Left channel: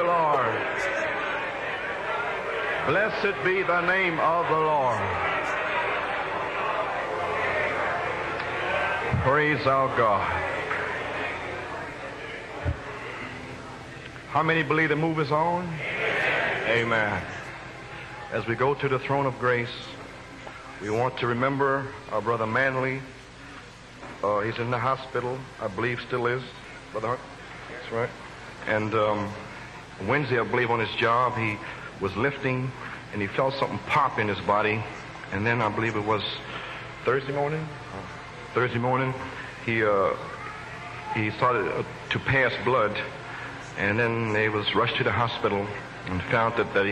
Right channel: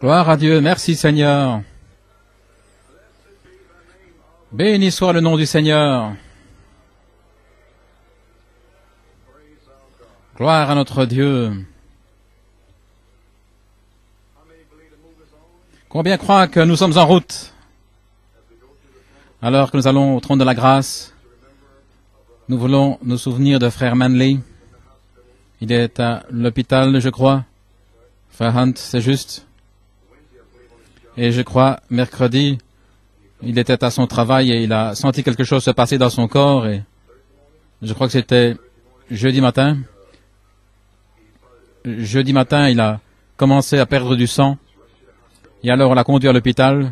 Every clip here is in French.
Gloire à Dieu. Merci Seigneur. Béni soit le nom du Seigneur. Gloire à notre Dieu. Combien croient que nous sommes en route? Alors que nous allons au trône de la grâce, nous voulons nous souvenir de frère Manley. Il est à l'hôpital, je crois. Frère Hunt, c'est juste. Et je crois, mercredi, il était à son travail et il a senti quelque chose se passer dans son corps. Et je crois que c'était jeudi matin. Jeudi matin, il a commencé à perdre du sang. Et alors on l'a conduit à l'hôpital.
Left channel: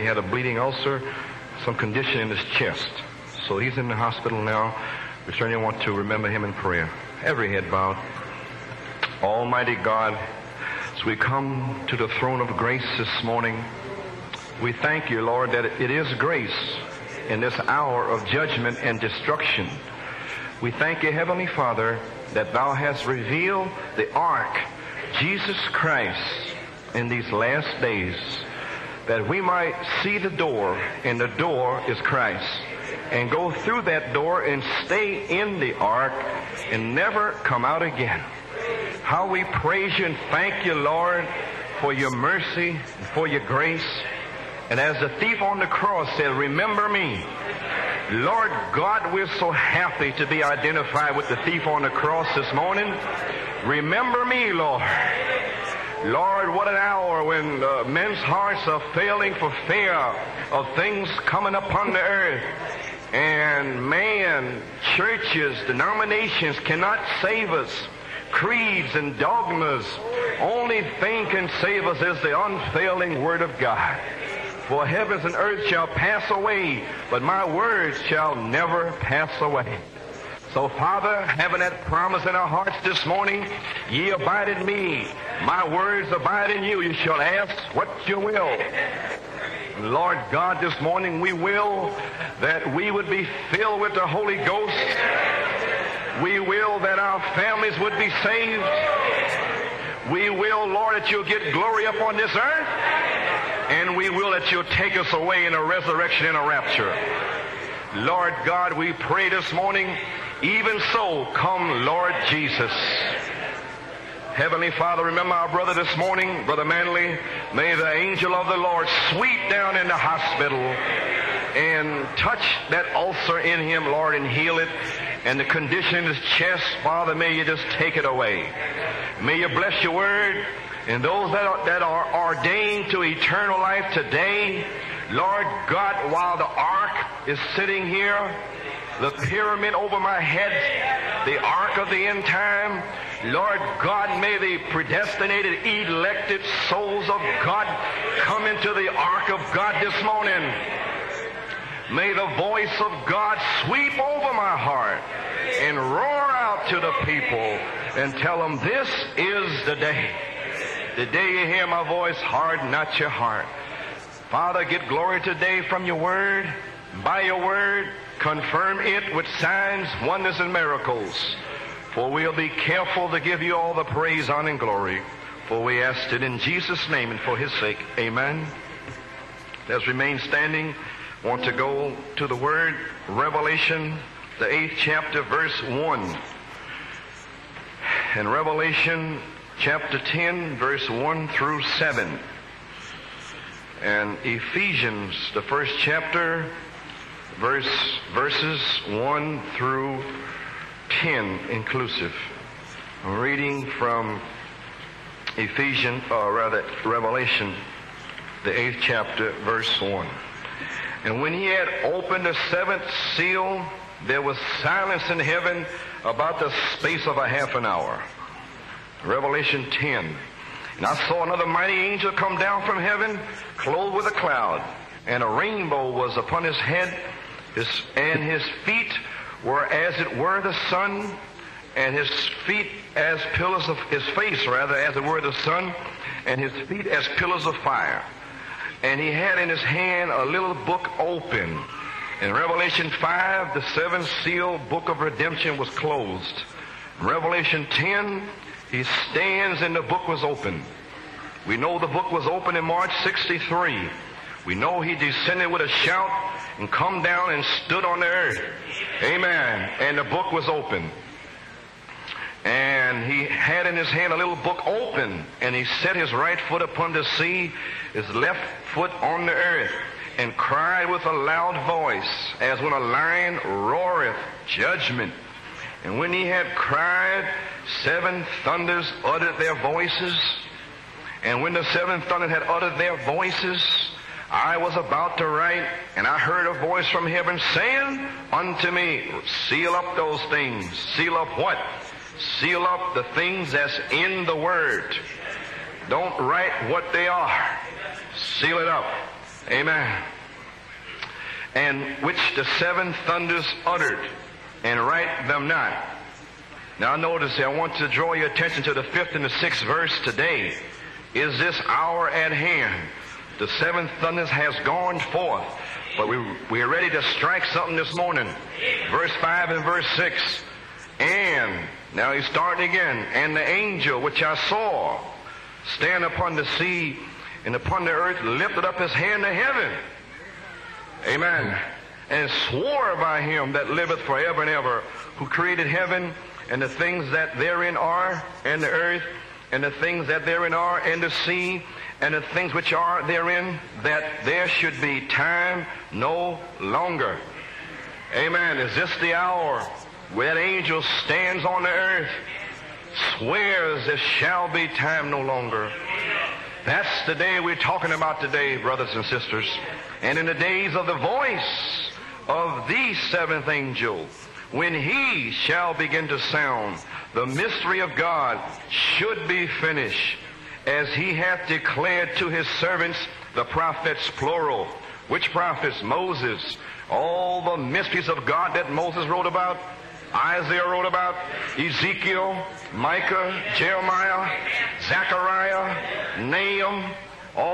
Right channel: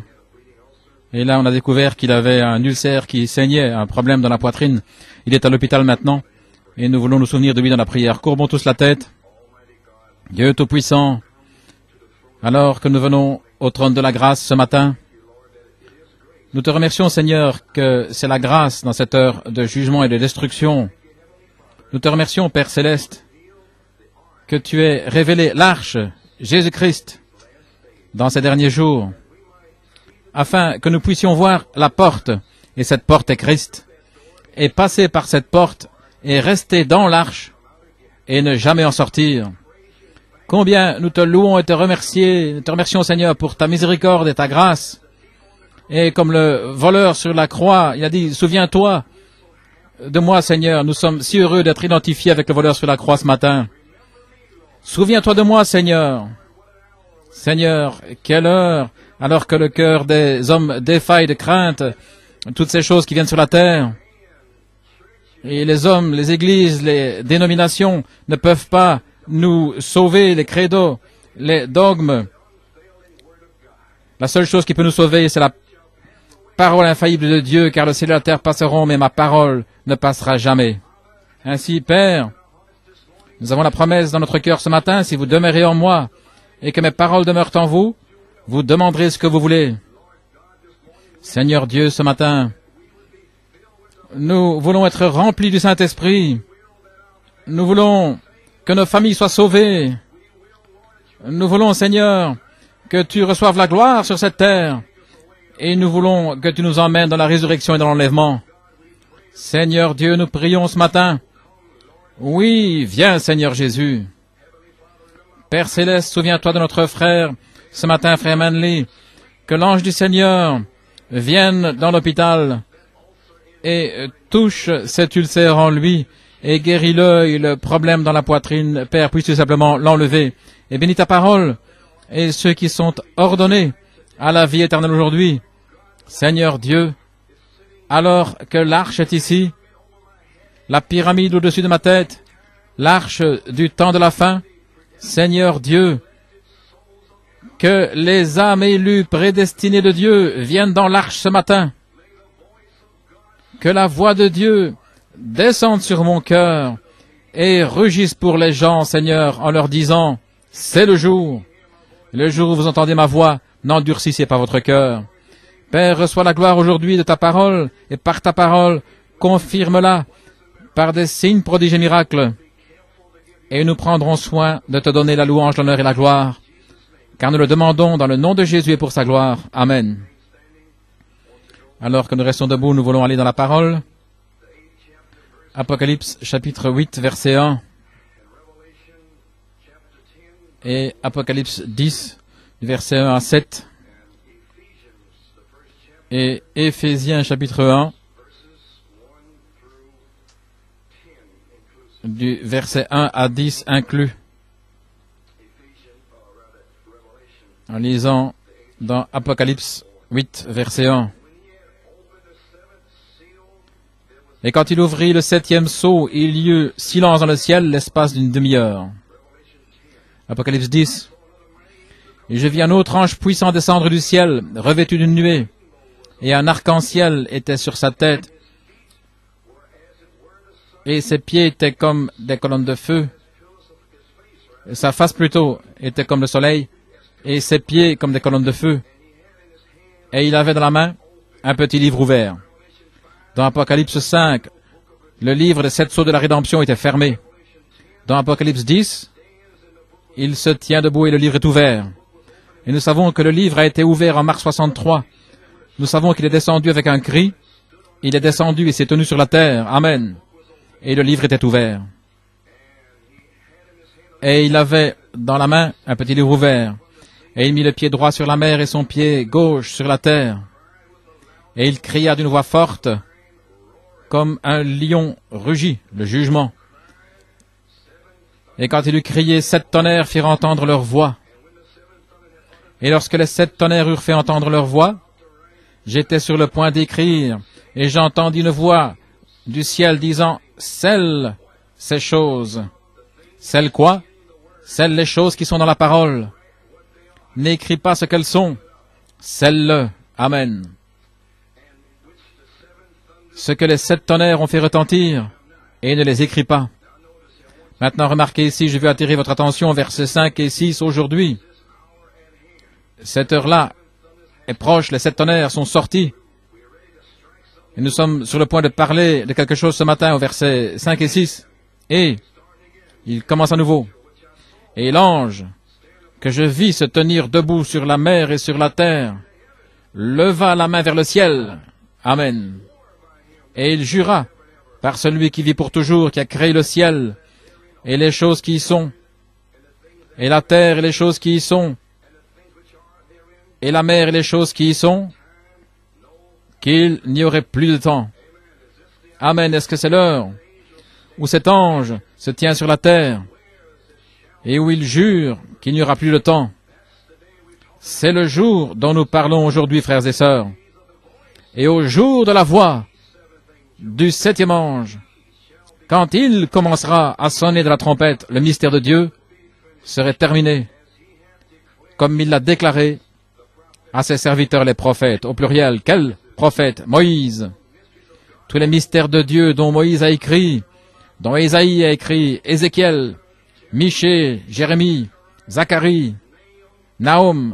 Et là, on a découvert qu'il avait un ulcère qui saignait, un problème dans la poitrine. Il est à l'hôpital maintenant. Et nous voulons nous souvenir de lui dans la prière. Courbons tous la tête. Dieu Tout-Puissant, alors que nous venons au trône de la grâce ce matin, nous te remercions, Seigneur, que c'est la grâce dans cette heure de jugement et de destruction. Nous te remercions, Père Céleste, que tu aies révélé l'arche, Jésus-Christ, dans ces derniers jours, afin que nous puissions voir la porte, et cette porte est Christ, et passer par cette porte, et rester dans l'arche, et ne jamais en sortir. Combien nous te louons et te remercions, Seigneur, pour ta miséricorde et ta grâce. Et comme le voleur sur la croix, il a dit, souviens-toi de moi, Seigneur. Nous sommes si heureux d'être identifiés avec le voleur sur la croix ce matin. Souviens-toi de moi, Seigneur. Seigneur, quelle heure, alors que le cœur des hommes défaille de crainte, toutes ces choses qui viennent sur la terre. Et les hommes, les églises, les dénominations ne peuvent pas nous sauver, les credos, les dogmes. La seule chose qui peut nous sauver, c'est la parole infaillible de Dieu, car le ciel et la terre passeront, mais ma parole ne passera jamais. Ainsi, Père, nous avons la promesse dans notre cœur ce matin, si vous demeurez en moi et que mes paroles demeurent en vous, vous demanderez ce que vous voulez. Seigneur Dieu, ce matin, nous voulons être remplis du Saint-Esprit. Nous voulons que nos familles soient sauvées. Nous voulons, Seigneur, que tu reçoives la gloire sur cette terre. Et nous voulons que tu nous emmènes dans la résurrection et dans l'enlèvement. Seigneur Dieu, nous prions ce matin. Oui, viens, Seigneur Jésus. Père Céleste, souviens-toi de notre frère, ce matin, frère Manley, que l'ange du Seigneur vienne dans l'hôpital et touche cet ulcère en lui et guéris-le et le problème dans la poitrine. Père, puisses-tu simplement l'enlever. Et bénis ta parole et ceux qui sont ordonnés à la vie éternelle aujourd'hui. Seigneur Dieu, alors que l'arche est ici, la pyramide au-dessus de ma tête, l'arche du temps de la fin, Seigneur Dieu, que les âmes élues prédestinées de Dieu viennent dans l'arche ce matin. Que la voix de Dieu descende sur mon cœur et rugisse pour les gens, Seigneur, en leur disant, c'est le jour où vous entendez ma voix, n'endurcissez pas votre cœur. Père, reçois la gloire aujourd'hui de ta parole, et par ta parole, confirme-la par des signes, prodiges et miracles. Et nous prendrons soin de te donner la louange, l'honneur et la gloire, car nous le demandons dans le nom de Jésus et pour sa gloire. Amen. Alors que nous restons debout, nous voulons aller dans la parole. Apocalypse, chapitre 8, verset 1. Et Apocalypse 10, versets 1 à 7. Et Éphésiens, chapitre 1, du verset 1 à 10 inclus. En lisant dans Apocalypse 8, verset 1. Et quand il ouvrit le 7e sceau, il y eut silence dans le ciel l'espace d'une demi-heure. Apocalypse 10. Et je vis un autre ange puissant descendre du ciel, revêtu d'une nuée, et un arc-en-ciel était sur sa tête, et ses pieds étaient comme des colonnes de feu, sa face plutôt était comme le soleil, et ses pieds comme des colonnes de feu. Et il avait dans la main un petit livre ouvert. Dans Apocalypse 5, le livre des 7 sceaux de la rédemption était fermé. Dans Apocalypse 10, Il se tient debout et le livre est ouvert. Et nous savons que le livre a été ouvert en mars 63. Nous savons qu'il est descendu avec un cri. Il est descendu et s'est tenu sur la terre. Amen. Et le livre était ouvert. Et il avait dans la main un petit livre ouvert. Et il mit le pied droit sur la mer et son pied gauche sur la terre. Et il cria d'une voix forte, comme un lion rugit, le jugement. Et quand il eut crié, 7 tonnerres firent entendre leur voix. Et lorsque les 7 tonnerres eurent fait entendre leur voix, j'étais sur le point d'écrire, et j'entendis une voix du ciel disant, scelle ces choses. Scelle quoi? Scelle les choses qui sont dans la parole. N'écris pas ce qu'elles sont. Scelle-le. Amen. Ce que les 7 tonnerres ont fait retentir, et ne les écris pas. Maintenant, remarquez ici, je veux attirer votre attention, versets 5 et 6 aujourd'hui. Cette heure-là est proche, les 7 tonnerres sont sortis. Nous sommes sur le point de parler de quelque chose ce matin au verset 5 et 6. Et il commence à nouveau. Et l'ange que je vis se tenir debout sur la mer et sur la terre leva la main vers le ciel. Amen. Et il jura par celui qui vit pour toujours, qui a créé le ciel et les choses qui y sont, et la terre et les choses qui y sont, et la mer et les choses qui y sont, qu'il n'y aurait plus de temps. Amen. Est-ce que c'est l'heure où cet ange se tient sur la terre et où il jure qu'il n'y aura plus de temps? C'est le jour dont nous parlons aujourd'hui, frères et sœurs. Et au jour de la voix du 7e ange, quand il commencera à sonner de la trompette, le mystère de Dieu serait terminé, comme il l'a déclaré à ses serviteurs les prophètes, au pluriel. Quels prophètes? Moïse. Tous les mystères de Dieu dont Moïse a écrit, dont Ésaïe a écrit, Ézéchiel, Michée, Jérémie, Zacharie, Nahum,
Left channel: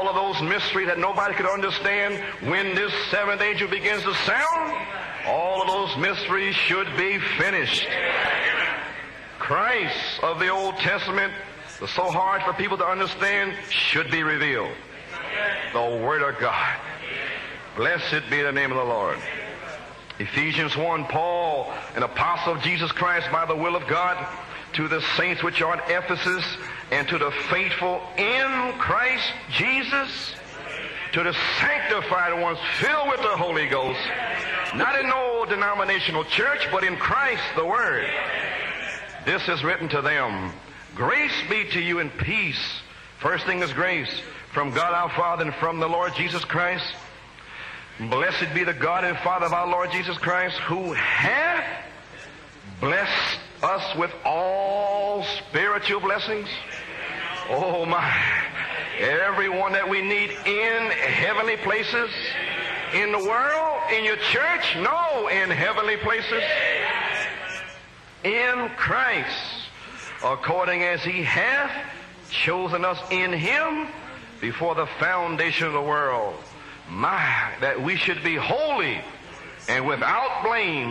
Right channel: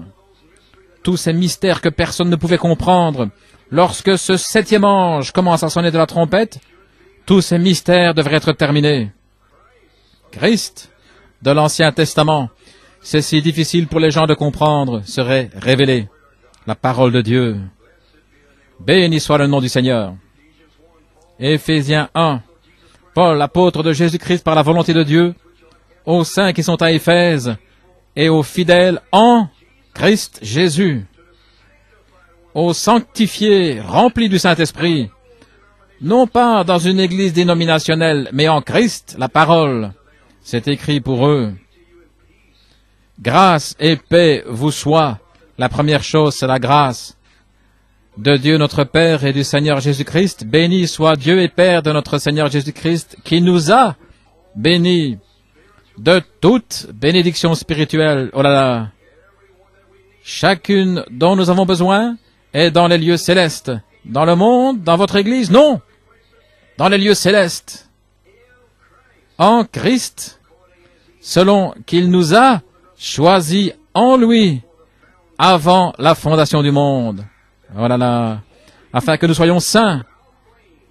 tous ces mystères que personne ne pouvait comprendre. Lorsque ce 7e ange commence à sonner de la trompette, tous ces mystères devraient être terminés. Christ de l'Ancien Testament, c'est si difficile pour les gens de comprendre, serait révélé. La parole de Dieu. Béni soit le nom du Seigneur. Éphésiens 1. Paul, apôtre de Jésus-Christ par la volonté de Dieu, aux saints qui sont à Éphèse et aux fidèles en Christ Jésus, aux sanctifiés remplis du Saint-Esprit, non pas dans une église dénominationnelle, mais en Christ, la parole. C'est écrit pour eux. Grâce et paix vous soient. La première chose, c'est la grâce de Dieu notre Père et du Seigneur Jésus-Christ. Béni soit Dieu et Père de notre Seigneur Jésus-Christ, qui nous a bénis de toute bénédiction spirituelle. Oh là là! Chacune dont nous avons besoin est dans les lieux célestes. Dans le monde, dans votre église, non. Dans les lieux célestes. En Christ, selon qu'il nous a choisis en lui avant la fondation du monde. Oh là là. Afin que nous soyons saints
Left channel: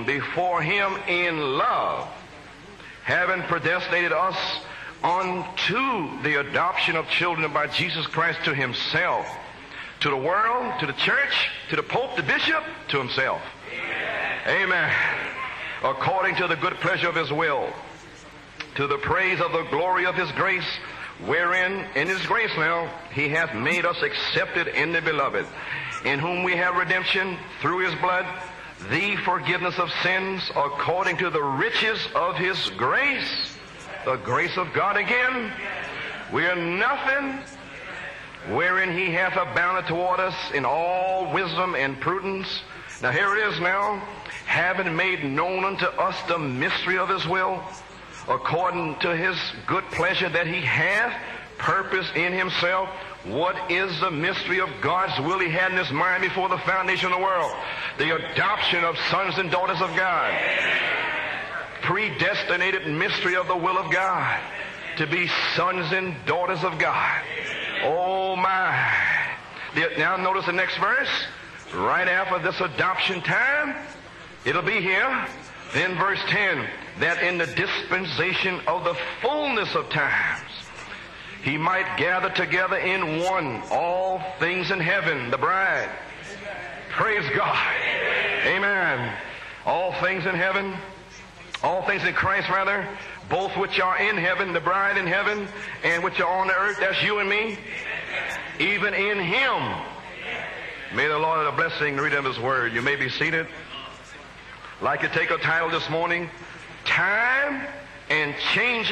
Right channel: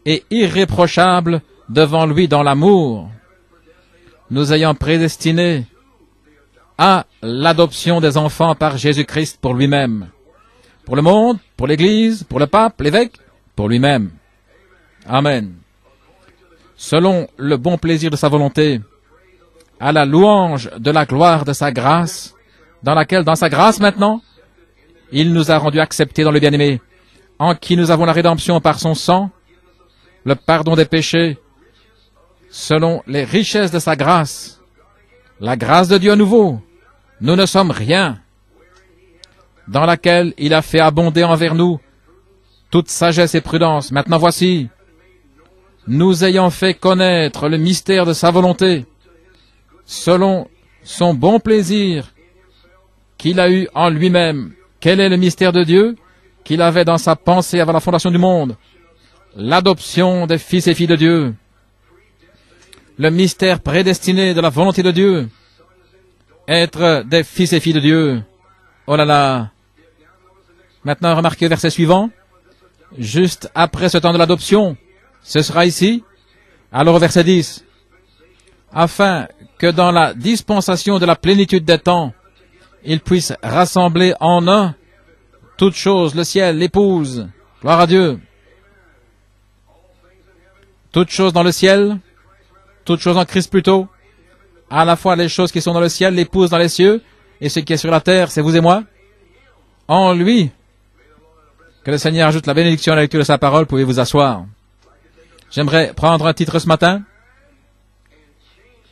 et irréprochables devant lui dans l'amour, nous ayant prédestinés à l'adoption des enfants par Jésus-Christ pour lui-même. Pour le monde, pour l'Église, pour le pape, l'évêque, pour lui-même. Amen. Selon le bon plaisir de sa volonté, à la louange de la gloire de sa grâce, dans laquelle, dans sa grâce maintenant, il nous a rendus acceptés dans le bien-aimé, en qui nous avons la rédemption par son sang, le pardon des péchés, selon les richesses de sa grâce, la grâce de Dieu à nouveau. Nous ne sommes rien, dans laquelle il a fait abonder envers nous toute sagesse et prudence. Maintenant voici, nous ayant fait connaître le mystère de sa volonté, selon son bon plaisir qu'il a eu en lui-même. Quel est le mystère de Dieu qu'il avait dans sa pensée avant la fondation du monde? L'adoption des fils et filles de Dieu. Le mystère prédestiné de la volonté de Dieu. Être des fils et filles de Dieu. Oh là là, Maintenant, remarquez le verset suivant. Juste après ce temps de l'adoption, ce sera ici. Alors au verset 10, afin que dans la dispensation de la plénitude des temps, il puisse rassembler en un toutes choses, le ciel, l'épouse, gloire à Dieu, toutes choses dans le ciel, toutes choses en Christ plutôt, à la fois les choses qui sont dans le ciel, l'épouse dans les cieux, et ce qui est sur la terre, c'est vous et moi. En lui, que le Seigneur ajoute la bénédiction à la lecture de sa parole, pouvez vous asseoir. J'aimerais prendre un titre ce matin,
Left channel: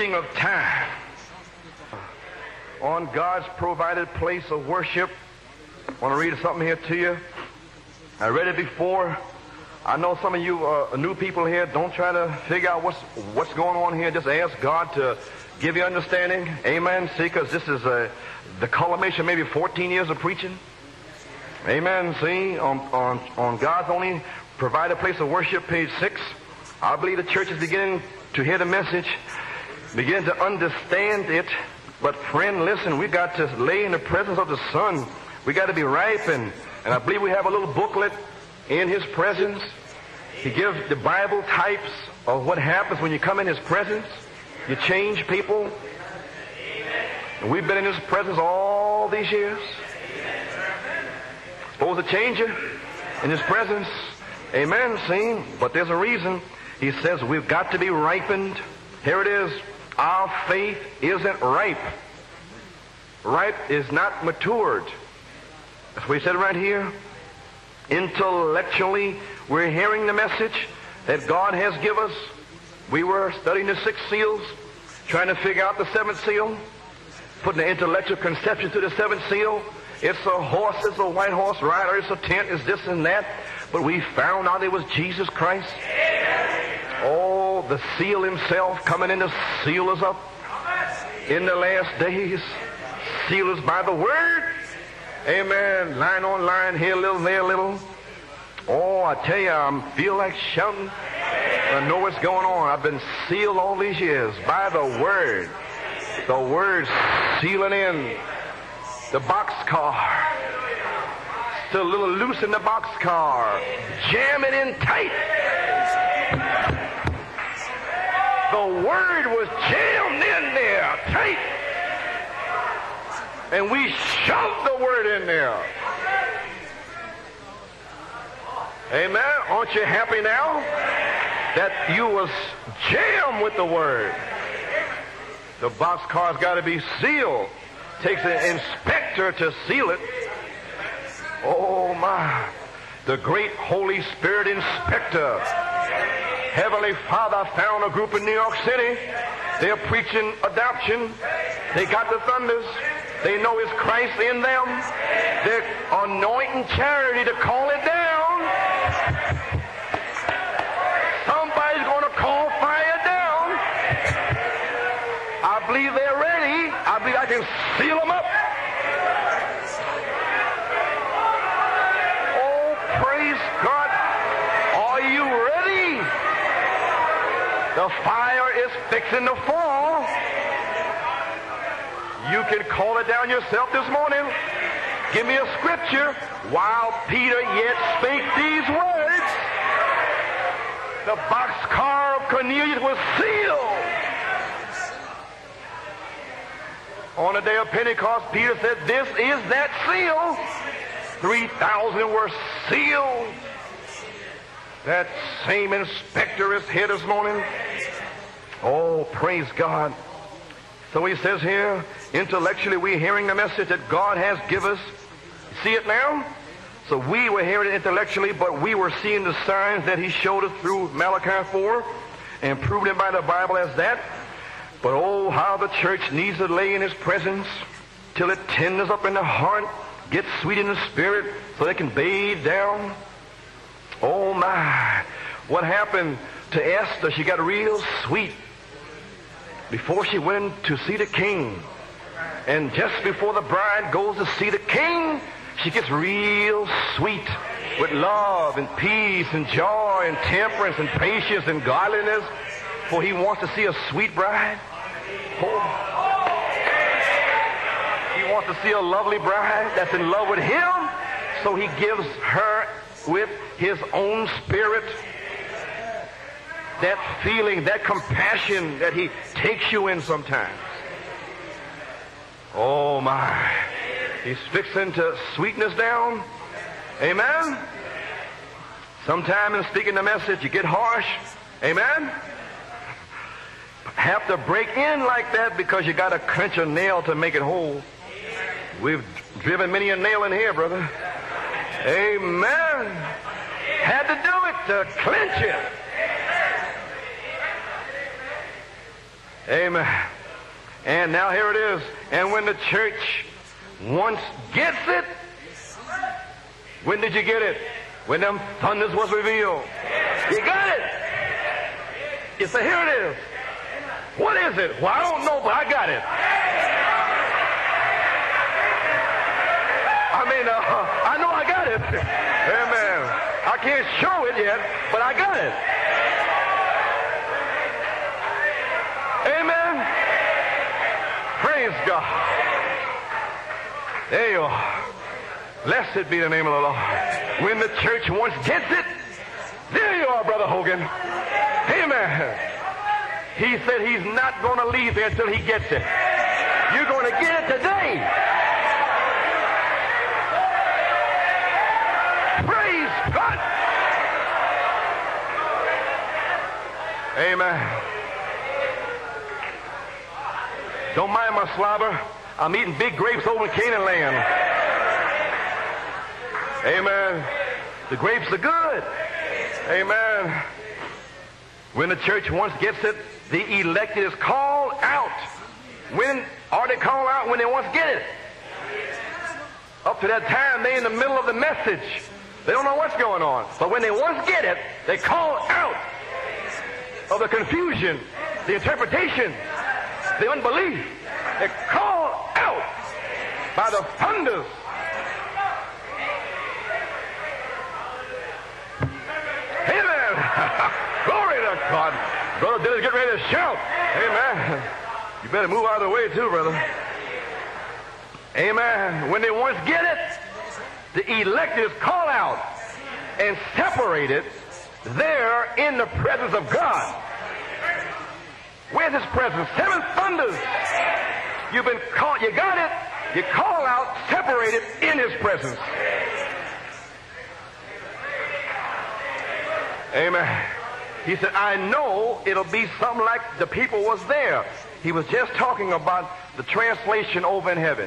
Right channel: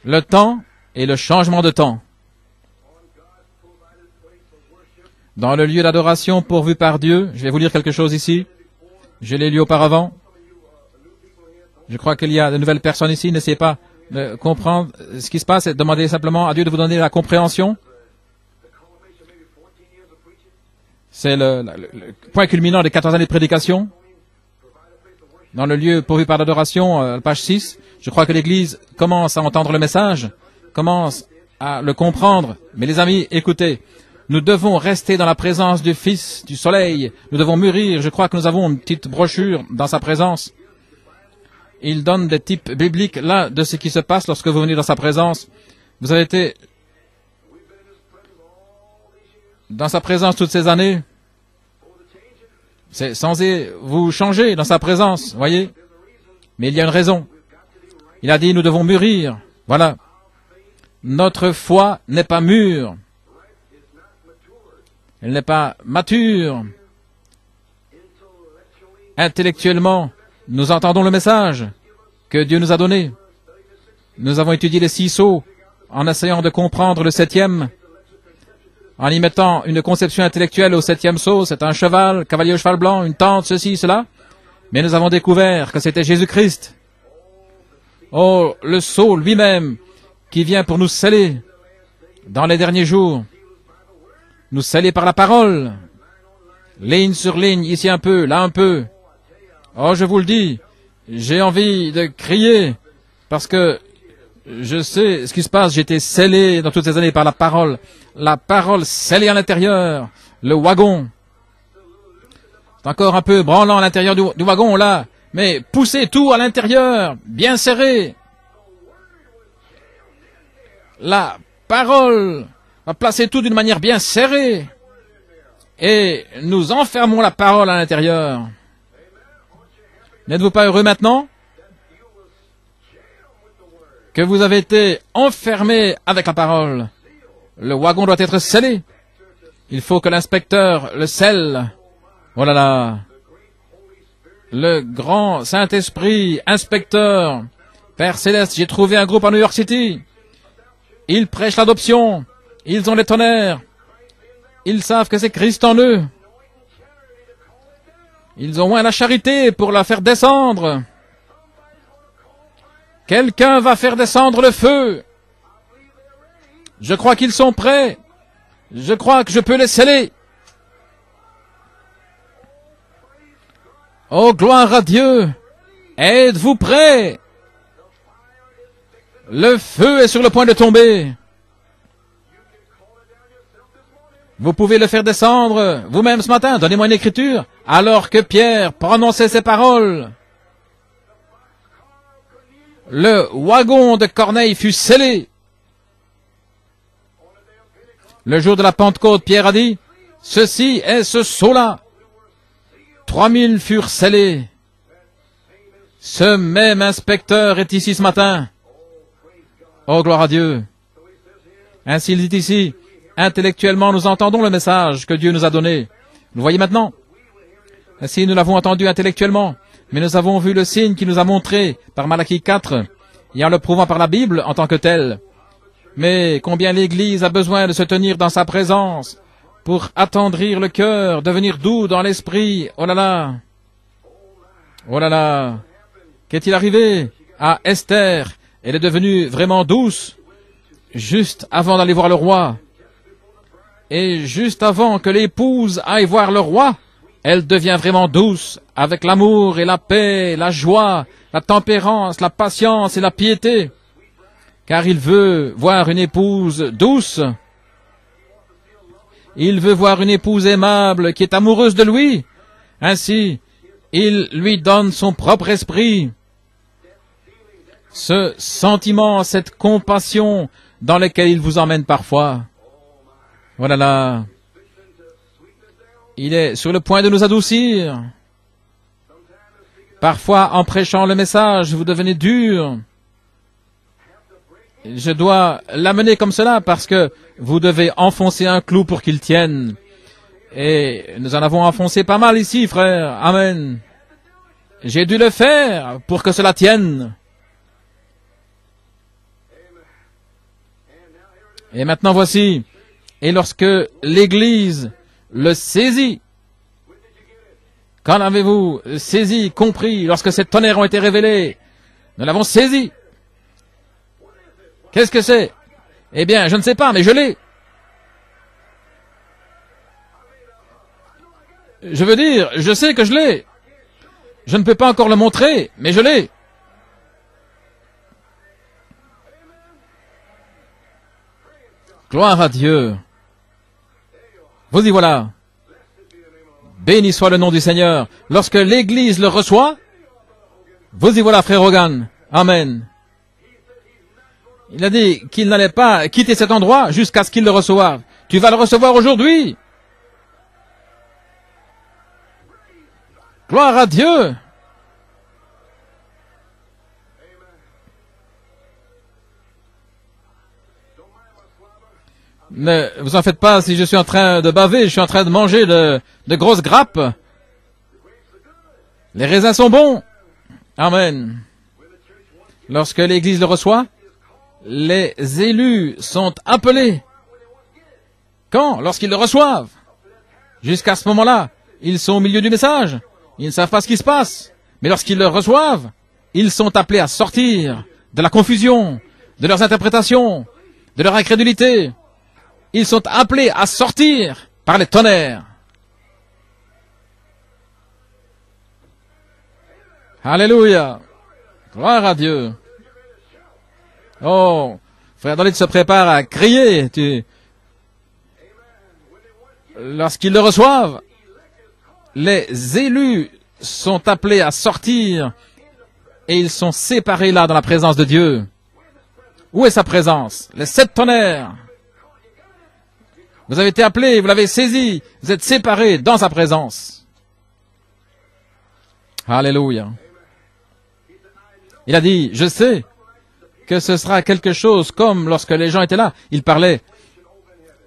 le temps et le changement de temps. Dans le lieu d'adoration pourvu par Dieu, je vais vous lire quelque chose ici. Je l'ai lu auparavant. Je crois qu'il y a de nouvelles personnes ici. N'essayez pas de comprendre ce qui se passe et demandez simplement à Dieu de vous donner la compréhension. C'est le point culminant des 14 années de prédication. Dans le lieu pourvu par l'adoration, page 6, je crois que l'Église commence à entendre le message, commence à le comprendre. Mais les amis, écoutez, nous devons rester dans la présence du Fils du Soleil. Nous devons mûrir. Je crois que nous avons une petite brochure dans sa présence. Il donne des types bibliques là de ce qui se passe lorsque vous venez dans sa présence. Vous avez été dans sa présence toutes ces années. C'est censé vous changer dans sa présence, voyez. Mais il y a une raison. Il a dit, nous devons mûrir. Voilà. Notre foi n'est pas mûre. Elle n'est pas mature. Intellectuellement, nous entendons le message que Dieu nous a donné. Nous avons étudié les 6 sceaux en essayant de comprendre le 7e, en y mettant une conception intellectuelle au 7e sceau. C'est un cheval, cavalier au cheval blanc, une tente, ceci, cela. Mais nous avons découvert que c'était Jésus-Christ. Oh, le sceau lui-même qui vient pour nous sceller dans les derniers jours. Nous sceller par la parole. Ligne sur ligne, ici un peu, là un peu. Oh, je vous le dis, j'ai envie de crier parce que je sais ce qui se passe. J'ai été scellé dans toutes ces années par la parole. La parole scellée à l'intérieur. Le wagon. Encore un peu branlant à l'intérieur du wagon, là. Mais poussez tout à l'intérieur, bien serré. La parole va placer tout d'une manière bien serrée. Et nous enfermons la parole à l'intérieur. N'êtes-vous pas heureux maintenant que vous avez été enfermé avec la parole? Le wagon doit être scellé. Il faut que l'inspecteur le scelle. Oh là là. Le grand Saint-Esprit, inspecteur, Père Céleste, j'ai trouvé un groupe à New York City. Ils prêchent l'adoption. Ils ont les tonnerres. Ils savent que c'est Christ en eux. Ils ont moins la charité pour la faire descendre. Quelqu'un va faire descendre le feu. Je crois qu'ils sont prêts. Je crois que je peux les sceller. Oh, gloire à Dieu. Êtes-vous prêts? Le feu est sur le point de tomber. Vous pouvez le faire descendre vous-même ce matin. Donnez-moi une écriture. Alors que Pierre prononçait ces paroles, le wagon de Corneille fut scellé. Le jour de la Pentecôte, Pierre a dit, ceci est ce sceau-là. 3000 furent scellés. Ce même inspecteur est ici ce matin. Oh, gloire à Dieu. Ainsi il dit ici, intellectuellement nous entendons le message que Dieu nous a donné. Vous voyez maintenant? Ainsi nous l'avons entendu intellectuellement, mais nous avons vu le signe qu'il nous a montré par Malachie 4, et en le prouvant par la Bible en tant que tel. Mais combien l'Église a besoin de se tenir dans sa présence pour attendrir le cœur, devenir doux dans l'esprit. Oh là là! Oh là là! Qu'est-il arrivé à Esther? Elle est devenue vraiment douce juste avant d'aller voir le roi. Et juste avant que l'épouse aille voir le roi, elle devient vraiment douce avec l'amour et la paix, la joie, la tempérance, la patience et la piété. Car il veut voir une épouse douce. Il veut voir une épouse aimable qui est amoureuse de lui. Ainsi, il lui donne son propre esprit. Ce sentiment, cette compassion dans laquelle il vous emmène parfois. Voilà là. Il est sur le point de nous adoucir. Parfois, en prêchant le message, vous devenez dur. Je dois l'amener comme cela parce que vous devez enfoncer un clou pour qu'il tienne. Et nous en avons enfoncé pas mal ici, frère. Amen. J'ai dû le faire pour que cela tienne. Et maintenant voici. Et lorsque l'Église le saisit, quand l'avez-vous saisi, compris, lorsque ces tonnerres ont été révélés? Nous l'avons saisi. Qu'est-ce que c'est? Eh bien, je ne sais pas, mais je l'ai. Je veux dire, je sais que je l'ai. Je ne peux pas encore le montrer, mais je l'ai. Gloire à Dieu. Vous y voilà. Béni soit le nom du Seigneur. Lorsque l'Église le reçoit, vous y voilà, frère Hogan. Amen. Il a dit qu'il n'allait pas quitter cet endroit jusqu'à ce qu'il le reçoive. Tu vas le recevoir aujourd'hui. Gloire à Dieu. Ne vous en faites pas si je suis en train de baver, je suis en train de manger de grosses grappes. Les raisins sont bons. Amen. Lorsque l'Église le reçoit, les élus sont appelés. Quand? Lorsqu'ils le reçoivent. Jusqu'à ce moment-là, ils sont au milieu du message. Ils ne savent pas ce qui se passe. Mais lorsqu'ils le reçoivent, ils sont appelés à sortir de la confusion, de leurs interprétations, de leur incrédulité. Ils sont appelés à sortir par les tonnerres. Alléluia. Gloire à Dieu. Oh, frère David se prépare à crier. Lorsqu'ils le reçoivent, les élus sont appelés à sortir et ils sont séparés là dans la présence de Dieu. Où est sa présence? Les 7 tonnerres. Vous avez été appelés, vous l'avez saisi, vous êtes séparés dans sa présence. Alléluia. Il a dit, je sais que ce sera quelque chose comme lorsque les gens étaient là. Il parlait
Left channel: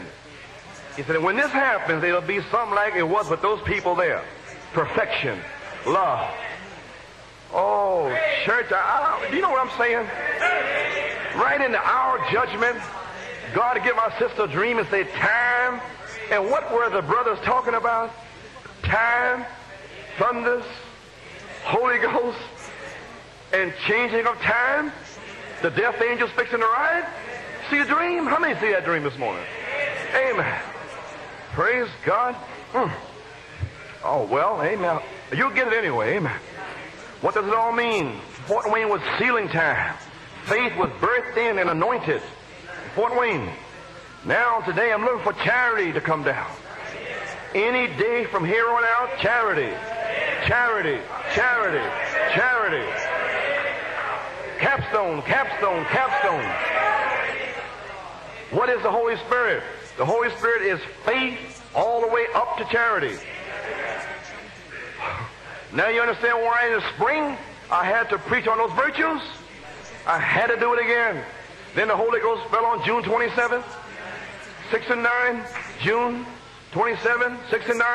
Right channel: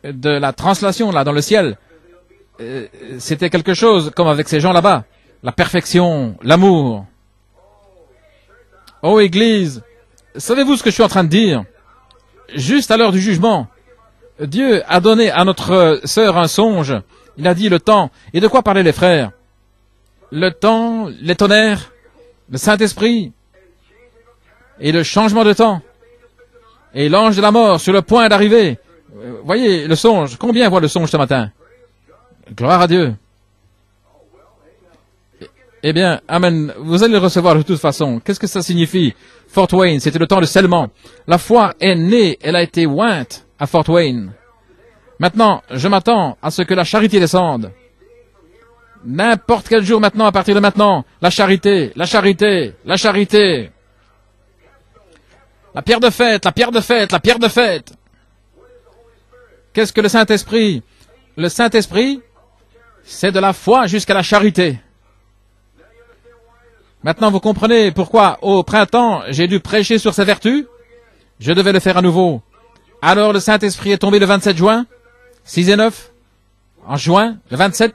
de la translation là dans le ciel. C'était quelque chose comme avec ces gens là-bas. La perfection, l'amour. Oh Église, savez-vous ce que je suis en train de dire? Juste à l'heure du jugement, Dieu a donné à notre sœur un songe. Il a dit le temps. Et de quoi parlaient les frères? Le temps, les tonnerres, le Saint-Esprit et le changement de temps. Et l'ange de la mort sur le point d'arriver. Voyez le songe. Combien voit le songe ce matin? Gloire à Dieu. Eh bien, amen. Vous allez le recevoir de toute façon. Qu'est-ce que ça signifie? Fort Wayne, c'était le temps de scellement. La foi est née, elle a été ointe à Fort Wayne. Maintenant, je m'attends à ce que la charité descende. N'importe quel jour maintenant, à partir de maintenant, la charité, la charité, la charité. La pierre de fête, la pierre de fête, la pierre de fête. Qu'est-ce que le Saint-Esprit? Le Saint-Esprit, c'est de la foi jusqu'à la charité. Maintenant, vous comprenez pourquoi, au printemps, j'ai dû prêcher sur ces vertus. Je devais le faire à nouveau. Alors, le Saint-Esprit est tombé le 27 juin, 6 et 9. En juin, le 27,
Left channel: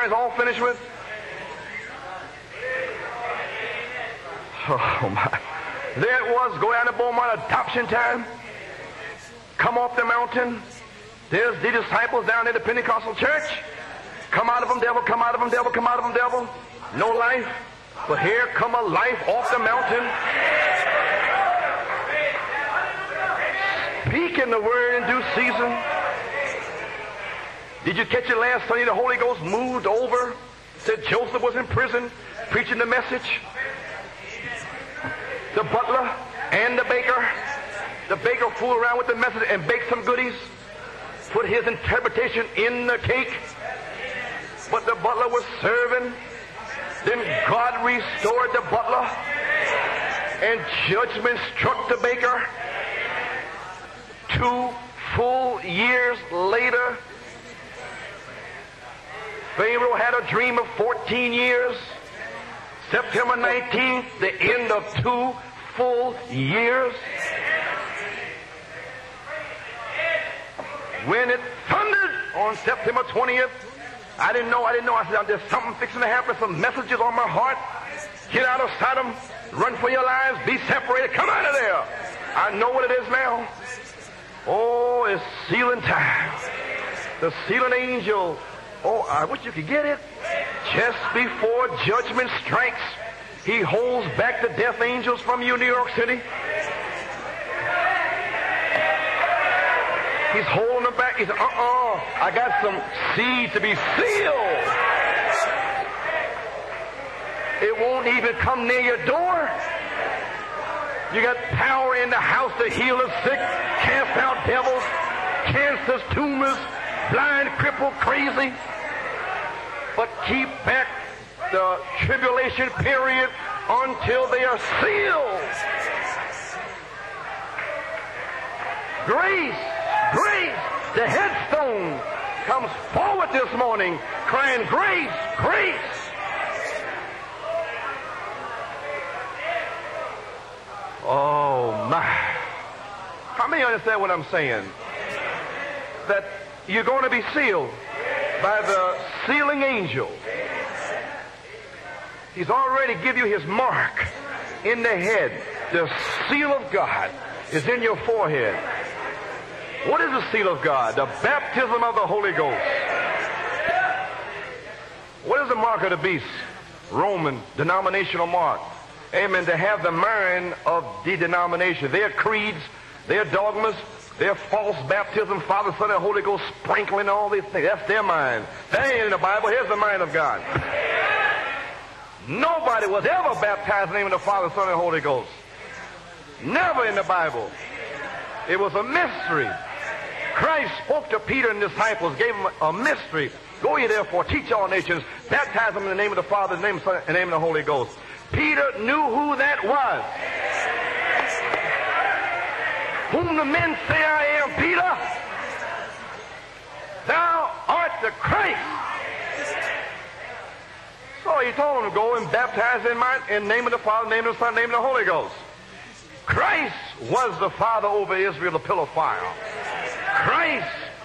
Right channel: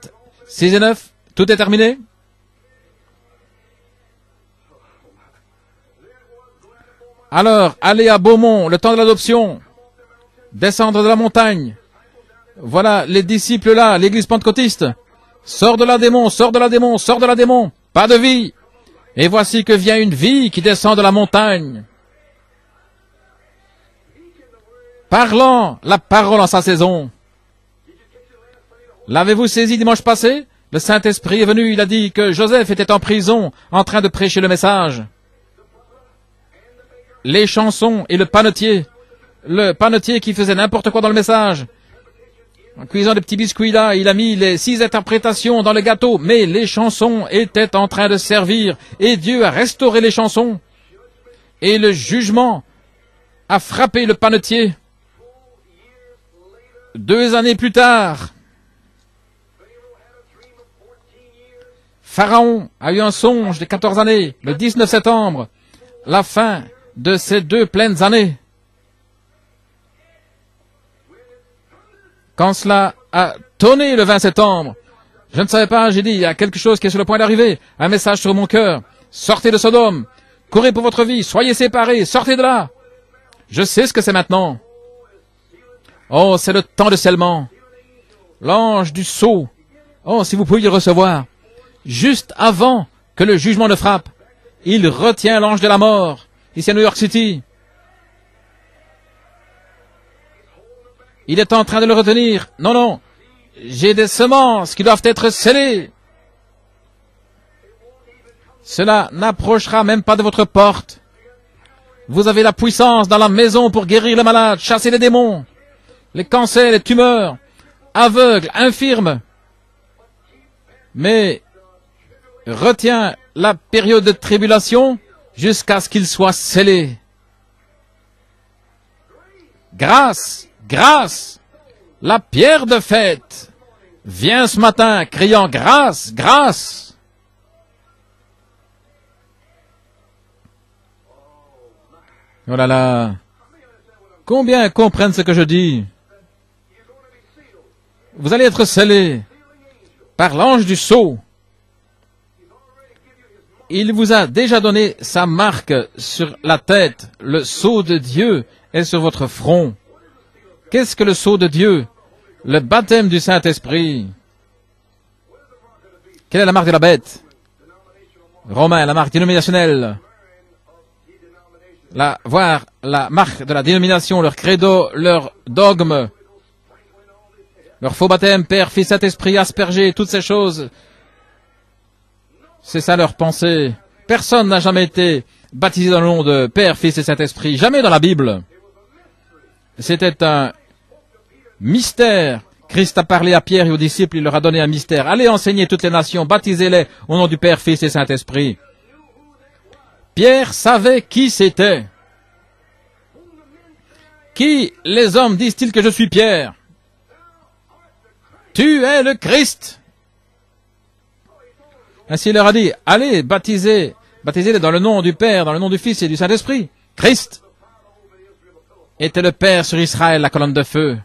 6 et 9. Tout est terminé. Alors, allez à Beaumont, le temps de l'adoption. Descendre de la montagne. Voilà les disciples là, l'église pentecôtiste. Sors de la démon, sors de la démon, sors de la démon. Pas de vie. Et voici que vient une vie qui descend de la montagne. Parlant la parole en sa saison. L'avez-vous saisi dimanche passé? Le Saint-Esprit est venu, il a dit que Joseph était en prison en train de prêcher le message. Les chansons et le panetier le panetier qui faisait n'importe quoi dans le message. Cuisant de petits biscuits là, il a mis les 6 interprétations dans le gâteau, mais les chansons étaient en train de servir, et Dieu a restauré les chansons, et le jugement a frappé le panetier. 2 années plus tard, Pharaon a eu un songe de 14 années, le 19 septembre, la fin de ces 2 pleines années. Quand cela a tonné le 20 septembre, je ne savais pas, j'ai dit, il y a quelque chose qui est sur le point d'arriver, un message sur mon cœur. Sortez de Sodome, courez pour votre vie, soyez séparés, sortez de là. Je sais ce que c'est maintenant. Oh, c'est le temps de scellement. L'ange du sceau. Oh, si vous pouviez le recevoir. Juste avant que le jugement ne frappe, il retient l'ange de la mort. Ici à New York City. Il est en train de le retenir. Non, non. J'ai des semences qui doivent être scellées. Cela n'approchera même pas de votre porte. Vous avez la puissance dans la maison pour guérir les malades, chasser les démons, les cancers, les tumeurs, aveugles, infirmes. Mais retiens la période de tribulation jusqu'à ce qu'il soit scellé. Grâce, grâce, la pierre de fête vient ce matin criant grâce, grâce. Oh là là. Combien comprennent ce que je dis? Vous allez être scellés par l'ange du sceau. Il vous a déjà donné sa marque sur la tête. Le sceau de Dieu est sur votre front. Qu'est-ce que le sceau de Dieu? Le baptême du Saint-Esprit. Quelle est la marque de la bête? Romain, la marque dénominationnelle. Voir la marque de la dénomination, leur credo, leur dogme, leur faux baptême, Père, Fils, Saint-Esprit, aspergé, toutes ces choses. C'est ça leur pensée. Personne n'a jamais été baptisé dans le nom de Père, Fils et Saint-Esprit. Jamais dans la Bible. C'était un mystère. Christ a parlé à Pierre et aux disciples, il leur a donné un mystère. Allez enseigner toutes les nations, baptisez-les au nom du Père, Fils et Saint-Esprit. Pierre savait qui c'était. Qui les hommes disent-ils que je suis Pierre? Tu es le Christ. Ainsi il leur a dit, allez, baptisez-les dans le nom du Père, dans le nom du Fils et du Saint-Esprit. Christ était le Père sur Israël, la colonne de feu.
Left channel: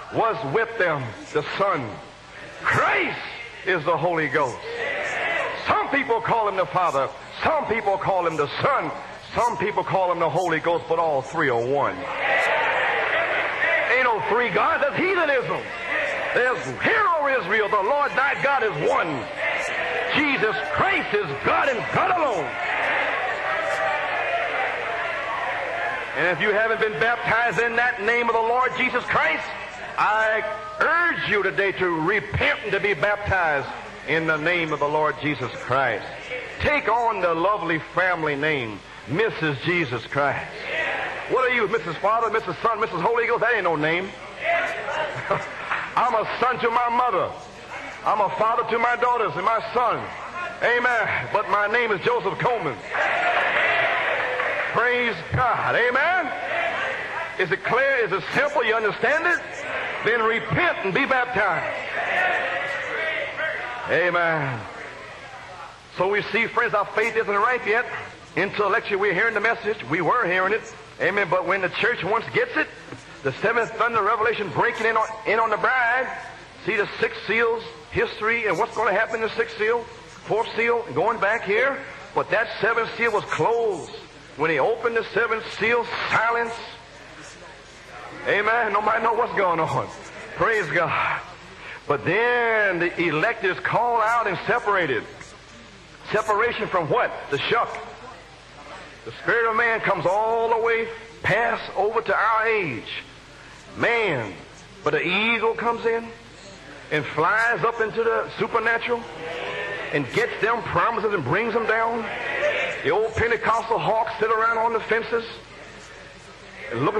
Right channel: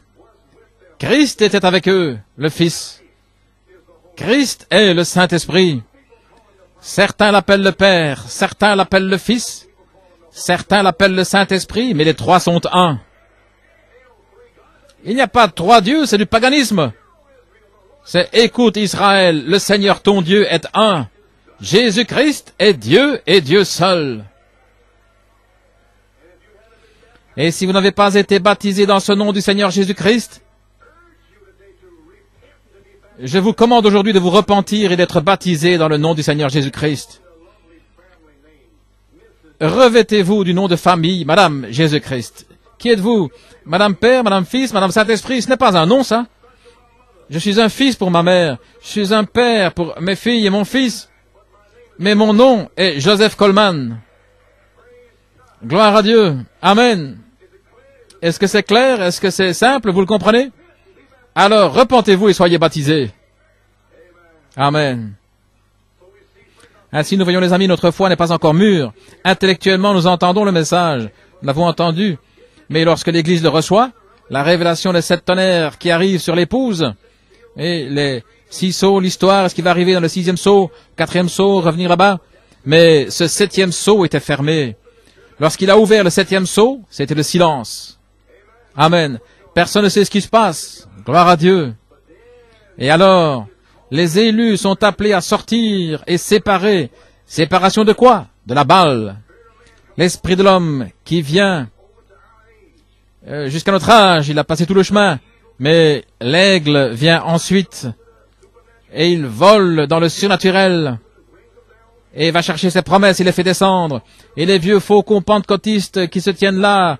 Christ était avec eux, le Fils. Christ est le Saint-Esprit. Certains l'appellent le Père, certains l'appellent le Fils, certains l'appellent le Saint-Esprit, mais les trois sont un. Il n'y a pas 3 dieux, c'est du paganisme. C'est écoute Israël, le Seigneur ton Dieu est un. Jésus-Christ est Dieu et Dieu seul. Et si vous n'avez pas été baptisé dans ce nom du Seigneur Jésus-Christ, je vous commande aujourd'hui de vous repentir et d'être baptisé dans le nom du Seigneur Jésus-Christ. Revêtez-vous du nom de famille, Madame Jésus-Christ. Qui êtes-vous? Madame Père, Madame Fils, Madame Saint-Esprit, ce n'est pas un nom, ça. Je suis un fils pour ma mère. Je suis un père pour mes filles et mon fils. Mais mon nom est Joseph Coleman. Gloire à Dieu. Amen. Est-ce que c'est clair? Est-ce que c'est simple? Vous le comprenez? Alors, repentez-vous et soyez baptisés. Amen. Ainsi, nous voyons, les amis, notre foi n'est pas encore mûre. Intellectuellement, nous entendons le message. Nous l'avons entendu. Mais lorsque l'Église le reçoit, la révélation des 7 tonnerres qui arrivent sur l'épouse, et les 6 sceaux, l'histoire, ce qui va arriver dans le 6e sceau, 4e sceau, revenir là-bas. Mais ce 7e sceau était fermé. Lorsqu'il a ouvert le 7e sceau, c'était le silence. Amen. Personne ne sait ce qui se passe. Gloire à Dieu. Et alors, les élus sont appelés à sortir et séparer. Séparation de quoi? De la balle. L'esprit de l'homme qui vient jusqu'à notre âge, il a passé tout le chemin. Mais l'aigle vient ensuite et il vole dans le surnaturel et va chercher ses promesses et les fait descendre. Et les vieux faucons pentecôtistes qui se tiennent là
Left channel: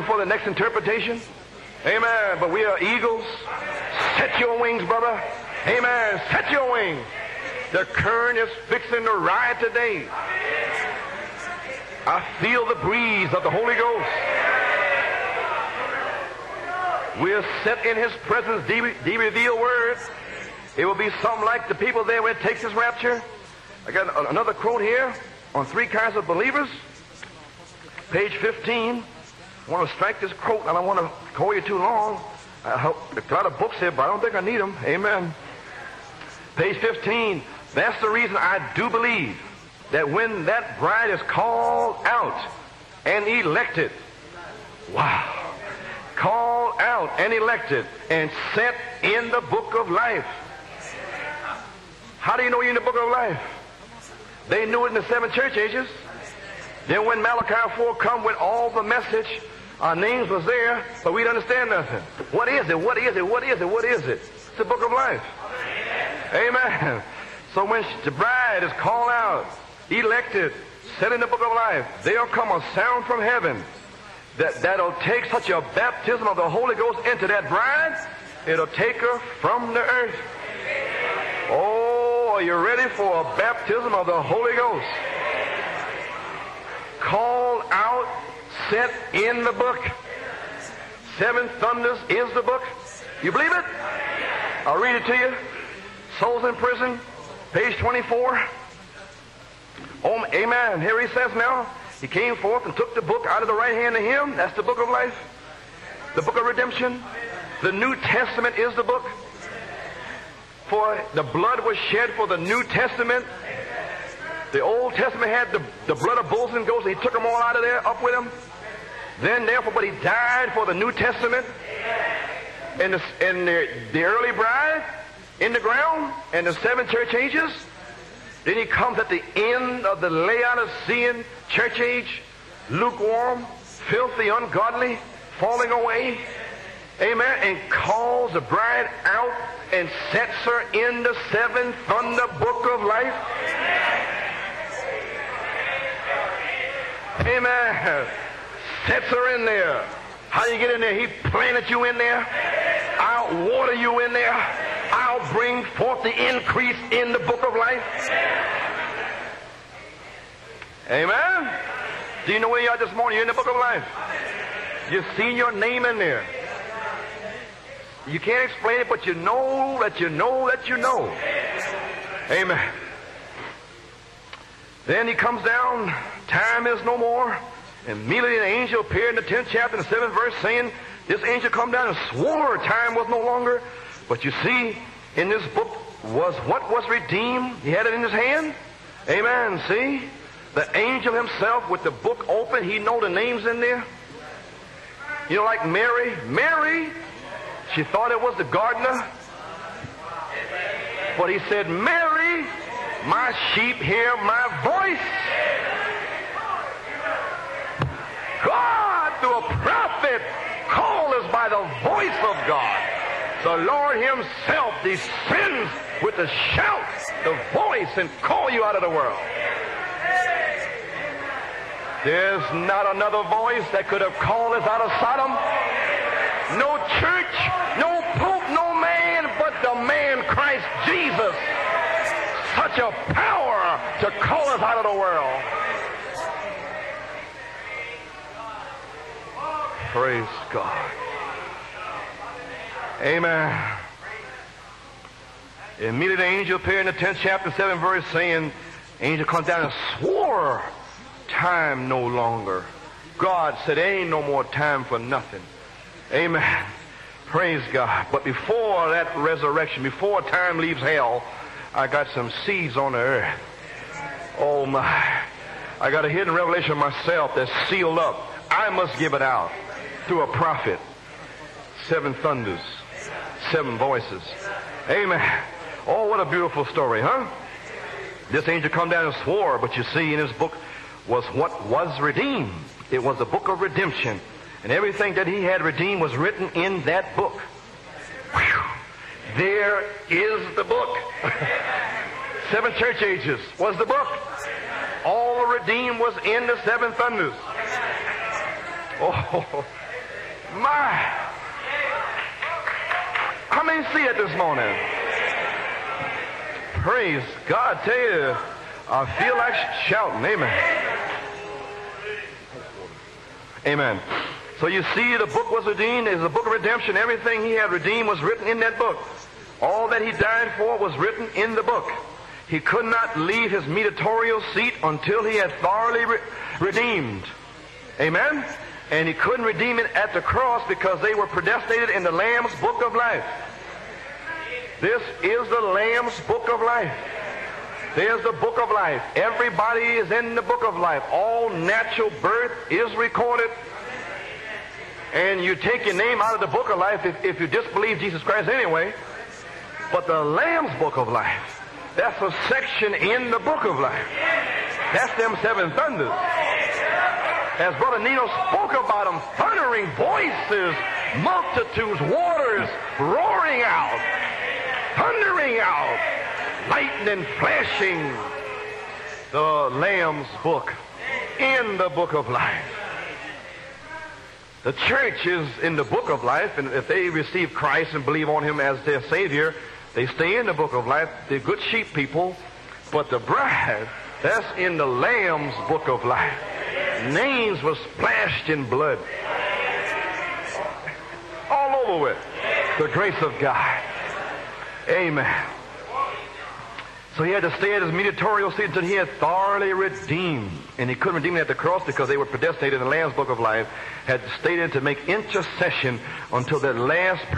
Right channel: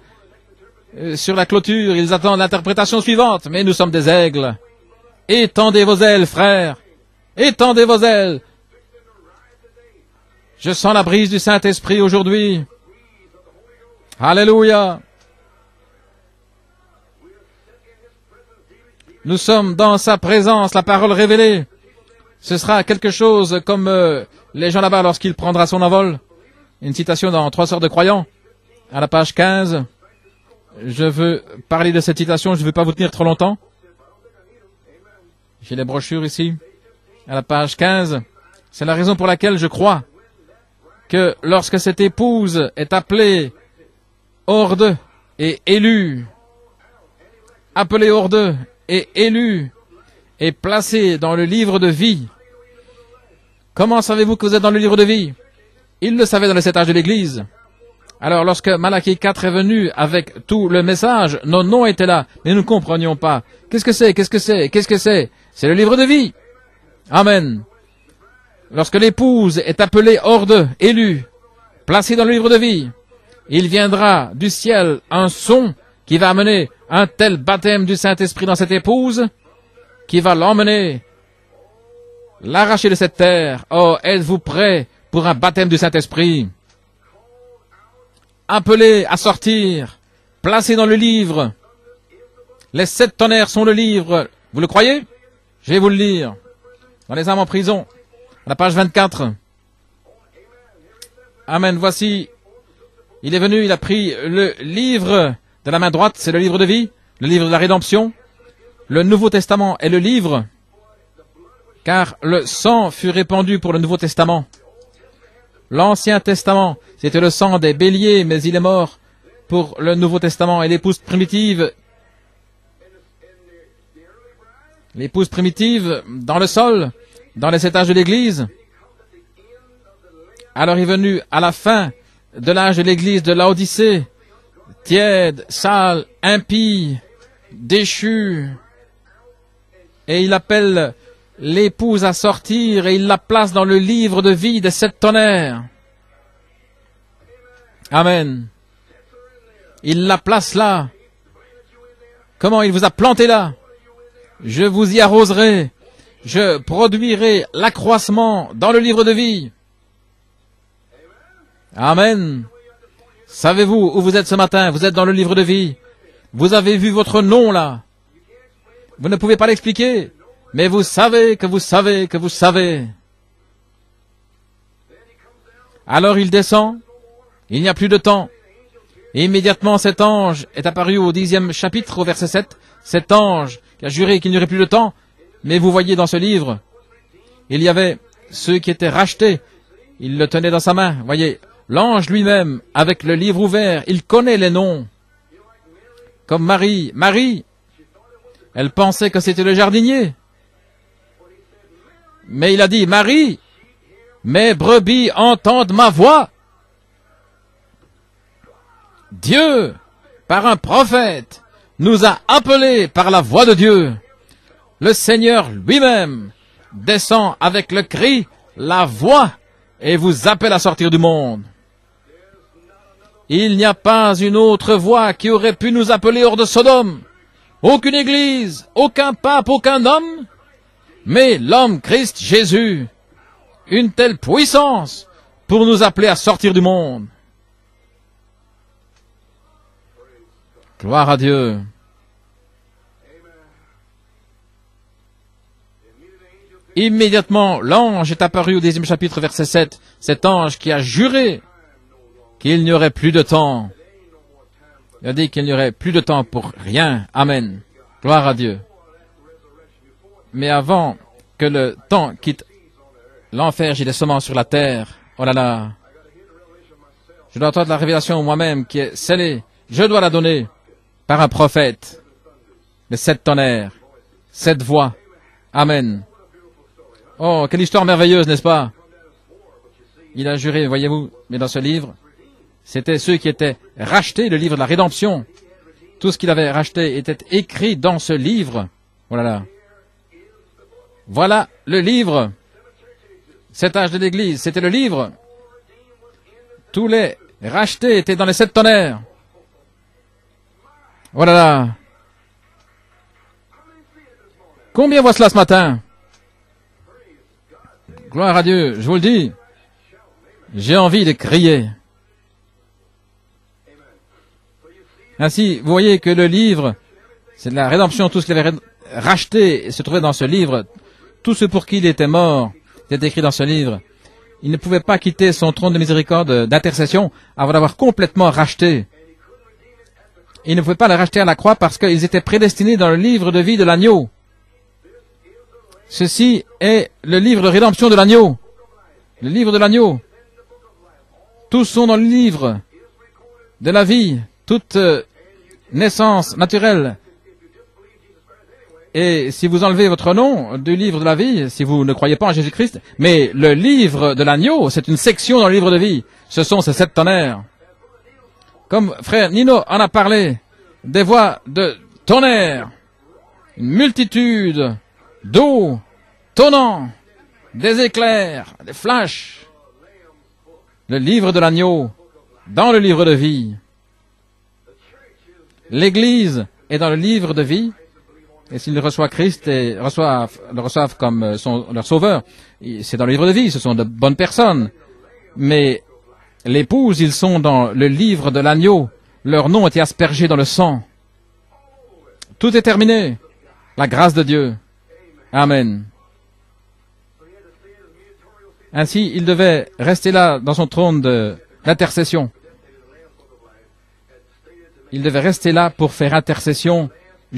sur la clôture, ils attendent l'interprétation suivante. Mais nous sommes des aigles. Étendez vos ailes, frères. Étendez vos ailes. Je sens la brise du Saint-Esprit aujourd'hui. Alléluia. Nous sommes dans sa présence, la parole révélée. Ce sera quelque chose comme les gens là-bas lorsqu'il prendra son envol. Une citation dans 3 sœurs de croyants, à la page 15. Je veux parler de cette citation, je ne veux pas vous tenir trop longtemps. J'ai les brochures ici, à la page 15. C'est la raison pour laquelle je crois que lorsque cette épouse est appelée hors d'eux et élue, appelé hors d'eux et élu et placé dans le livre de vie. Comment savez-vous que vous êtes dans le livre de vie? Ils le savaient dans les 7 âges de l'Église. Alors lorsque Malachie 4 est venu avec tout le message, nos noms étaient là, mais nous ne comprenions pas. Qu'est-ce que c'est? Qu'est-ce que c'est? Qu'est-ce que c'est? C'est le livre de vie. Amen. Lorsque l'épouse est appelée hors d'eux, élue, placée dans le livre de vie, il viendra du ciel un son qui va amener un tel baptême du Saint-Esprit dans cette épouse qui va l'emmener, l'arracher de cette terre. Oh, êtes-vous prêts pour un baptême du Saint-Esprit? Appelé à sortir, placé dans le livre. Les 7 tonnerres sont le livre. Vous le croyez? Je vais vous le lire. Dans les âmes en prison, la page 24. Amen. Voici, il est venu, il a pris le livre de la main droite, c'est le livre de vie, le livre de la rédemption. Le Nouveau Testament est le livre, car le sang fut répandu pour le Nouveau Testament. L'Ancien Testament était le sang des béliers, mais il est mort pour le Nouveau Testament. Et l'épouse primitive, dans le sol, dans les 7 âges de l'Église. Alors il est venu à la fin de l'âge de l'Église de Laodicée, tiède, sale, impie, déchu, et il appelle l'épouse à sortir et il la place dans le livre de vie des 7 tonnerres. Amen. Il la place là. Comment il vous a planté là? Je vous y arroserai. Je produirai l'accroissement dans le livre de vie. Amen. Savez-vous où vous êtes ce matin? Vous êtes dans le livre de vie. Vous avez vu votre nom là. Vous ne pouvez pas l'expliquer, mais vous savez que vous savez que vous savez. Alors il descend, il n'y a plus de temps. Et immédiatement cet ange est apparu au 10e chapitre, au verset 7. Cet ange a juré qu'il n'y aurait plus de temps. Mais vous voyez dans ce livre, il y avait ceux qui étaient rachetés. Il le tenait dans sa main. Voyez, l'ange lui-même, avec le livre ouvert, il connaît les noms. Comme Marie. Marie, elle pensait que c'était le jardinier. Mais il a dit, Marie, mes brebis entendent ma voix. Dieu, par un prophète, nous a appelés par la voix de Dieu. Le Seigneur lui-même descend avec le cri, la voix, et vous appelle à sortir du monde. Il n'y a pas une autre voix qui aurait pu nous appeler hors de Sodome. Aucune église, aucun pape, aucun homme, mais l'homme Christ Jésus. Une telle puissance pour nous appeler à sortir du monde. Gloire à Dieu. Immédiatement, l'ange est apparu au 10e chapitre, verset 7. Cet ange qui a juré qu'il n'y aurait plus de temps. Il a dit qu'il n'y aurait plus de temps pour rien. Amen. Gloire à Dieu. Mais avant que le temps quitte l'enfer, j'ai des semences sur la terre. Oh là là. Je dois entendre la révélation moi-même qui est scellée. Je dois la donner par un prophète. Les 7 tonnerres, 7 voix. Amen. Oh, quelle histoire merveilleuse, n'est-ce pas? Il a juré, voyez-vous, mais dans ce livre, c'était ceux qui étaient rachetés, le livre de la rédemption. Tout ce qu'il avait racheté était écrit dans ce livre. Oh là là. Voilà le livre. 7 âges de l'Église, c'était le livre. Tous les rachetés étaient dans les 7 tonnerres. Voilà là. Combien voient cela ce matin? Gloire à Dieu, je vous le dis. J'ai envie de crier. Ainsi, vous voyez que le livre, c'est de la rédemption, tout ce qu'il avait racheté se trouvait dans ce livre. Tout ce pour qui il était mort est écrit dans ce livre. Il ne pouvait pas quitter son trône de miséricorde, d'intercession, avant d'avoir complètement racheté. Il ne pouvait pas le racheter à la croix parce qu'ils étaient prédestinés dans le livre de vie de l'agneau. Ceci est le livre de rédemption de l'agneau. Le livre de l'agneau. Tous sont dans le livre de la vie, toute naissance naturelle. Et si vous enlevez votre nom du livre de la vie, si vous ne croyez pas en Jésus-Christ, mais le livre de l'agneau, c'est une section dans le livre de vie. Ce sont ces 7 tonnerres. Comme frère Nino en a parlé, des voix de tonnerre, multitude d'eau, tonnant, des éclairs, des flashs. Le livre de l'agneau, dans le livre de vie. L'Église est dans le livre de vie, et s'ils reçoivent Christ et le reçoivent comme leur sauveur, c'est dans le livre de vie, ce sont de bonnes personnes. Mais l'épouse, ils sont dans le livre de l'agneau, leur nom est aspergé dans le sang. Tout est terminé, la grâce de Dieu. Amen. Ainsi, il devait rester là dans son trône d'intercession. Il devait rester là pour faire intercession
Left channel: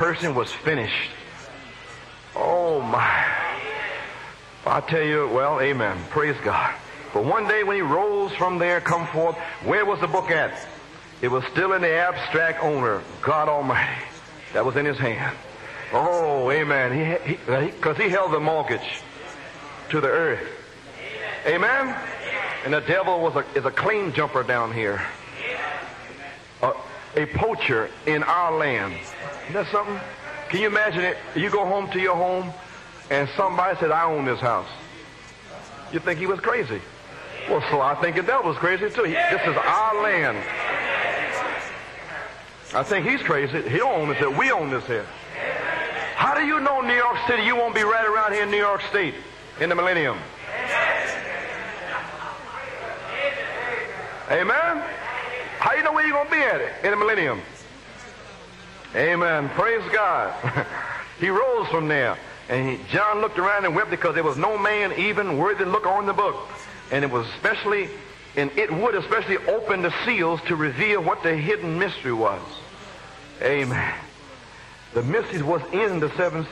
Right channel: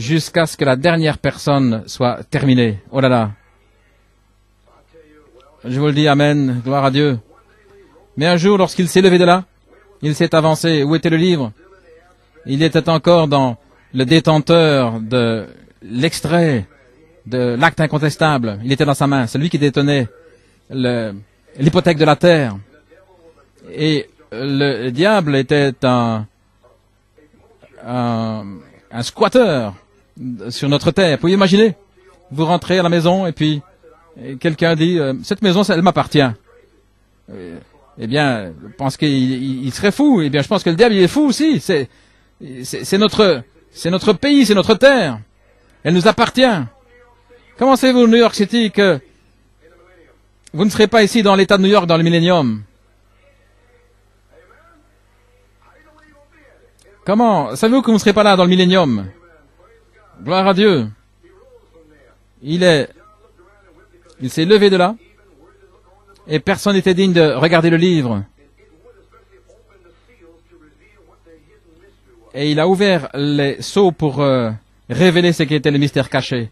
jusqu'à ce que la dernière personne soit terminée. Oh là là. Je vous le dis, Amen, gloire à Dieu. Mais un jour, lorsqu'il s'est levé de là, il s'est avancé. Où était le livre? Il était encore dans le détenteur de l'extrait de l'acte incontestable. Il était dans sa main. C'est lui qui détenait l'hypothèque de la terre. Et le diable était un squatteur sur notre terre. Vous imaginer, vous rentrez à la maison et puis quelqu'un dit « Cette maison, elle m'appartient ». Eh bien, je pense qu'il serait fou. Eh bien, je pense que le diable, il est fou aussi. C'est notre pays, c'est notre terre. Elle nous appartient. Comment savez-vous, New York City, que vous ne serez pas ici dans l'État de New York dans le millénium? Comment savez-vous que vous ne serez pas là dans le millénium? Gloire à Dieu. Il s'est levé de là et personne n'était digne de regarder le livre. Et il a ouvert les sceaux pour révéler ce qui était le mystère caché.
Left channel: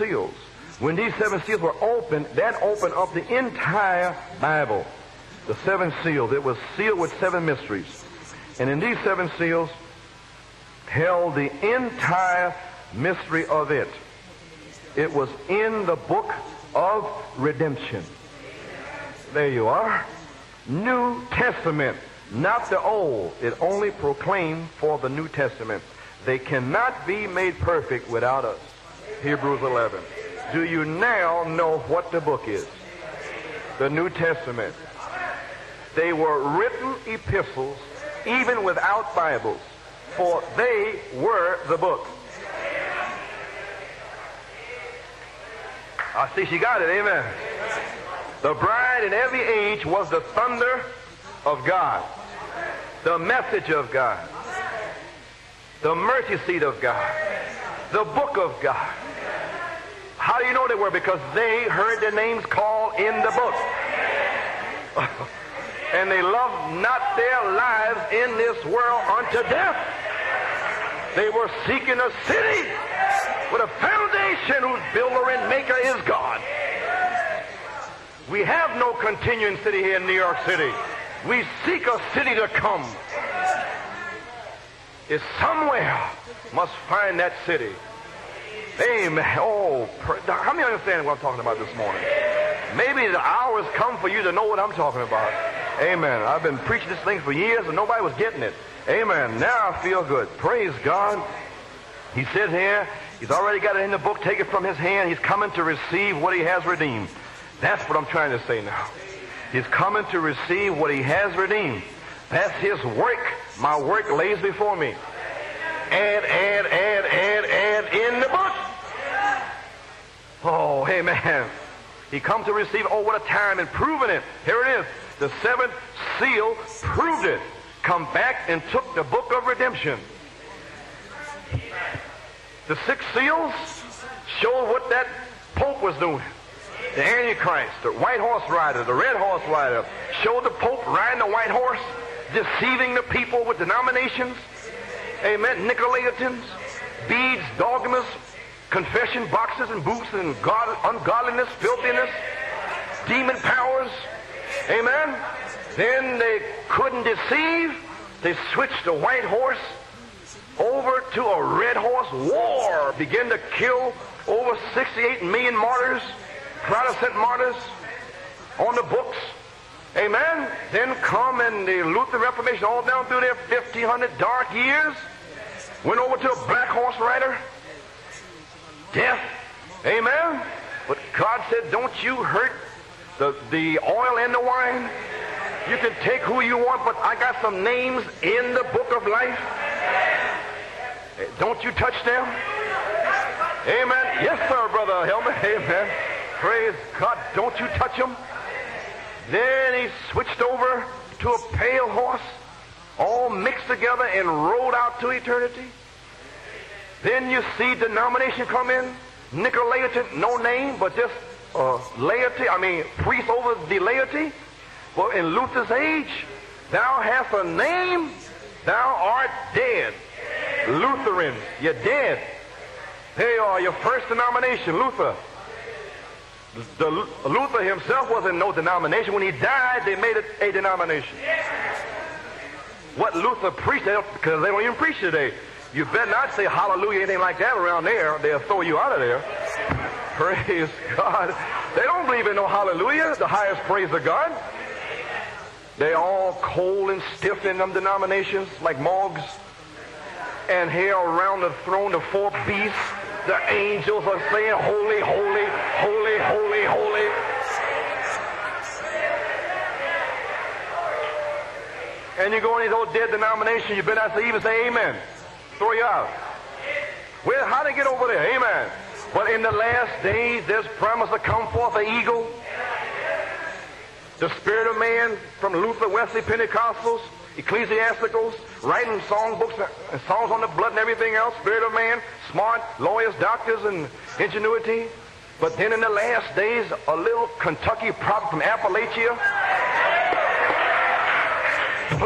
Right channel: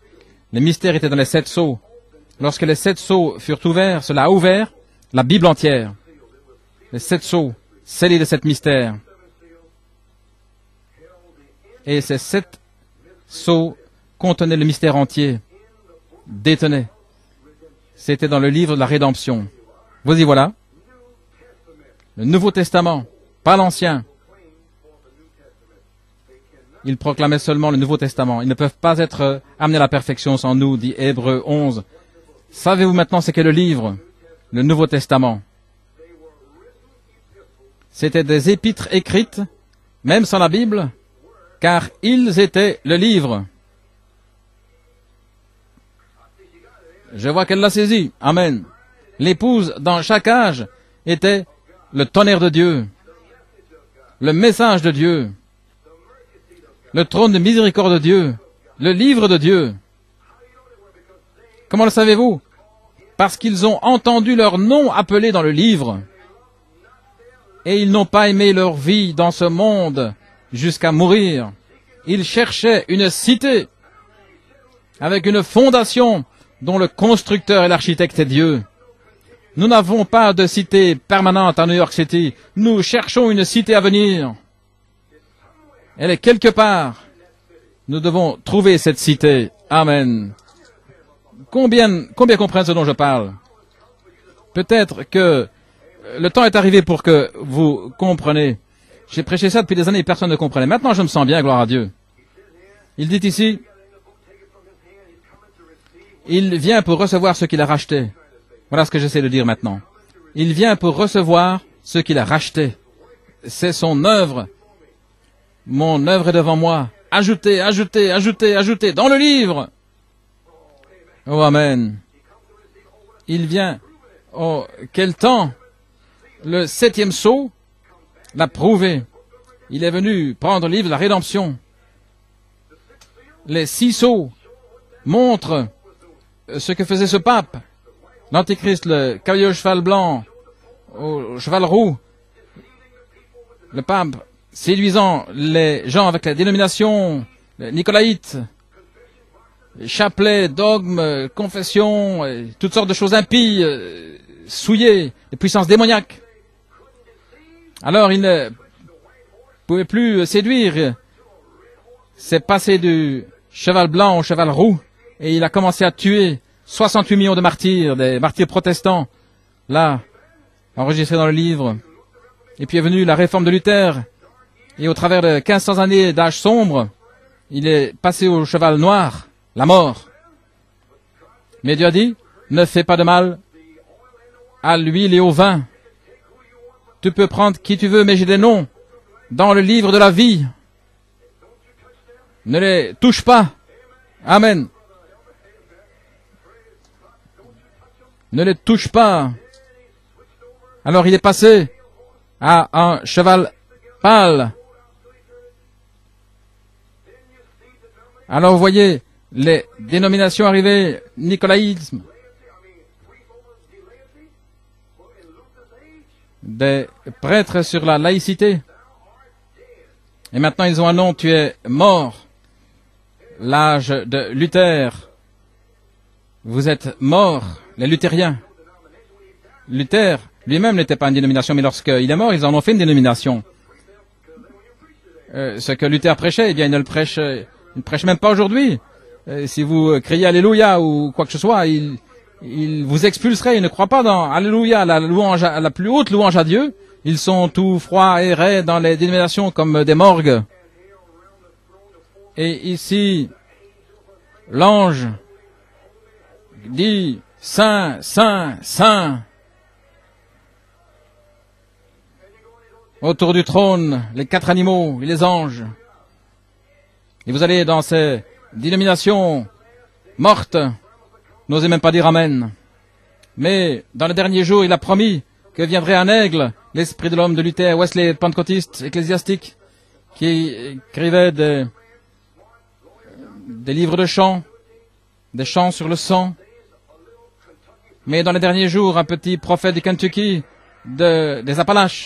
Les mystères étaient dans les 7 sceaux. Lorsque les 7 sceaux furent ouverts, cela a ouvert la Bible entière. Les 7 sceaux, scellés de 7 mystères. Et ces 7 sceaux contenaient le mystère entier, détenaient. C'était dans le livre de la rédemption. Vous y voilà. Le Nouveau Testament, pas l'Ancien. Ils proclamaient seulement le Nouveau Testament. Ils ne peuvent pas être amenés à la perfection sans nous, dit Hébreux 11. Savez-vous maintenant ce qu'est le livre, le Nouveau Testament? C'était des épîtres écrites, même sans la Bible, car ils étaient le livre. Je vois qu'elle l'a saisi. Amen. L'épouse, dans chaque âge, était le tonnerre de Dieu, le message de Dieu, le trône de miséricorde de Dieu, le livre de Dieu. Comment le savez-vous? Parce qu'ils ont entendu leur nom appelé dans le livre. Et ils n'ont pas aimé leur vie dans ce monde jusqu'à mourir. Ils cherchaient une cité avec une fondation dont le constructeur et l'architecte est Dieu. Nous n'avons pas de cité permanente à New York City. Nous cherchons une cité à venir. Elle est quelque part. Nous devons trouver cette cité. Amen. Combien comprennent ce dont je parle? Peut-être que le temps est arrivé pour que vous compreniez J'ai prêché ça depuis des années et personne ne comprenait. Maintenant, je me sens bien, gloire à Dieu. Il dit ici, il vient pour recevoir ce qu'il a racheté. Voilà ce que j'essaie de dire maintenant. Il vient pour recevoir ce qu'il a racheté. C'est son œuvre. Mon œuvre est devant moi. Ajoutez, ajoutez, ajoutez, ajoutez dans le livre. Oh, amen. Il vient. Oh, quel temps. Le 7e sceau l'a prouvé. Il est venu prendre le livre de la rédemption. Les 6 sceaux montrent ce que faisait ce pape. L'Antéchrist, le cavalier au cheval blanc, au cheval roux. Le pape séduisant les gens avec la dénomination nicolaïte, chapelet, dogmes, confession, toutes sortes de choses impies, souillées, de puissance démoniaque. Alors il ne pouvait plus séduire. C'est passé du cheval blanc au cheval roux et il a commencé à tuer 68 millions de martyrs, des martyrs protestants. Là, enregistré dans le livre. Et puis est venue la réforme de Luther. Et au travers de 1500 années d'âge sombre, il est passé au cheval noir, la mort. Mais Dieu a dit, ne fais pas de mal à l'huile et au vin. Tu peux prendre qui tu veux, mais j'ai des noms dans le livre de la vie. Ne les touche pas. Amen. Ne les touche pas. Alors il est passé à un cheval pâle. Alors vous voyez les dénominations arrivées, nicolaïsme, des prêtres sur la laïcité. Et maintenant ils ont un nom, tu es mort. L'âge de Luther. Vous êtes morts, les luthériens. Luther lui-même n'était pas une dénomination, mais lorsqu'il est mort, ils en ont fait une dénomination. Ce que Luther prêchait, eh bien, il ne le prêche même pas aujourd'hui. Si vous criez Alléluia ou quoi que ce soit, il vous expulserait. Il ne croit pas dans Alléluia, la plus haute louange à Dieu. Ils sont tout froids et raids dans les dénominations comme des morgues. Et ici, l'ange dit Saint, Saint, Saint. Autour du trône, les 4 animaux et les anges. Et vous allez dans ces dénominations mortes, n'osez même pas dire Amen. Mais dans les derniers jours, il a promis que viendrait un aigle, l'esprit de l'homme de Luther, Wesley, pentecôtiste, ecclésiastique, qui écrivait des livres de chants, des chants sur le sang. Mais dans les derniers jours, un petit prophète du Kentucky, des Appalaches,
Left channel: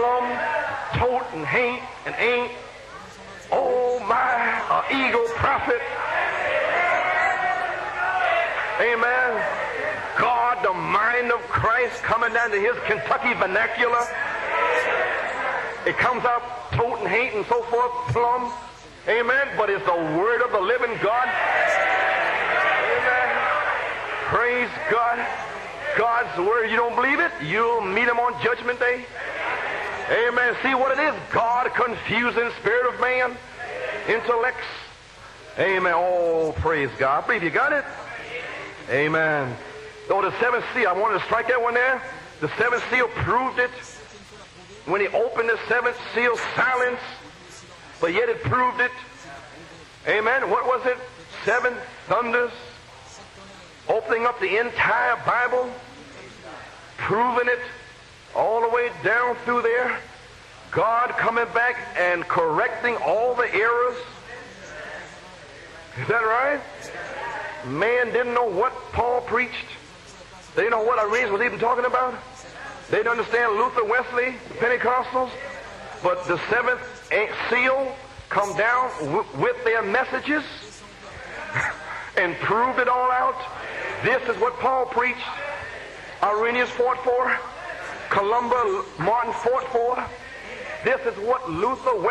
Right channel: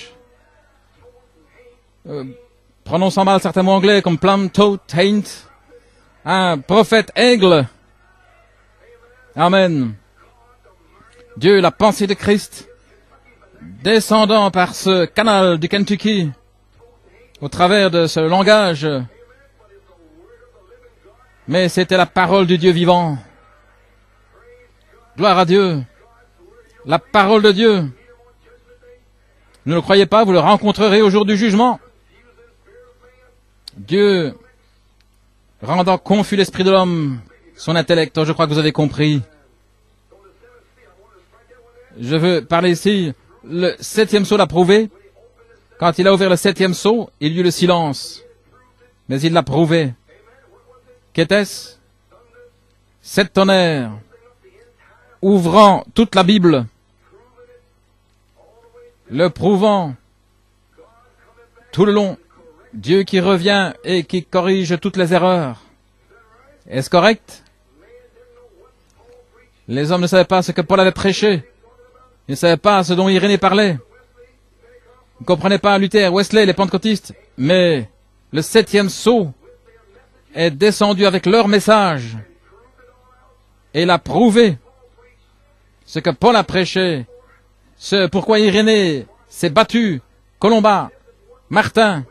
prononçant mal certains mots anglais comme plum, toad, taint, un prophète aigle. Amen. Dieu, la pensée de Christ, descendant par ce canal du Kentucky, au travers de ce langage. Mais c'était la parole du Dieu vivant. Gloire à Dieu. La parole de Dieu. Ne le croyez pas, vous le rencontrerez au jour du jugement. Dieu, rendant confus l'esprit de l'homme, son intellect. Je crois que vous avez compris. Je veux parler ici. Le 7e sceau l'a prouvé. Quand il a ouvert le 7e sceau, il y eut le silence. Mais il l'a prouvé. Qu'était-ce? 7 tonnerres, ouvrant toute la Bible, le prouvant tout le long. Dieu qui revient et qui corrige toutes les erreurs. Est-ce correct? Les hommes ne savaient pas ce que Paul avait prêché. Ils ne savaient pas ce dont Irénée parlait. Ils ne comprenaient pas Luther, Wesley, les pentecôtistes. Mais le 7e sceau est descendu avec leur message et l'a prouvé. Ce que Paul a prêché, ce pourquoi Irénée s'est battu, Colomba, Martin,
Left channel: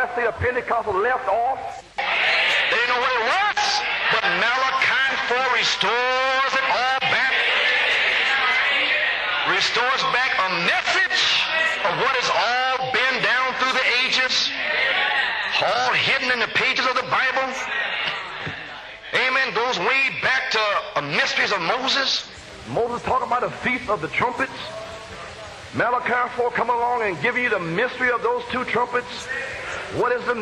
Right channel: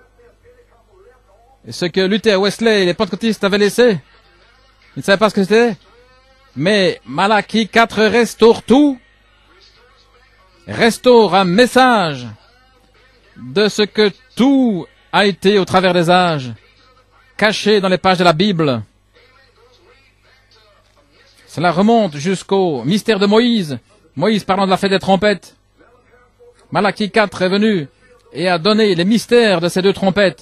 ce que Luther, Wesley et les pentecôtistes avaient laissé. Ils ne savaient pas ce que c'était. Mais Malachie 4 restaure tout, restaure un message de ce que tout a été au travers des âges, caché dans les pages de la Bible. Cela remonte jusqu'au mystère de Moïse. Moïse parlant de la fête des trompettes. Malachie 4 est venu et a donné les mystères de ces deux trompettes.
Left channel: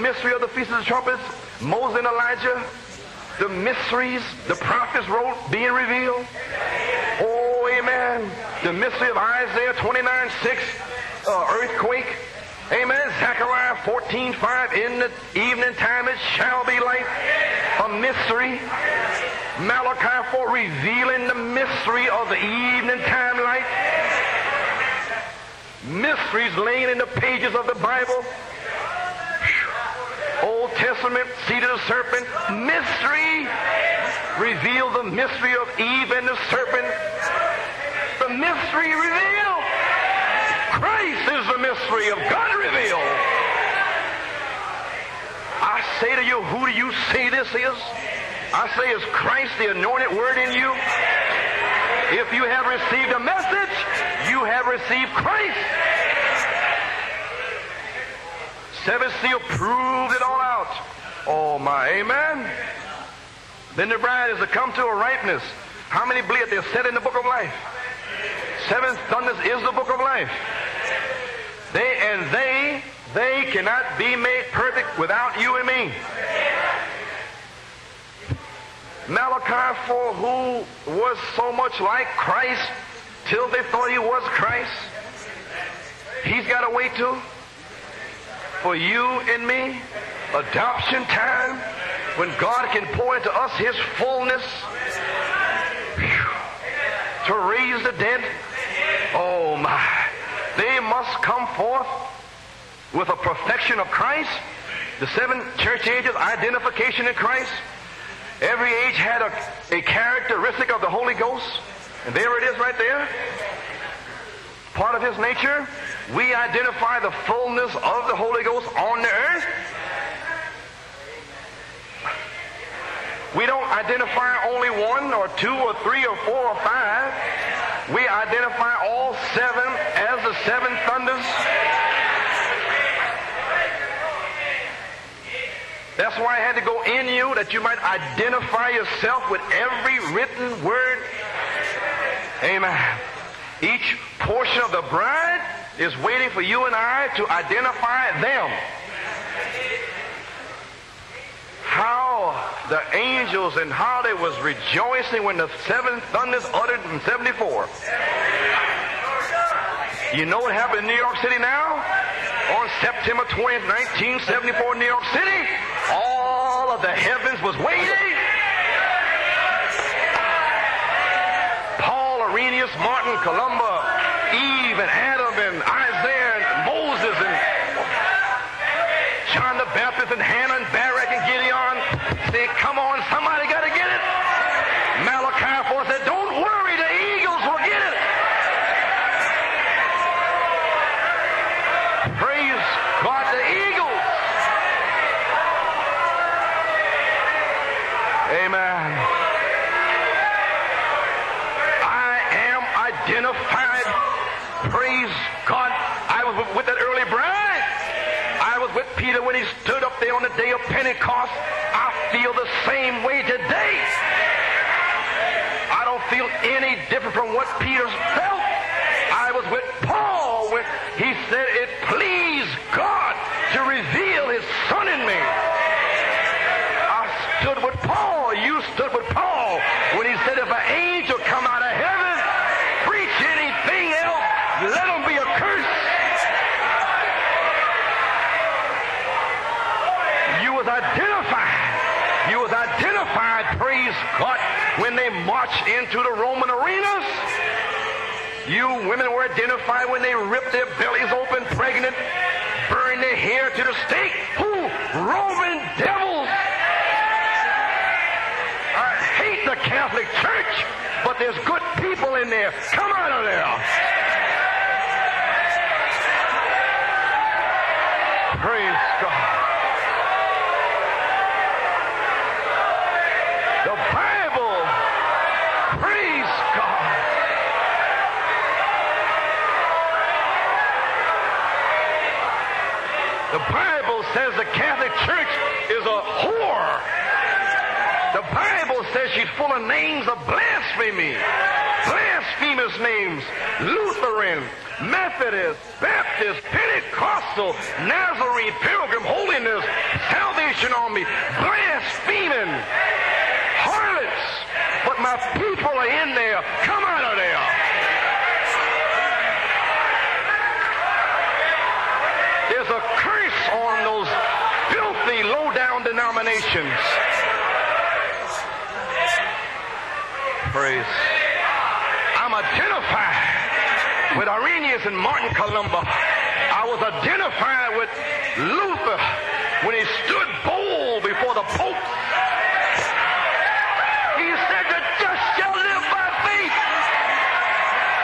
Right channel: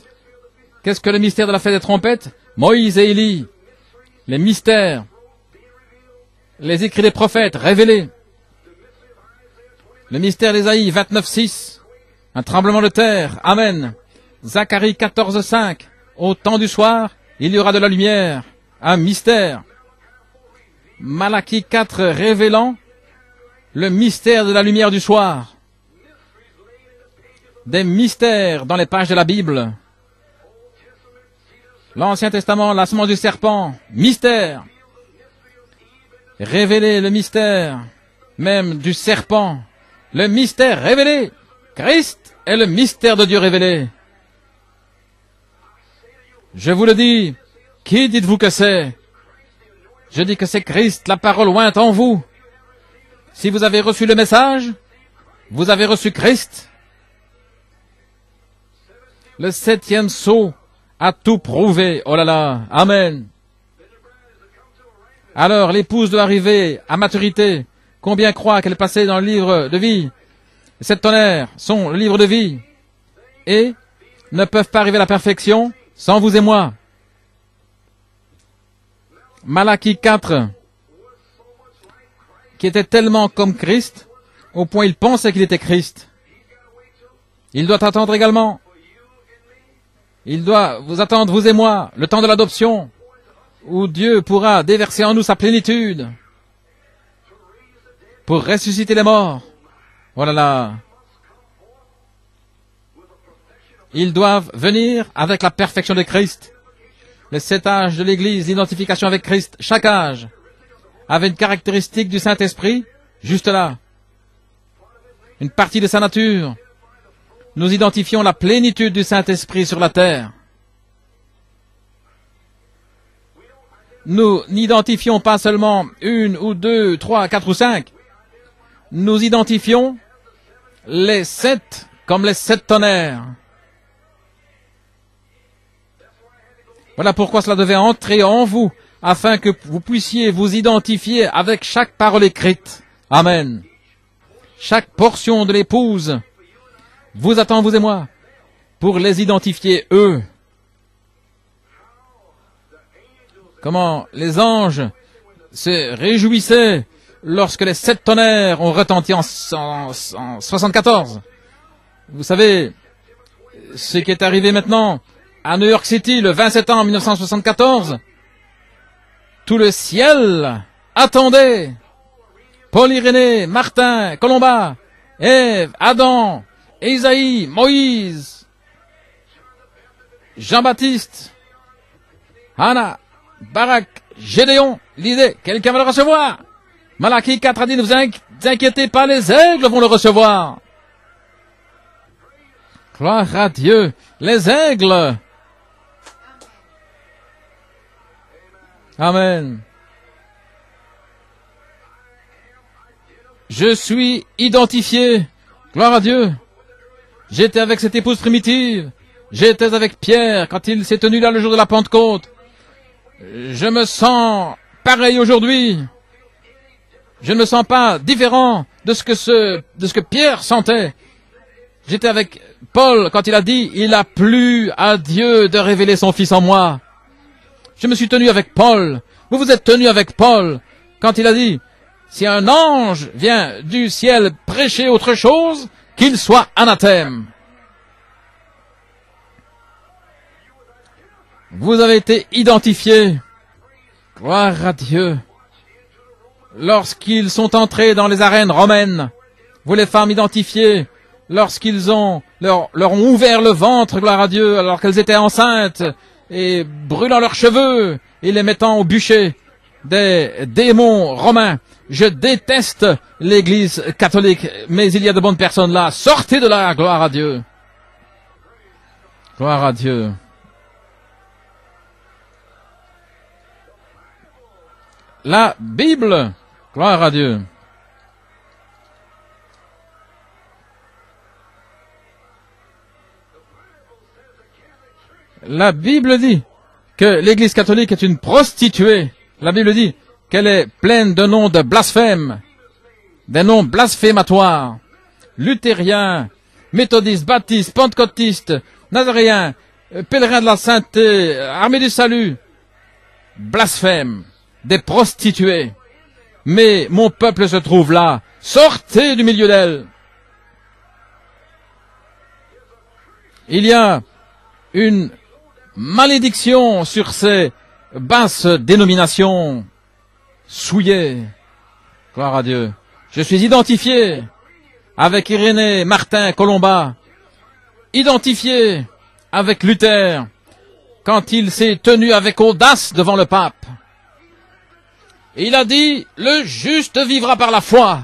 Qu'est-ce que le mystère de la fête des trompettes? Moïse et Élie. Les mystères. Les écrits des prophètes révélés. Le mystère d'Ésaïe 29:6. Un tremblement de terre. Amen. Zacharie 14:5. Au temps du soir, il y aura de la lumière. Un mystère. Malachie 4 révélant le mystère de la lumière du soir. Des mystères dans les pages de la Bible. L'Ancien Testament, la semence du serpent. Mystère. Révéler le mystère même du serpent. Le mystère révélé. Christ est le mystère de Dieu révélé. Je vous le dis, qui dites-vous que c'est? Je dis que c'est Christ, la parole ointe en vous. Si vous avez reçu le message, vous avez reçu Christ. Le 7e sceau a tout prouvé. Oh là là, amen. Alors l'épouse doit arriver à maturité. Combien croient qu'elle est passée dans le livre de vie? 7 tonnerres, son livre de vie. Et ne peuvent pas arriver à la perfection sans vous et moi. Malachie 4, qui était tellement comme Christ, au point il pensait qu'il était Christ. Il doit attendre également. Il doit vous attendre, vous et moi, le temps de l'adoption, où Dieu pourra déverser en nous sa plénitude pour ressusciter les morts. Voilà là. Ils doivent venir avec la perfection de Christ. Les 7 âges de l'Église, l'identification avec Christ, chaque âge avait une caractéristique du Saint-Esprit, juste là. Une partie de sa nature. Nous identifions la plénitude du Saint-Esprit sur la terre. Nous n'identifions pas seulement 1 ou 2, 3, 4 ou 5. Nous identifions les 7 comme les 7 tonnerres. Voilà pourquoi cela devait entrer en vous, afin que vous puissiez vous identifier avec chaque parole écrite. Amen. Chaque portion de l'épouse vous attend, vous et moi, pour les identifier, eux. Comment les anges se réjouissaient lorsque les 7 tonnerres ont retenti en 74. Vous savez ce qui est arrivé maintenant à New York City le 20 septembre 1974. Tout le ciel attendait Paul, Irénée, Martin, Colomba, Ève, Adam, Isaïe, Moïse, Jean-Baptiste, Anna, Barak, Gédéon. Lisez, quelqu'un va le recevoir. Malachie 4 a dit, ne vous inquiétez pas, les aigles vont le recevoir. Gloire à Dieu, les aigles. Amen. Je suis identifié. Gloire à Dieu. J'étais avec cette épouse primitive. J'étais avec Pierre quand il s'est tenu là le jour de la Pentecôte. Je me sens pareil aujourd'hui. Je ne me sens pas différent de ce que Pierre sentait. J'étais avec Paul quand il a dit « Il a plu à Dieu de révéler son Fils en moi ». Je me suis tenu avec Paul. Vous vous êtes tenu avec Paul quand il a dit « Si un ange vient du ciel prêcher autre chose, qu'il soit anathème ». Vous avez été identifiés. Gloire à Dieu. Lorsqu'ils sont entrés dans les arènes romaines, vous les femmes identifiées, lorsqu'ils leur ont ouvert le ventre, gloire à Dieu, alors qu'elles étaient enceintes, et brûlant leurs cheveux, et les mettant au bûcher des démons romains. Je déteste l'Église catholique, mais il y a de bonnes personnes là. Sortez de là, gloire à Dieu. Gloire à Dieu. La Bible, gloire à Dieu. La Bible dit que l'Église catholique est une prostituée. La Bible dit qu'elle est pleine de noms de blasphèmes, des noms blasphématoires. Luthériens, méthodistes, baptistes, pentecôtistes, nazaréens, pèlerins de la sainteté, armée du salut, blasphèmes, des prostituées. Mais mon peuple se trouve là. Sortez du milieu d'elle. Il y a une malédiction sur ces basses dénominations souillées. Gloire à Dieu. Je suis identifié avec Irénée, Martin, Colomba, identifié avec Luther, quand il s'est tenu avec audace devant le pape. Il a dit, le juste vivra par la foi.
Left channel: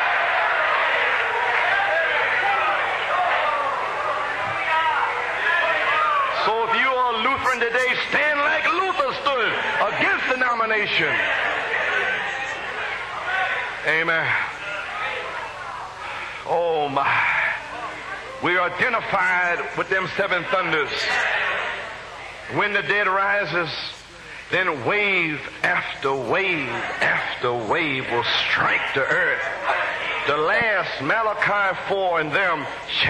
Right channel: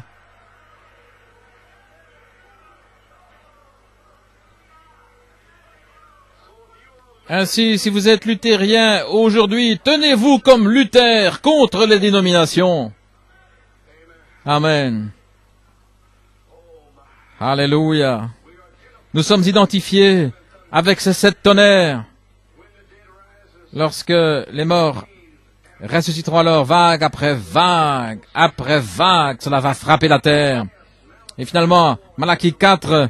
Ainsi, si vous êtes luthérien aujourd'hui, tenez-vous comme Luther contre les dénominations. Amen. Alléluia. Nous sommes identifiés avec ces 7 tonnerres. Lorsque les morts ressusciteront alors vague après vague, cela va frapper la terre. Et finalement, Malachie 4,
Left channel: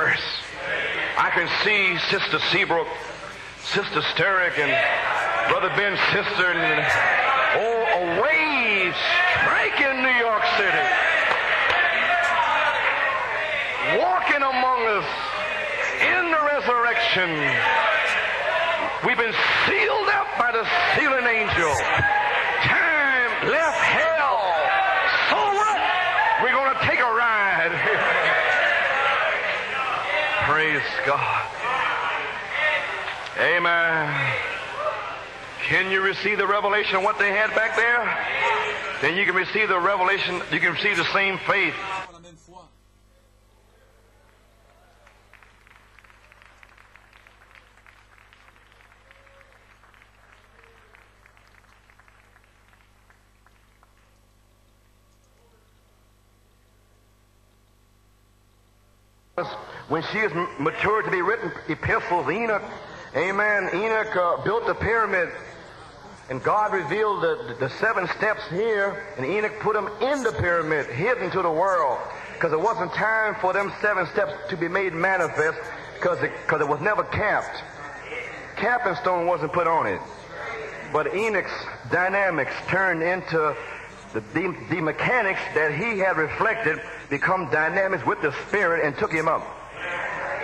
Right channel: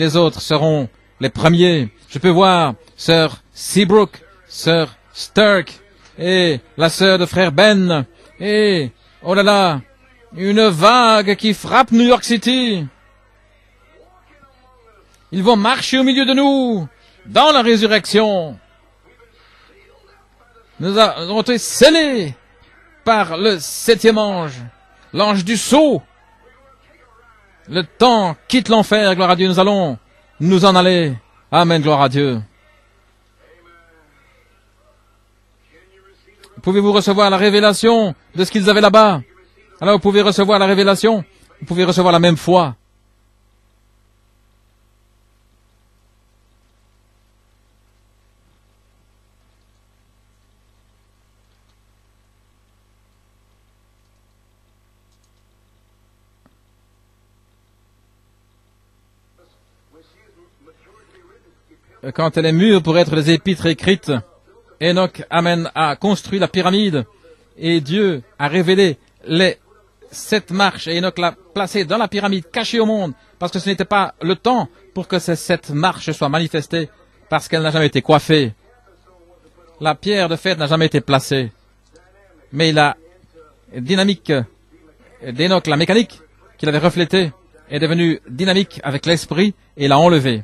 les autres seront les premiers. Tu peux voir Sœur Seabrook, Sœur Sturck et la sœur de frère Ben. Et, oh là là, une vague qui frappe New York City. Ils vont marcher au milieu de nous dans la résurrection. Nous avons été scellés par le 7e ange, l'ange du sceau. Le temps quitte l'enfer, gloire à Dieu, nous allons nous en aller. Amen, gloire à Dieu. Pouvez-vous recevoir la révélation de ce qu'ils avaient là-bas? Alors vous pouvez recevoir la révélation, vous pouvez recevoir la même foi. Et quand elle est mûre pour être les épîtres écrites, Enoch a construit la pyramide et Dieu a révélé les 7 marches et Enoch l'a placé dans la pyramide, cachée au monde, parce que ce n'était pas le temps pour que ces 7 marches soient manifestées, parce qu'elle n'a jamais été coiffée. La pierre de fête n'a jamais été placée. Mais la dynamique d'Enoch, la mécanique qu'il avait reflétée, est devenue dynamique avec l'esprit et l'a enlevée.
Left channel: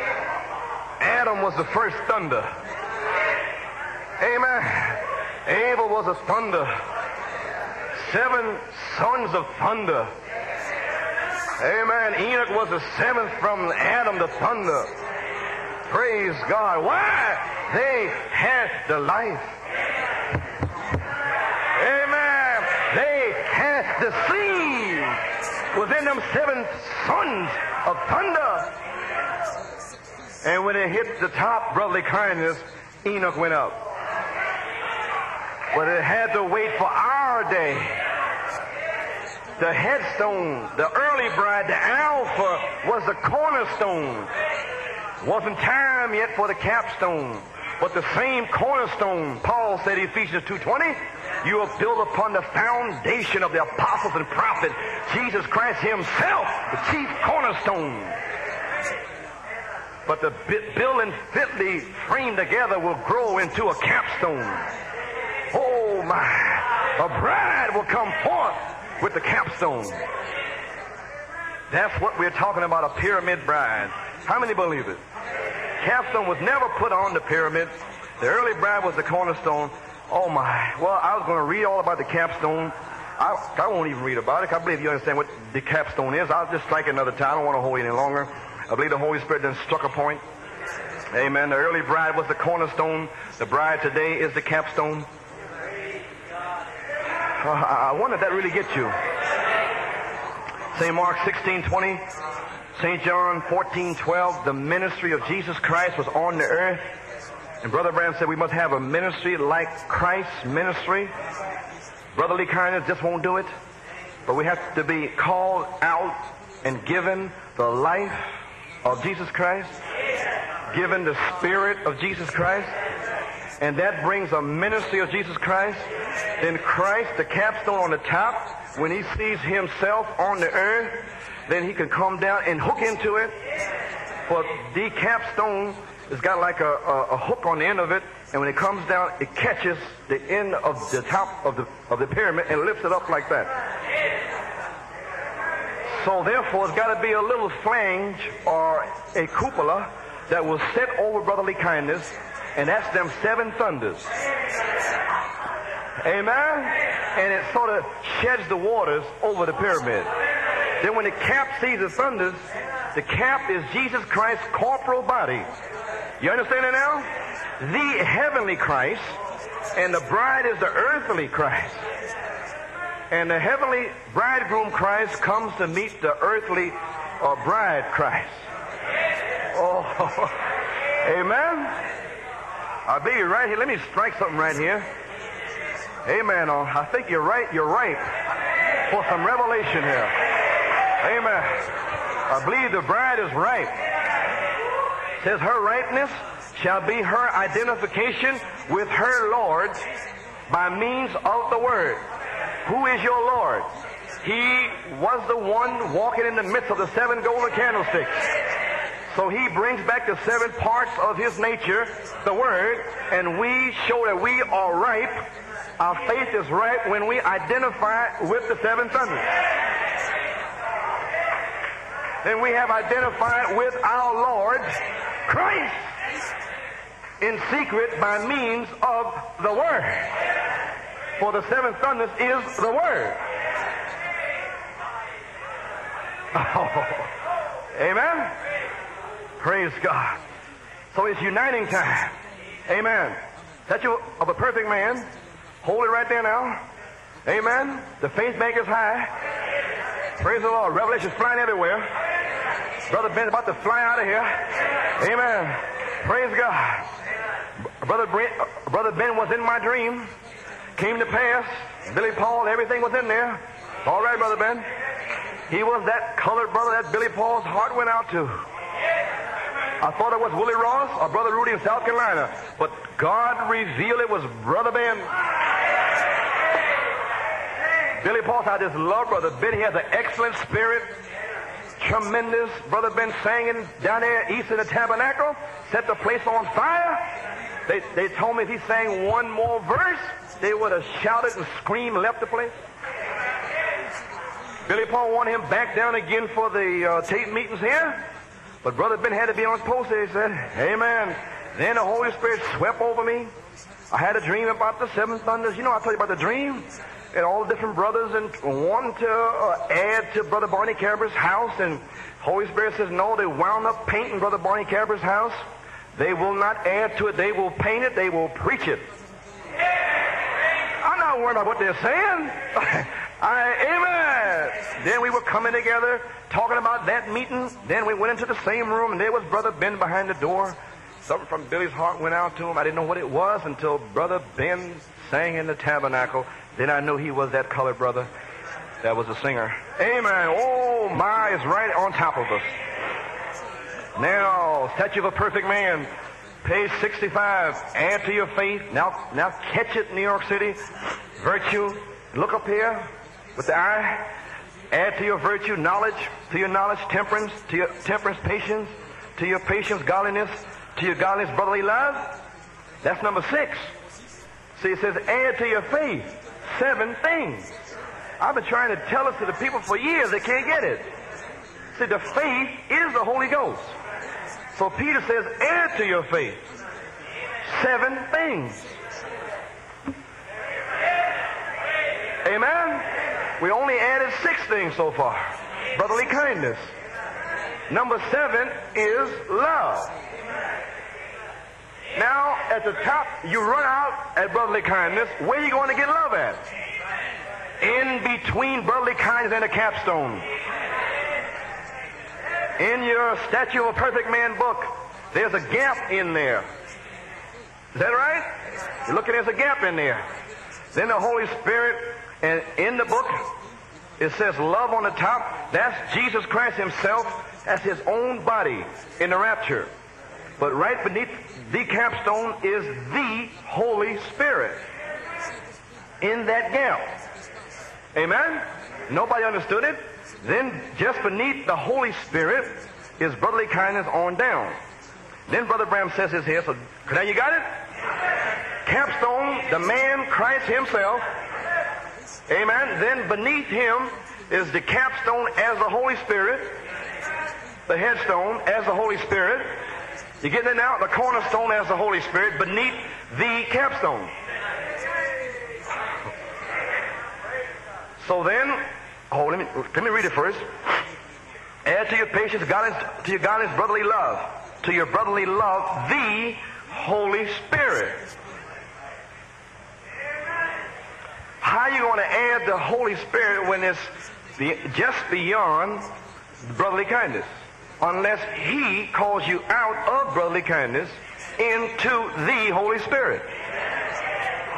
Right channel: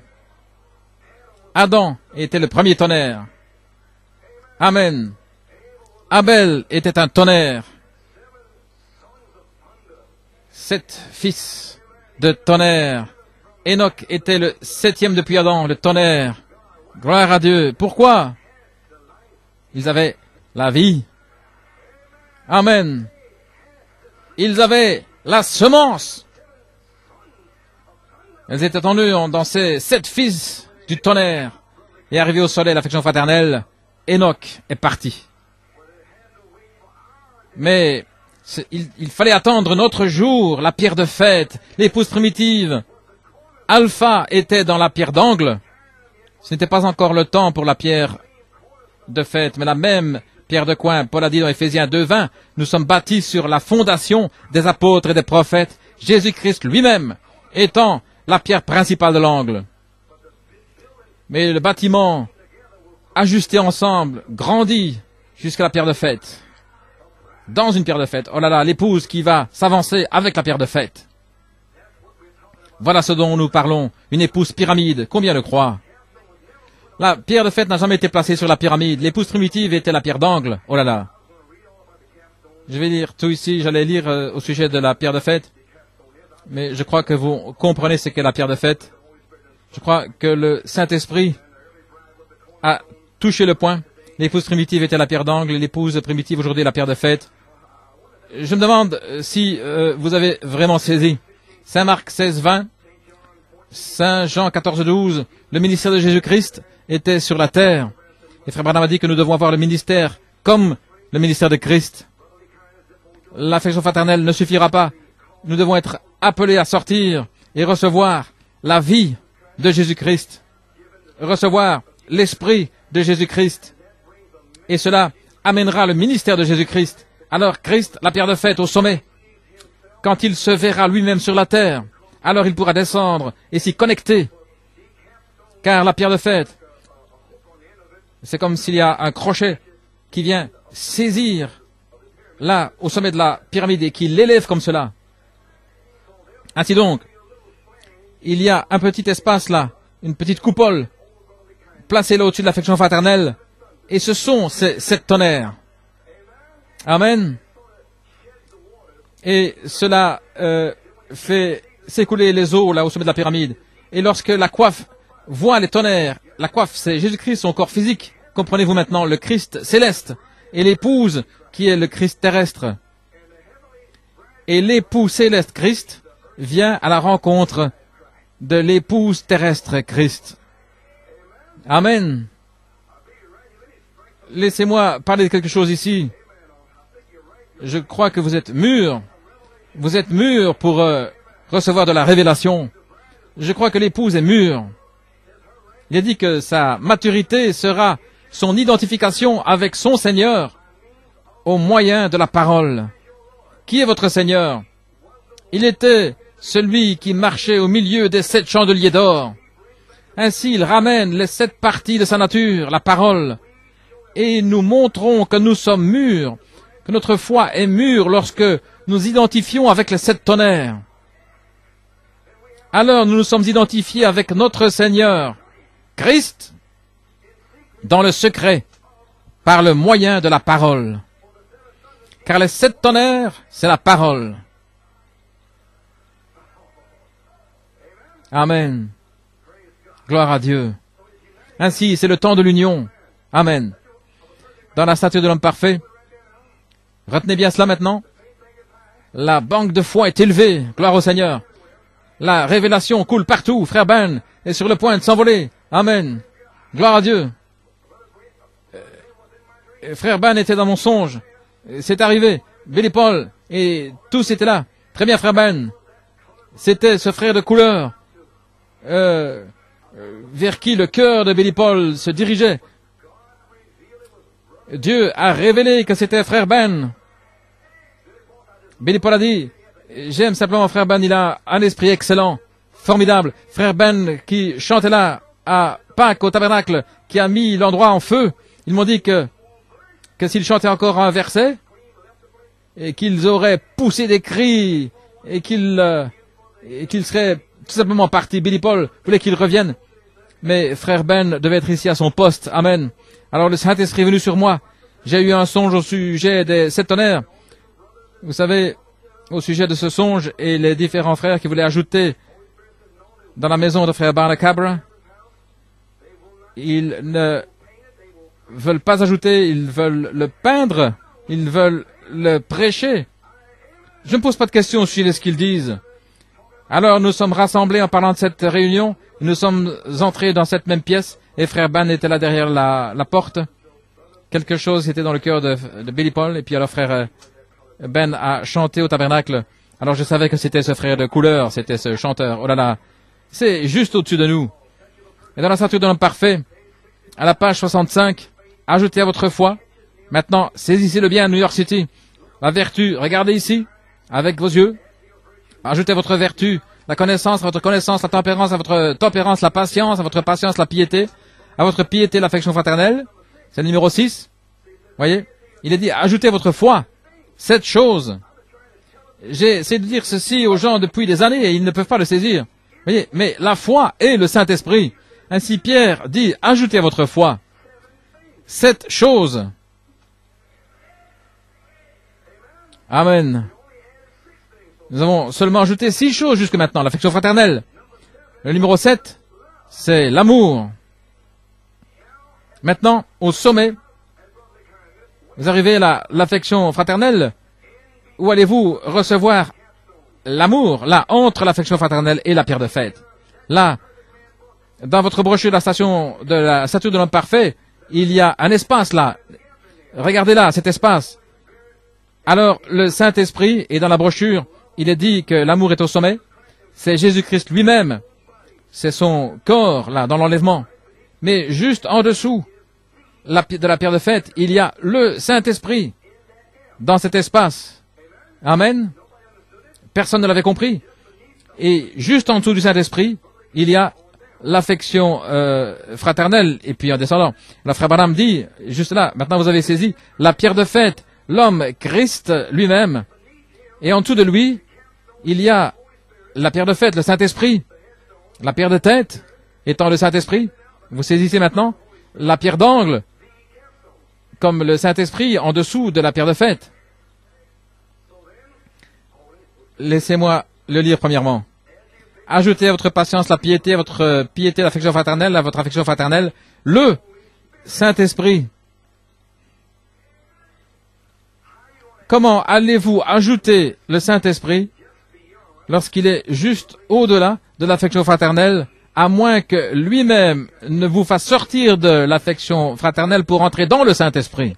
Adam était le premier tonnerre. Amen. Abel était un tonnerre. 7 fils de tonnerre. Enoch était le 7e depuis Adam, le tonnerre. Gloire à Dieu. Pourquoi? Ils avaient la vie. Amen. Ils avaient la semence. Ils étaient en eux dans ces 7 fils du tonnerre. Et arrivé au soleil, l'affection fraternelle, Enoch est parti. Mais il fallait attendre notre jour, la pierre de fête, l'épouse primitive. Alpha était dans la pierre d'angle. Ce n'était pas encore le temps pour la pierre de fête, mais la même pierre de coin. Paul a dit dans Éphésiens 2:20, nous sommes bâtis sur la fondation des apôtres et des prophètes, Jésus-Christ lui-même étant la pierre principale de l'angle. Mais le bâtiment, ajusté ensemble, grandit jusqu'à la pierre de fête. Dans une pierre de fête. Oh là là, l'épouse qui va s'avancer avec la pierre de fête. Voilà ce dont nous parlons. Une épouse pyramide. Combien le croient? La pierre de fête n'a jamais été placée sur la pyramide. L'épouse primitive était la pierre d'angle. Oh là là. Je vais lire tout ici. J'allais lire au sujet de la pierre de fête. Mais je crois que vous comprenez ce qu'est la pierre de fête. Je crois que le Saint-Esprit a touché le point. L'épouse primitive était la pierre d'angle. L'épouse primitive aujourd'hui est la pierre de fête. Je me demande si vous avez vraiment saisi. Saint Marc 16:20, Saint Jean 14:12, le ministère de Jésus-Christ était sur la terre. Et Frère Branham a dit que nous devons avoir le ministère comme le ministère de Christ. L'affection fraternelle ne suffira pas. Nous devons être appelés à sortir et recevoir la vie de Jésus-Christ recevoir l'Esprit de Jésus-Christ. Et cela amènera le ministère de Jésus-Christ. Alors Christ, la pierre de fête au sommet, quand il se verra lui-même sur la terre, alors il pourra descendre et s'y connecter. Car la pierre de fête, c'est comme s'il y a un crochet qui vient saisir là, au sommet de la pyramide, et qui l'élève comme cela. Ainsi donc, il y a un petit espace là, une petite coupole, placée là au-dessus de l'affection fraternelle, et ce sont ces 7 tonnerres. Amen. Et cela fait s'écouler les eaux là au sommet de la pyramide. Et lorsque la coiffe voit les tonnerres, la coiffe c'est Jésus-Christ, son corps physique, comprenez-vous maintenant, le Christ céleste, et l'épouse qui est le Christ terrestre. Et l'époux céleste Christ vient à la rencontre de l'épouse terrestre Christ. Amen. Laissez-moi parler de quelque chose ici. Je crois que vous êtes mûrs. Vous êtes mûrs pour recevoir de la révélation. Je crois que l'épouse est mûre. Il a dit que sa maturité sera son identification avec son Seigneur au moyen de la parole. Qui est votre Seigneur? Il était celui qui marchait au milieu des 7 chandeliers d'or. Ainsi, il ramène les 7 parties de sa nature, la parole. Et nous montrons que nous sommes mûrs, que notre foi est mûre lorsque nous identifions avec les 7 tonnerres. Alors nous nous sommes identifiés avec notre Seigneur, Christ, dans le secret, par le moyen de la parole. Car les 7 tonnerres, c'est la parole. Amen. Gloire à Dieu. Ainsi, c'est le temps de l'union. Amen. Dans la statue de l'homme parfait, retenez bien cela maintenant. La banque de foi est élevée. Gloire au Seigneur. La révélation coule partout. Frère Ben est sur le point de s'envoler. Amen. Gloire à Dieu. Frère Ben était dans mon songe. C'est arrivé. Billy Paul et tous étaient là. Très bien, frère Ben. C'était ce frère de couleur vers qui le cœur de Billy Paul se dirigeait. Dieu a révélé que c'était frère Ben. Billy Paul a dit, j'aime simplement frère Ben, il a un esprit excellent, formidable. Frère Ben qui chantait là à Pâques au tabernacle, qui a mis l'endroit en feu. Ils m'ont dit que s'il chantait encore un verset, et qu'ils auraient poussé des cris, et qu'ils seraient tout simplement partis. Billy Paul voulait qu'il revienne. Mais frère Ben devait être ici à son poste. Amen. Alors le Saint-Esprit est venu sur moi. J'ai eu un songe au sujet des 7 tonnerres. Vous savez, au sujet de ce songe et les différents frères qui voulaient ajouter dans la maison de frère Barnacabra, ils ne veulent pas ajouter, ils veulent le peindre, ils veulent le prêcher. Je ne pose pas de questions sur ce qu'ils disent. Alors nous sommes rassemblés en parlant de cette réunion. Nous sommes entrés dans cette même pièce. Les frères Ben étaient là derrière la porte. Quelque chose était dans le cœur de Billy Paul. Et puis alors frère Ben a chanté au tabernacle. Alors je savais que c'était ce frère de couleur, c'était ce chanteur. Oh là là, c'est juste au-dessus de nous. Dans la statue de l'homme parfait, à la page 65, ajoutez à votre foi. Maintenant, saisissez-le bien à New York City. La vertu, regardez ici, avec vos yeux. Ajoutez à votre vertu la connaissance, à votre connaissance, la tempérance, à votre tempérance, la patience, à votre patience, la piété, à votre piété, l'affection fraternelle. C'est le numéro 6. Voyez, il a dit, ajoutez à votre foi 7 choses. J'ai essayé de dire ceci aux gens depuis des années et ils ne peuvent pas le saisir. Voyez, mais la foi est le Saint-Esprit. Ainsi Pierre dit, ajoutez à votre foi 7 choses. Amen. Nous avons seulement ajouté 6 choses jusque maintenant. L'affection fraternelle. Le numéro 7, c'est l'amour. Maintenant, au sommet, vous arrivez à l'affection fraternelle. Où allez-vous recevoir l'amour, là, entre l'affection fraternelle et la pierre de fête? Là, dans votre brochure de la statue de l'homme parfait, il y a un espace là. Regardez là, cet espace. Alors, le Saint-Esprit, et dans la brochure, il est dit que l'amour est au sommet. C'est Jésus-Christ lui-même, C'est son corps, là, dans l'enlèvement. Mais juste en dessous de la pierre de fête, il y a le Saint-Esprit dans cet espace. Amen. Personne ne l'avait compris. Et juste en dessous du Saint-Esprit, il y a l'affection fraternelle. Et puis en descendant, la frère Branham dit, juste là, maintenant vous avez saisi, la pierre de fête, l'homme, Christ lui-même. Et en dessous de lui, il y a la pierre de fête, le Saint-Esprit. La pierre de tête étant le Saint-Esprit. Vous saisissez maintenant la pierre d'angle, comme le Saint-Esprit en dessous de la pierre de fête. Laissez-moi le lire premièrement. Ajoutez à votre patience la piété, à votre piété l'affection fraternelle, à votre affection fraternelle, le Saint-Esprit. Comment allez-vous ajouter le Saint-Esprit lorsqu'il est juste au-delà de l'affection fraternelle, à moins que lui-même ne vous fasse sortir de l'affection fraternelle pour entrer dans le Saint-Esprit?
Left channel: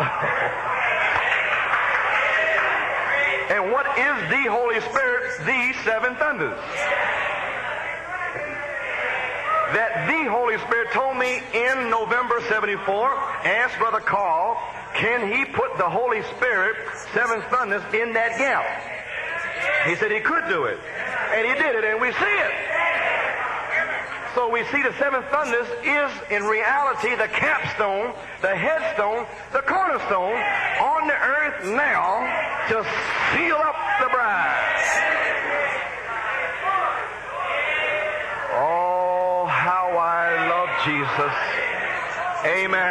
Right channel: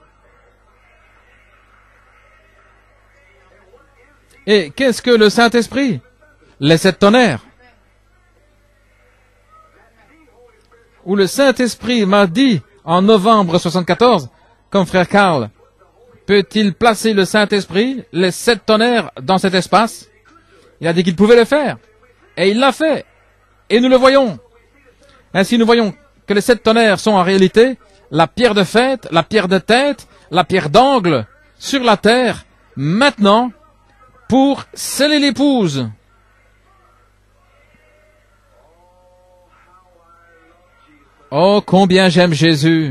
Et qu'est-ce que le Saint-Esprit? Les 7 tonnerres. Où le Saint-Esprit m'a dit en novembre 74, comme frère Carl, peut-il placer le Saint-Esprit, les 7 tonnerres, dans cet espace? Il a dit qu'il pouvait le faire. Et il l'a fait. Et nous le voyons. Ainsi nous voyons que les 7 tonnerres sont en réalité la pierre de fête, la pierre de tête, la pierre d'angle sur la terre, maintenant, pour sceller l'épouse. Oh, combien j'aime Jésus.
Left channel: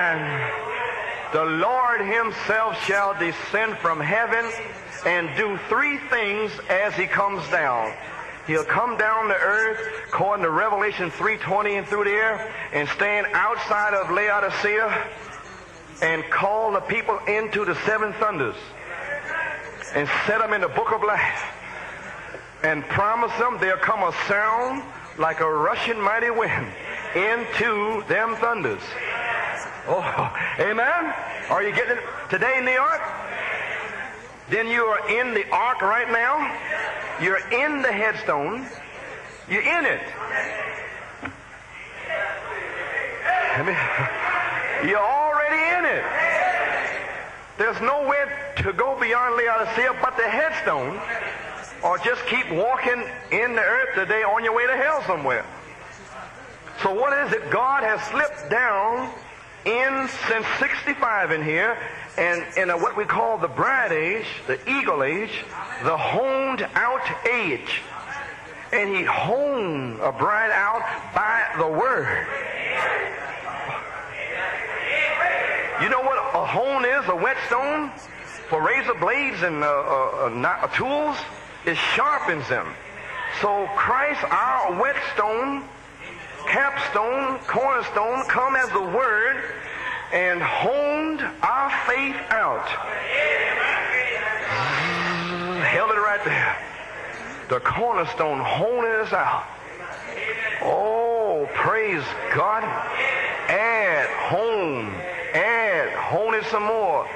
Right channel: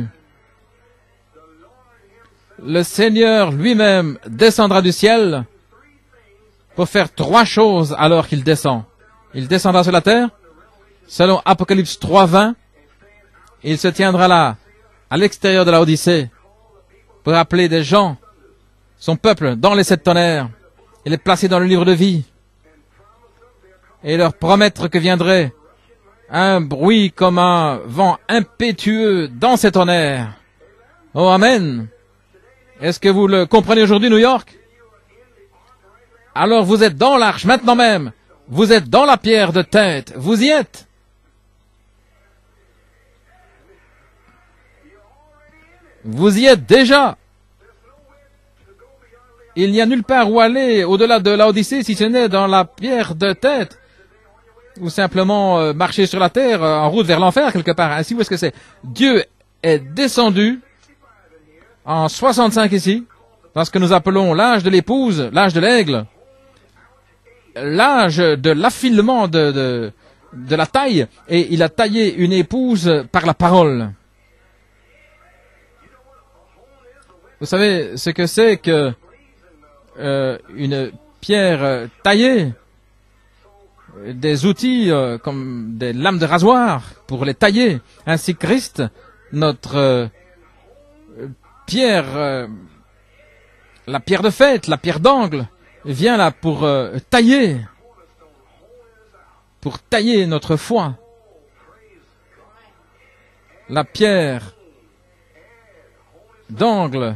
Le Seigneur lui-même descendra du ciel pour faire 3 choses alors qu'il descend. Il descendra sur la terre, selon Apocalypse 3:20, il se tiendra là, à l'extérieur de la Odyssée, pour appeler des gens, son peuple, dans les 7 tonnerres. Il est placé dans le livre de vie. Et leur promettre que viendrait un bruit comme un vent impétueux dans ces tonnerres. Oh, Amen. Est-ce que vous le comprenez aujourd'hui, New York? Alors vous êtes dans l'arche, maintenant même. Vous êtes dans la pierre de tête. Vous y êtes. Vous y êtes déjà. Il n'y a nulle part où aller au-delà de l'Odyssée si ce n'est dans la pierre de tête. Ou simplement marcher sur la terre en route vers l'enfer quelque part. Ainsi, où est-ce que c'est? Dieu est descendu en 65 ici, parce que nous appelons l'âge de l'épouse, l'âge de l'aigle, l'âge de l'affinement de la taille, et il a taillé une épouse par la parole. Vous savez ce que c'est que une pierre taillée, des outils comme des lames de rasoir pour les tailler. Ainsi Christ, notre pierre, la pierre de fête, la pierre d'angle, vient là pour tailler notre foi. La pierre d'angle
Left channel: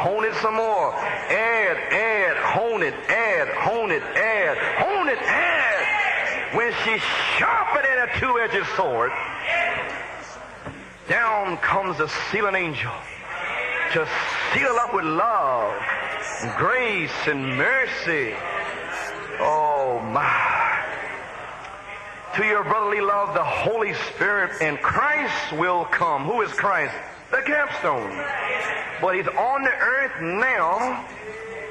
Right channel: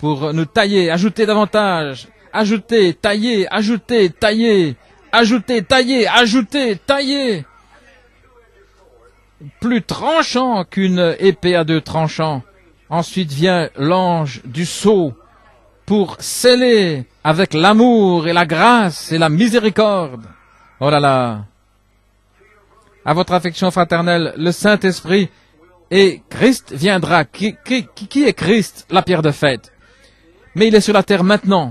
pour nous tailler, ajouter davantage, ajouter, tailler, ajouter, tailler, ajouter, tailler, ajouter, tailler. Plus tranchant qu'une épée à 2 tranchants. Ensuite vient l'ange du sceau pour sceller avec l'amour et la grâce et la miséricorde. Oh là là. À votre affection fraternelle, le Saint-Esprit et Christ viendra. Qui est Christ? La pierre de fête. Mais il est sur la terre maintenant,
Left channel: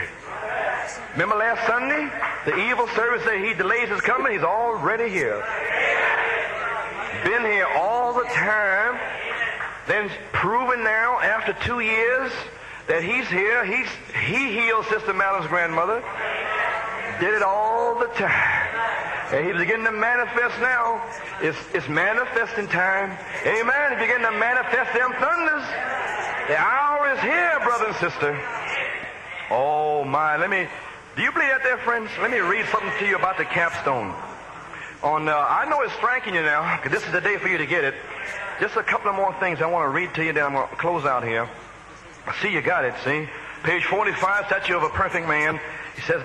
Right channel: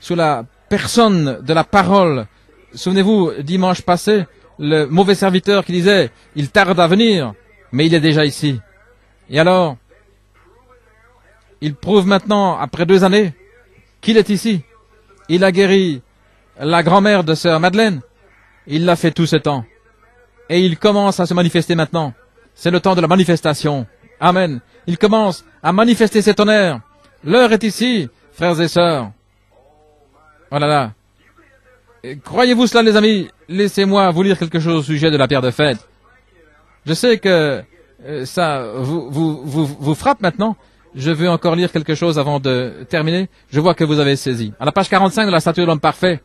sous la personne de la parole. Souvenez-vous, dimanche passé, le mauvais serviteur qui disait, il tarde à venir, mais il est déjà ici. Et alors, il prouve maintenant, après 2 années, qu'il est ici. Il a guéri la grand-mère de sœur Madeleine. Il l'a fait tout ce temps. Et il commence à se manifester maintenant. C'est le temps de la manifestation. Amen. Il commence à manifester ses tonnerres. L'heure est ici, frères et sœurs. Oh là là. Croyez-vous cela, les amis? Laissez-moi vous lire quelque chose au sujet de la pierre de fête. Je sais que ça vous frappe maintenant. Je veux encore lire quelque chose avant de terminer. Je vois que vous avez saisi. À la page 45 de la statue de l'homme parfait,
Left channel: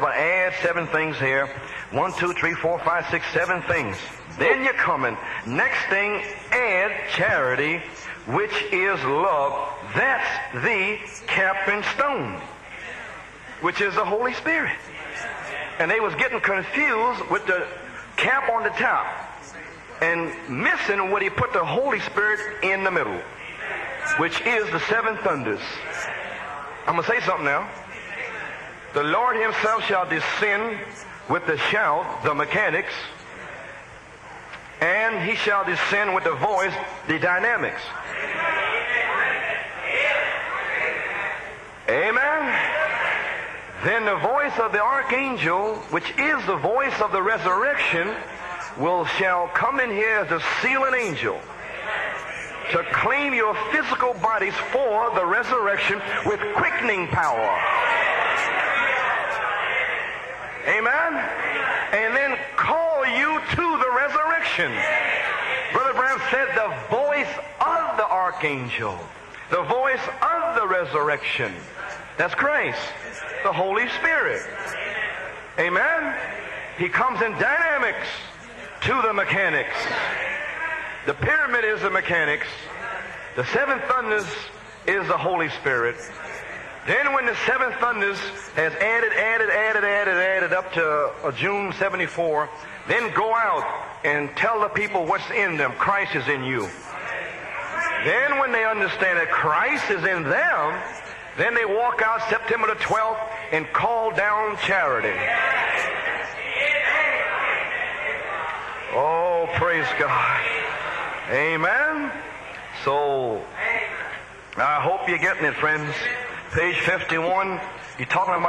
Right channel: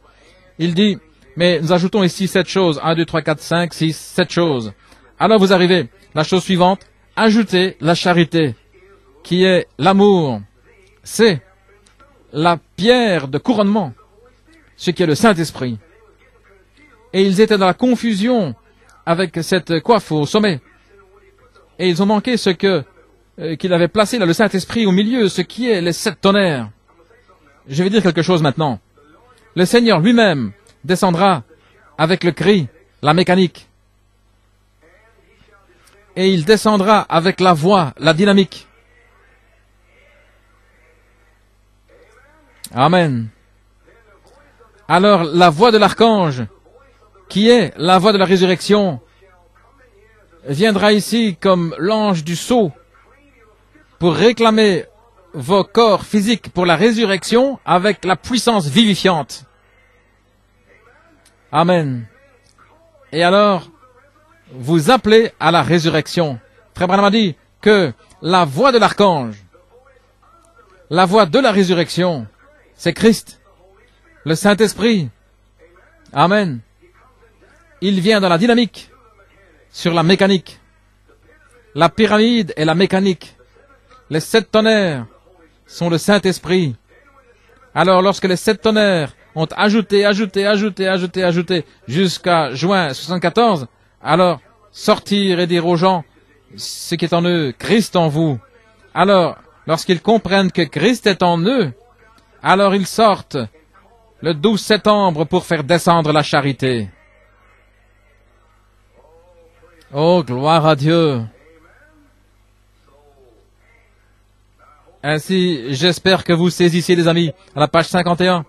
Il dit, mais nous ajoutons ici 7 choses. 1, 2, 3, 4, 5, 6, 7 choses. Alors vous arrivez, la chose suivante, ajoutez la charité, qui est l'amour. C'est la pierre de couronnement, ce qui est le Saint-Esprit. Et ils étaient dans la confusion avec cette coiffe au sommet. Et ils ont manqué ce qu'il avait placé dans le Saint-Esprit au milieu, ce qui est les 7 tonnerres. Je vais dire quelque chose maintenant. Le Seigneur lui-même descendra avec le cri, la mécanique. Et il descendra avec la voix, la dynamique. Amen. Alors la voix de l'archange, qui est la voix de la résurrection, viendra ici comme l'ange du sceau pour réclamer vos corps physiques pour la résurrection avec la puissance vivifiante. Amen. Et alors, vous appelez à la résurrection. Frère Branham a dit que la voix de l'archange, la voix de la résurrection, c'est Christ, le Saint-Esprit. Amen. Il vient dans la dynamique, sur la mécanique. La pyramide est la mécanique. Les 7 tonnerres sont le Saint-Esprit. Alors, lorsque les 7 tonnerres ont ajouté jusqu'à juin 74, alors sortir et dire aux gens ce qui est en eux, Christ en vous. Alors, lorsqu'ils comprennent que Christ est en eux, alors ils sortent le 12 septembre pour faire descendre la charité. Oh, gloire à Dieu. Ainsi, j'espère que vous saisissez, les amis. À la page 51,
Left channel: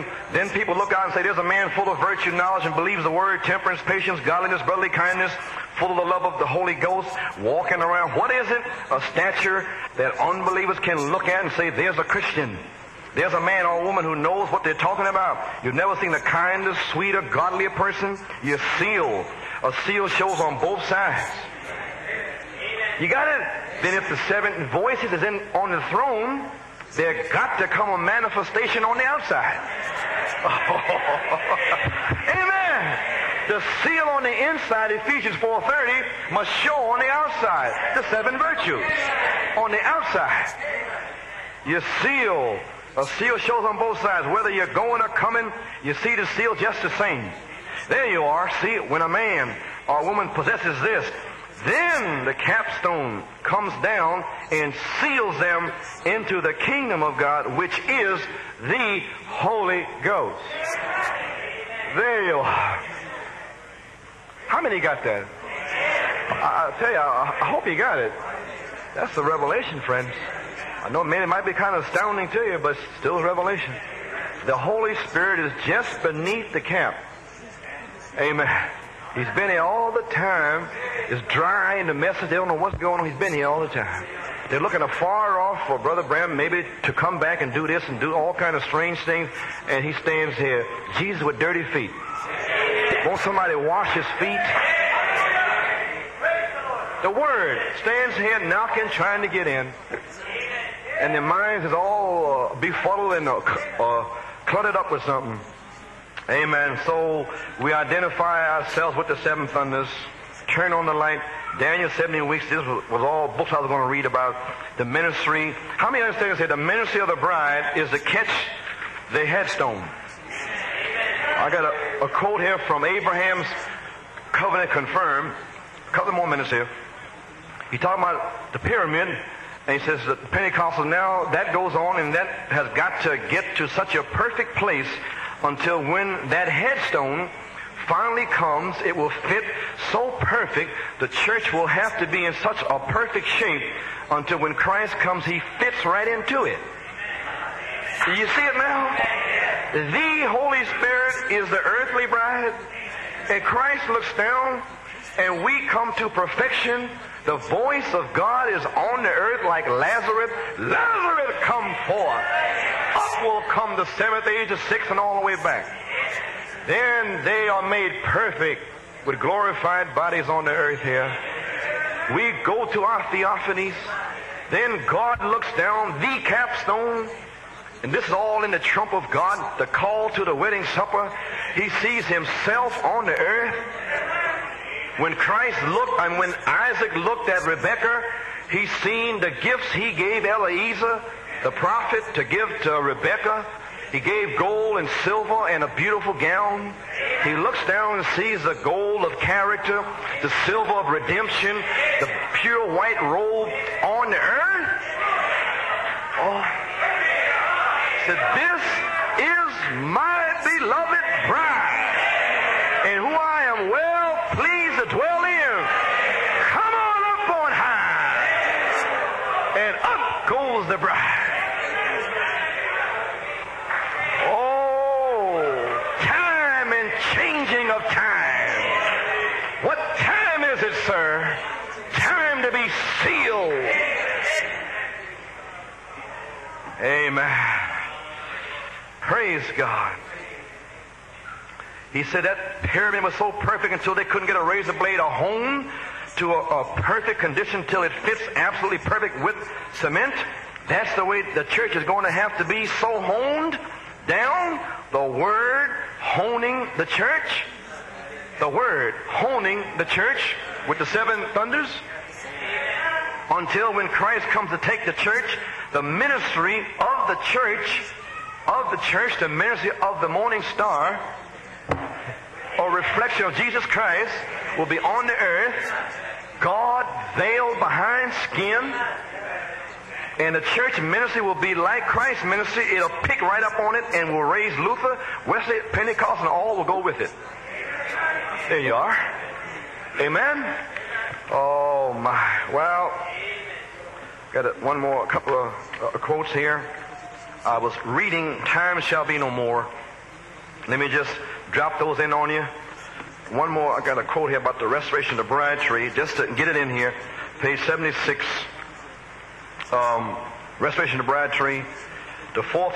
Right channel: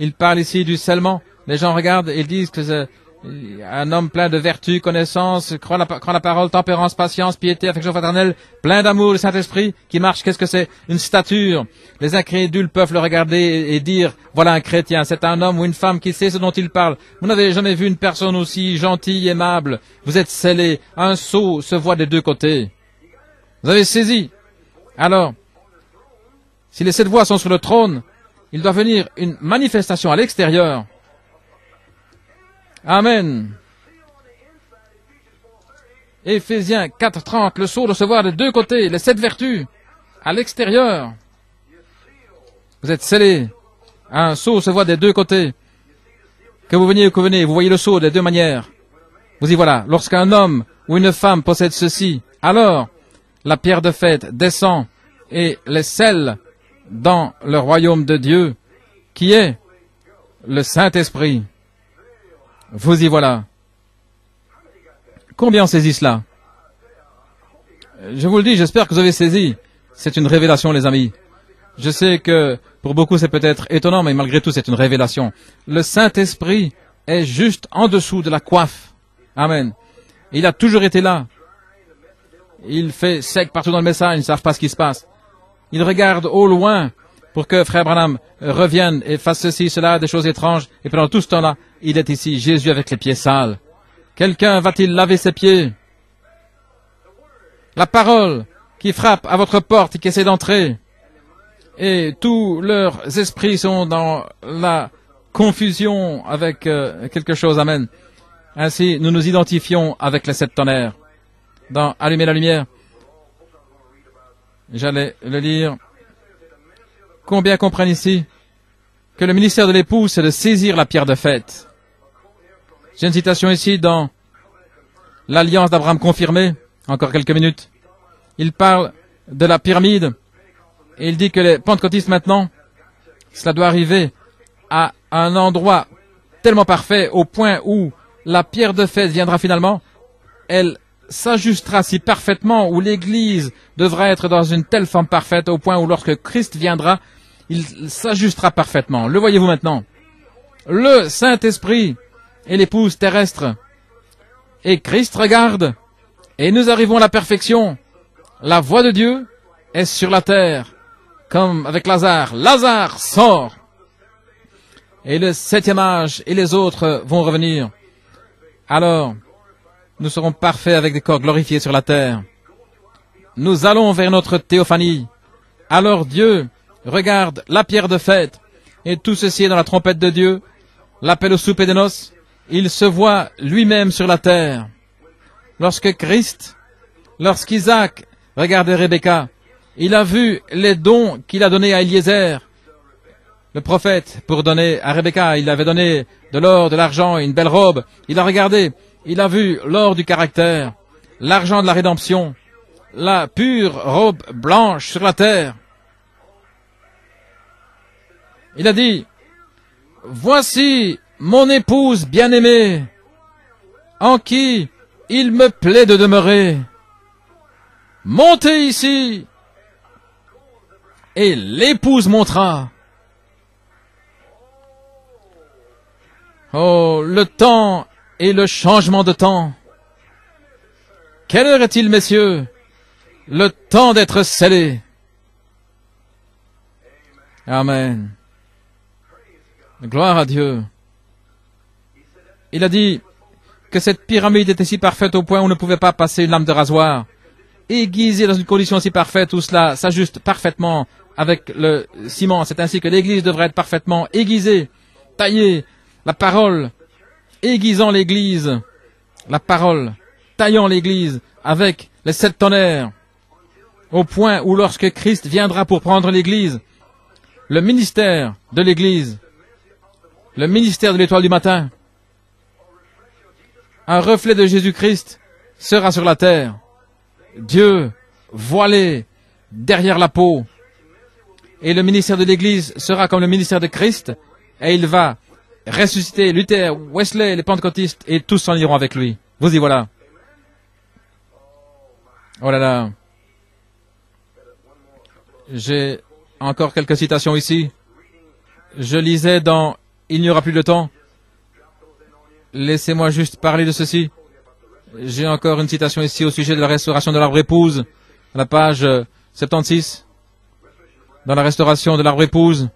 il parle ici du scellement. Les gens regardent et disent que c'est un homme plein de vertu, connaissance, croit la parole, tempérance, patience, piété, affection fraternelle, plein d'amour, le Saint-Esprit, qui marche. Qu'est-ce que c'est? Une stature. Les incrédules peuvent le regarder et dire, voilà un chrétien, c'est un homme ou une femme qui sait ce dont il parle. Vous n'avez jamais vu une personne aussi gentille, aimable. Vous êtes scellé. Un sceau se voit des deux côtés. Vous avez saisi. Alors, si les 7 voix sont sur le trône, il doit venir une manifestation à l'extérieur. Amen. Éphésiens 4:30, le sceau doit se voir de deux côtés, les 7 vertus à l'extérieur. Vous êtes scellés. Un sceau se voit des deux côtés. Que vous veniez ou que vous venez, vous voyez le sceau des deux manières. Vous y voilà. Lorsqu'un homme ou une femme possède ceci, alors la pierre de fête descend et les scelle dans le royaume de Dieu, qui est le Saint-Esprit. Vous y voilà. Combien saisissent cela? Je vous le dis, j'espère que vous avez saisi. C'est une révélation, les amis. Je sais que pour beaucoup c'est peut-être étonnant, mais malgré tout c'est une révélation. Le Saint-Esprit est juste en dessous de la coiffe. Amen. Il a toujours été là. Il fait sec partout dans le message, ils ne savent pas ce qui se passe. Ils regardent au loin pour que Frère Branham revienne et fasse ceci, cela, des choses étranges. Et pendant tout ce temps-là, il est ici, Jésus avec les pieds sales. Quelqu'un va-t-il laver ses pieds? La parole qui frappe à votre porte, qui essaie d'entrer. Et tous leurs esprits sont dans la confusion avec quelque chose. Amen. Ainsi, nous nous identifions avec les 7 tonnerres. Dans Allumer la lumière, j'allais le lire. Combien comprennent ici que le ministère de l'épouse, c'est de saisir la pierre de fête? J'ai une citation ici dans l'Alliance d'Abraham confirmée, encore quelques minutes. Il parle de la pyramide et il dit que les pentecôtistes maintenant, ça doit arriver à un endroit tellement parfait au point où la pierre de fête viendra finalement. Elle s'ajustera si parfaitement, où l'Église devra être dans une telle forme parfaite au point où lorsque Christ viendra, il s'ajustera parfaitement. Le voyez-vous maintenant? Le Saint-Esprit et l'épouse terrestre. Et Christ regarde, et nous arrivons à la perfection. La voix de Dieu est sur la terre, comme avec Lazare. Lazare sort. Et le 7e âge et les autres vont revenir. alors nous serons parfaits avec des corps glorifiés sur la terre. Nous allons vers notre théophanie. Alors Dieu regarde la pierre de fête, et tout ceci est dans la trompette de Dieu, l'appel au souper de noces. Il se voit lui-même sur la terre. Lorsqu'Isaac regardait Rebecca, il a vu les dons qu'il a donnés à Eliezer, le prophète, pour donner à Rebecca. Il avait donné de l'or, de l'argent et une belle robe. Il a regardé, il a vu l'or du caractère, l'argent de la rédemption, la pure robe blanche sur la terre. Il a dit, voici mon épouse bien-aimée, en qui il me plaît de demeurer. Montez ici. Et l'épouse montera. Oh, le temps et le changement de temps. Quelle heure est-il, messieurs? Le temps d'être scellé. Amen. Gloire à Dieu. Il a dit que cette pyramide était si parfaite au point où on ne pouvait pas passer une lame de rasoir. Aiguisée dans une condition si parfaite où cela s'ajuste parfaitement avec le ciment. C'est ainsi que l'Église devrait être parfaitement aiguisée, taillée. La parole, aiguisant l'Église. La parole, taillant l'Église avec les 7 tonnerres. Au point où lorsque Christ viendra pour prendre l'Église, le ministère de l'Église, le ministère de l'étoile du matin, un reflet de Jésus-Christ sera sur la terre. Dieu voilé derrière la peau. Et le ministère de l'Église sera comme le ministère de Christ. Et il va ressusciter Luther, Wesley, les pentecôtistes, et tous s'en iront avec lui. Vous y voilà. Oh là là. J'ai encore quelques citations ici. Je lisais dans « Il n'y aura plus de temps ». Laissez-moi juste parler de ceci. J'ai encore une citation ici au sujet de la restauration de l'arbre épouse, la page 76. Dans la restauration de l'arbre épouse,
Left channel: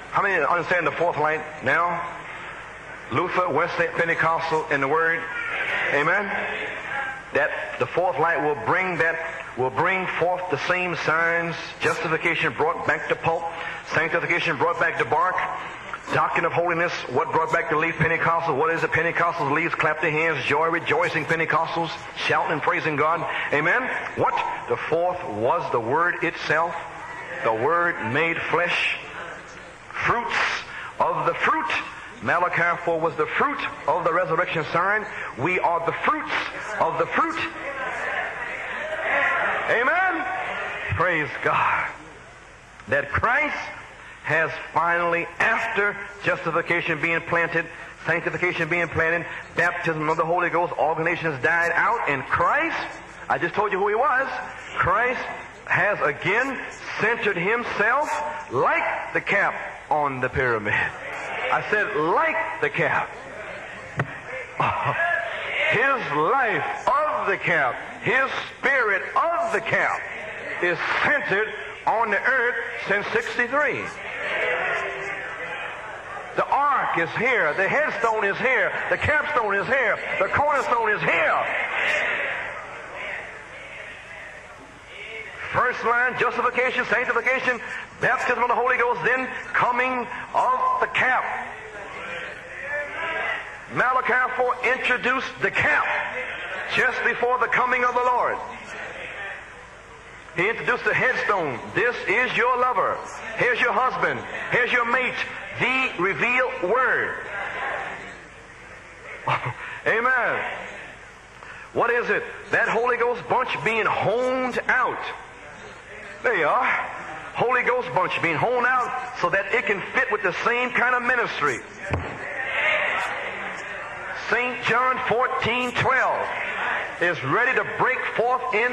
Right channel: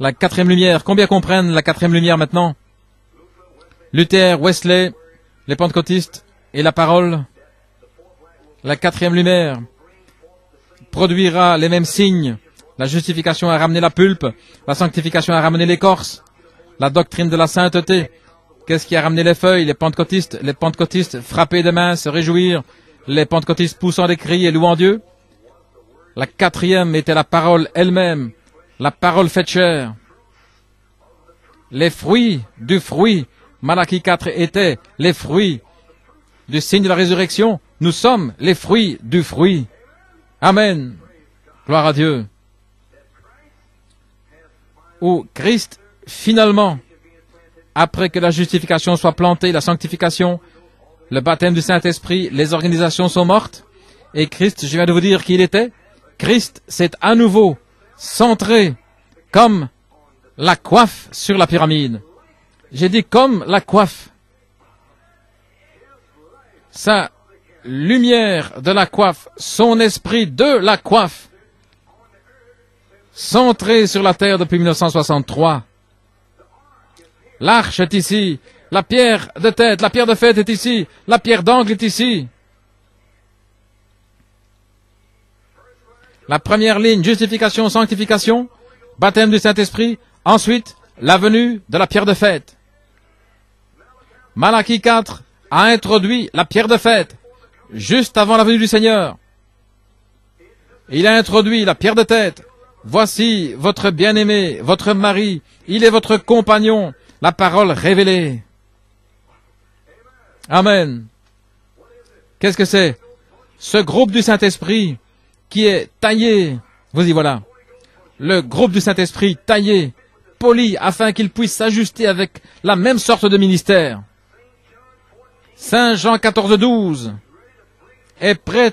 la 4e lumière. Combien comprennent la 4e lumière maintenant? Luther, Wesley, les pentecôtistes et la parole. La 4e lumière produira les mêmes signes. La justification a ramené la pulpe, la sanctification a ramené l'écorce, la doctrine de la sainteté. Qu'est-ce qui a ramené les feuilles? Les pentecôtistes frappés de main, se réjouir, les pentecôtistes poussant des cris et louant Dieu. La 4e était la parole elle-même, la parole faite chair. Les fruits du fruit. Malachie 4 étaient les fruits du signe de la résurrection. Nous sommes les fruits du fruit. Amen. Gloire à Dieu. Où Christ, finalement, après que la justification soit plantée, la sanctification, le baptême du Saint-Esprit, les organisations sont mortes. Et Christ, je viens de vous dire qui il était. Christ s'est à nouveau centré comme la coiffe sur la pyramide. J'ai dit comme la coiffe. Sa lumière de la coiffe, son esprit de la coiffe, centré sur la terre depuis 1963. L'arche est ici, la pierre de tête, la pierre de fête est ici, la pierre d'angle est ici. La première ligne, justification, sanctification, baptême du Saint-Esprit, ensuite la venue de la pierre de fête. Malachie 4 a introduit la pierre de fête juste avant la venue du Seigneur. Il a introduit la pierre de tête. Voici votre bien-aimé, votre mari, il est votre compagnon, la parole révélée. Amen. Qu'est-ce que c'est? Ce groupe du Saint-Esprit qui est taillé, vous y voilà, le groupe du Saint-Esprit taillé, poli, afin qu'il puisse s'ajuster avec la même sorte de ministère. Saint Jean 14:12 est prêt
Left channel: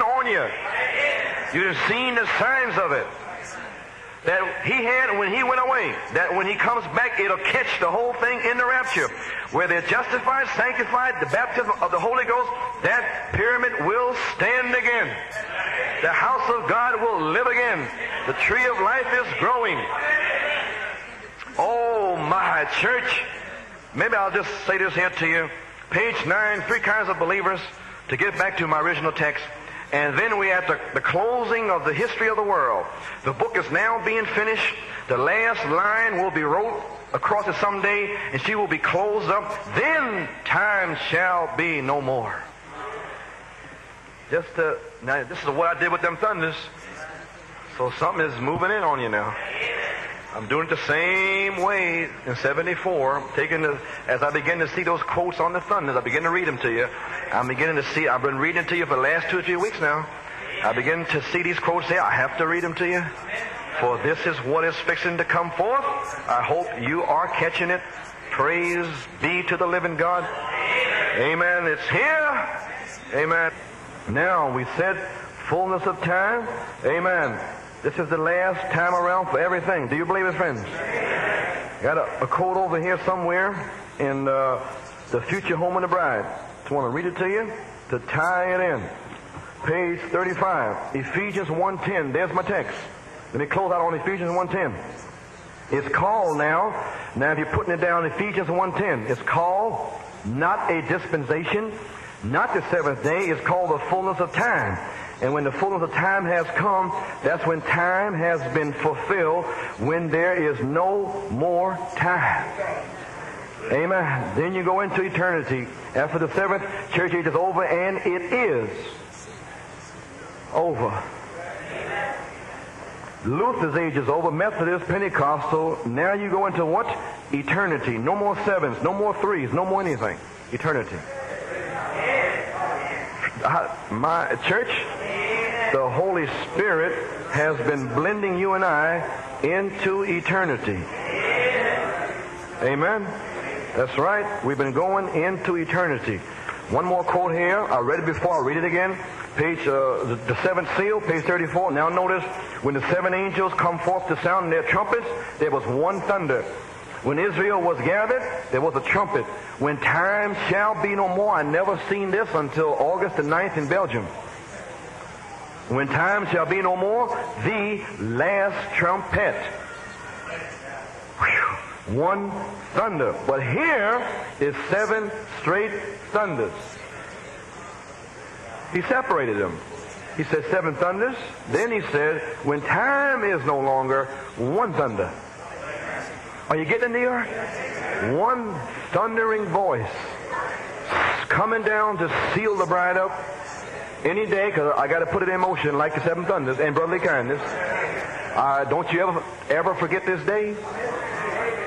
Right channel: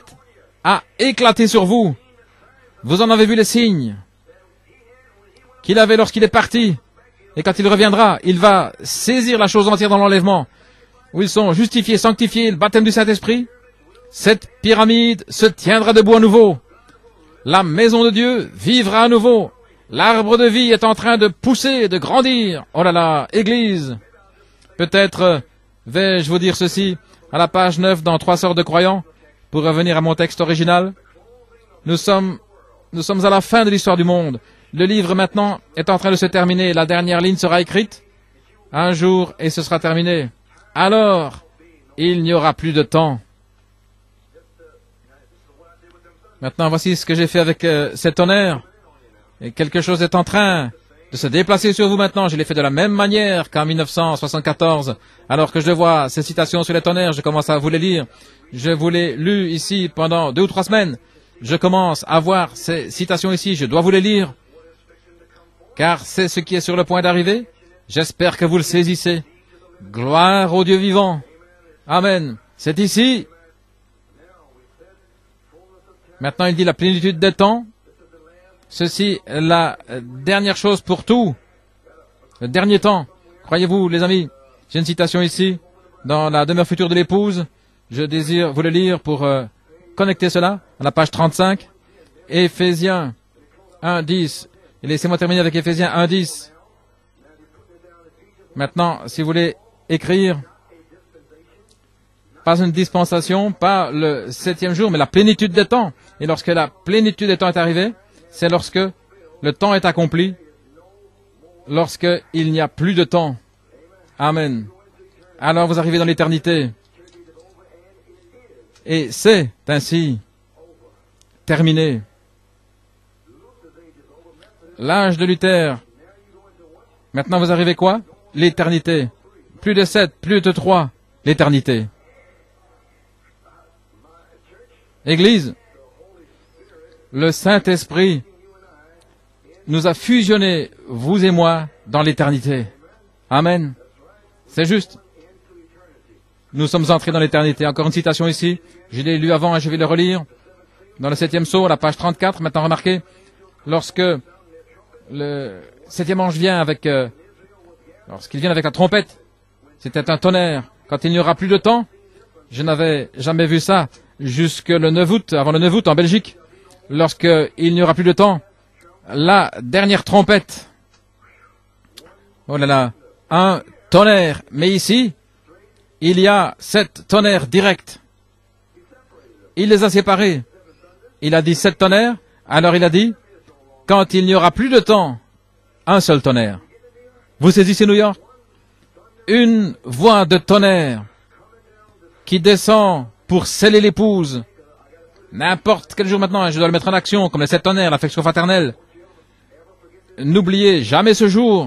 à éclater sur vous. Vous en avez vu les signes qu'il avait lorsqu'il est parti. Et quand il reviendra, il va saisir la chose entière dans l'enlèvement, où ils sont justifiés, sanctifiés, le baptême du Saint-Esprit. Cette pyramide se tiendra debout à nouveau. La maison de Dieu vivra à nouveau. L'arbre de vie est en train de pousser et de grandir. Oh là là, Église. Peut-être Vais-je vous dire ceci à la page 9 dans 3 sortes de croyants? Pour revenir à mon texte original, nous sommes à la fin de l'histoire du monde. Le livre maintenant est en train de se terminer. La dernière ligne sera écrite un jour et ce sera terminé. Alors, il n'y aura plus de temps. Maintenant, voici ce que j'ai fait avec ces tonnerres. Quelque chose est en train de se déplacer sur vous maintenant. Je l'ai fait de la même manière qu'en 1974. Alors que je vois ces citations sur les tonnerres, je commence à vous les lire. Je vous l'ai lu ici pendant 2 ou 3 semaines. Je commence à voir ces citations ici. Je dois vous les lire, car c'est ce qui est sur le point d'arriver. J'espère que vous le saisissez. Gloire au Dieu vivant. Amen. C'est ici. Maintenant, il dit la plénitude des temps. Ceci est la dernière chose pour tout. Le dernier temps. Croyez-vous, les amis, j'ai une citation ici, dans la demeure future de l'épouse. Je désire vous le lire pour connecter cela. La page 35, Éphésiens 1:10. Laissez-moi terminer avec Éphésiens 1:10. Maintenant, si vous voulez écrire, pas une dispensation, pas le 7e jour, mais la plénitude des temps. Et lorsque la plénitude des temps est arrivée, c'est lorsque le temps est accompli, lorsqu'il n'y a plus de temps. Amen. Alors vous arrivez dans l'éternité. Et c'est ainsi terminé. L'âge de Luther. Maintenant vous arrivez quoi? L'éternité. Plus de 7, plus de 3. L'éternité. Église, le Saint-Esprit nous a fusionnés, vous et moi, dans l'éternité. Amen. C'est juste. Nous sommes entrés dans l'éternité. Encore une citation ici. Je l'ai lu avant et je vais le relire. Dans le 7e sceau, la page 34, maintenant remarquez, lorsque le 7e ange vient avec, ce qu'il vient avec la trompette, c'était un tonnerre. Quand il n'y aura plus de temps, je n'avais jamais vu ça jusque le 9 août, avant le 9 août en Belgique, lorsqu'il n'y aura plus de temps, la dernière trompette. Oh là là, un tonnerre. Mais ici, il y a 7 tonnerres directs. Il les a séparés. Il a dit 7 tonnerres. Alors il a dit, quand il n'y aura plus de temps, un seul tonnerre. Vous saisissez New York? Une voix de tonnerre qui descend pour sceller l'épouse. N'importe quel jour maintenant, je dois le mettre en action, comme les 7 tonnerres, l'affection fraternelle. N'oubliez jamais ce jour.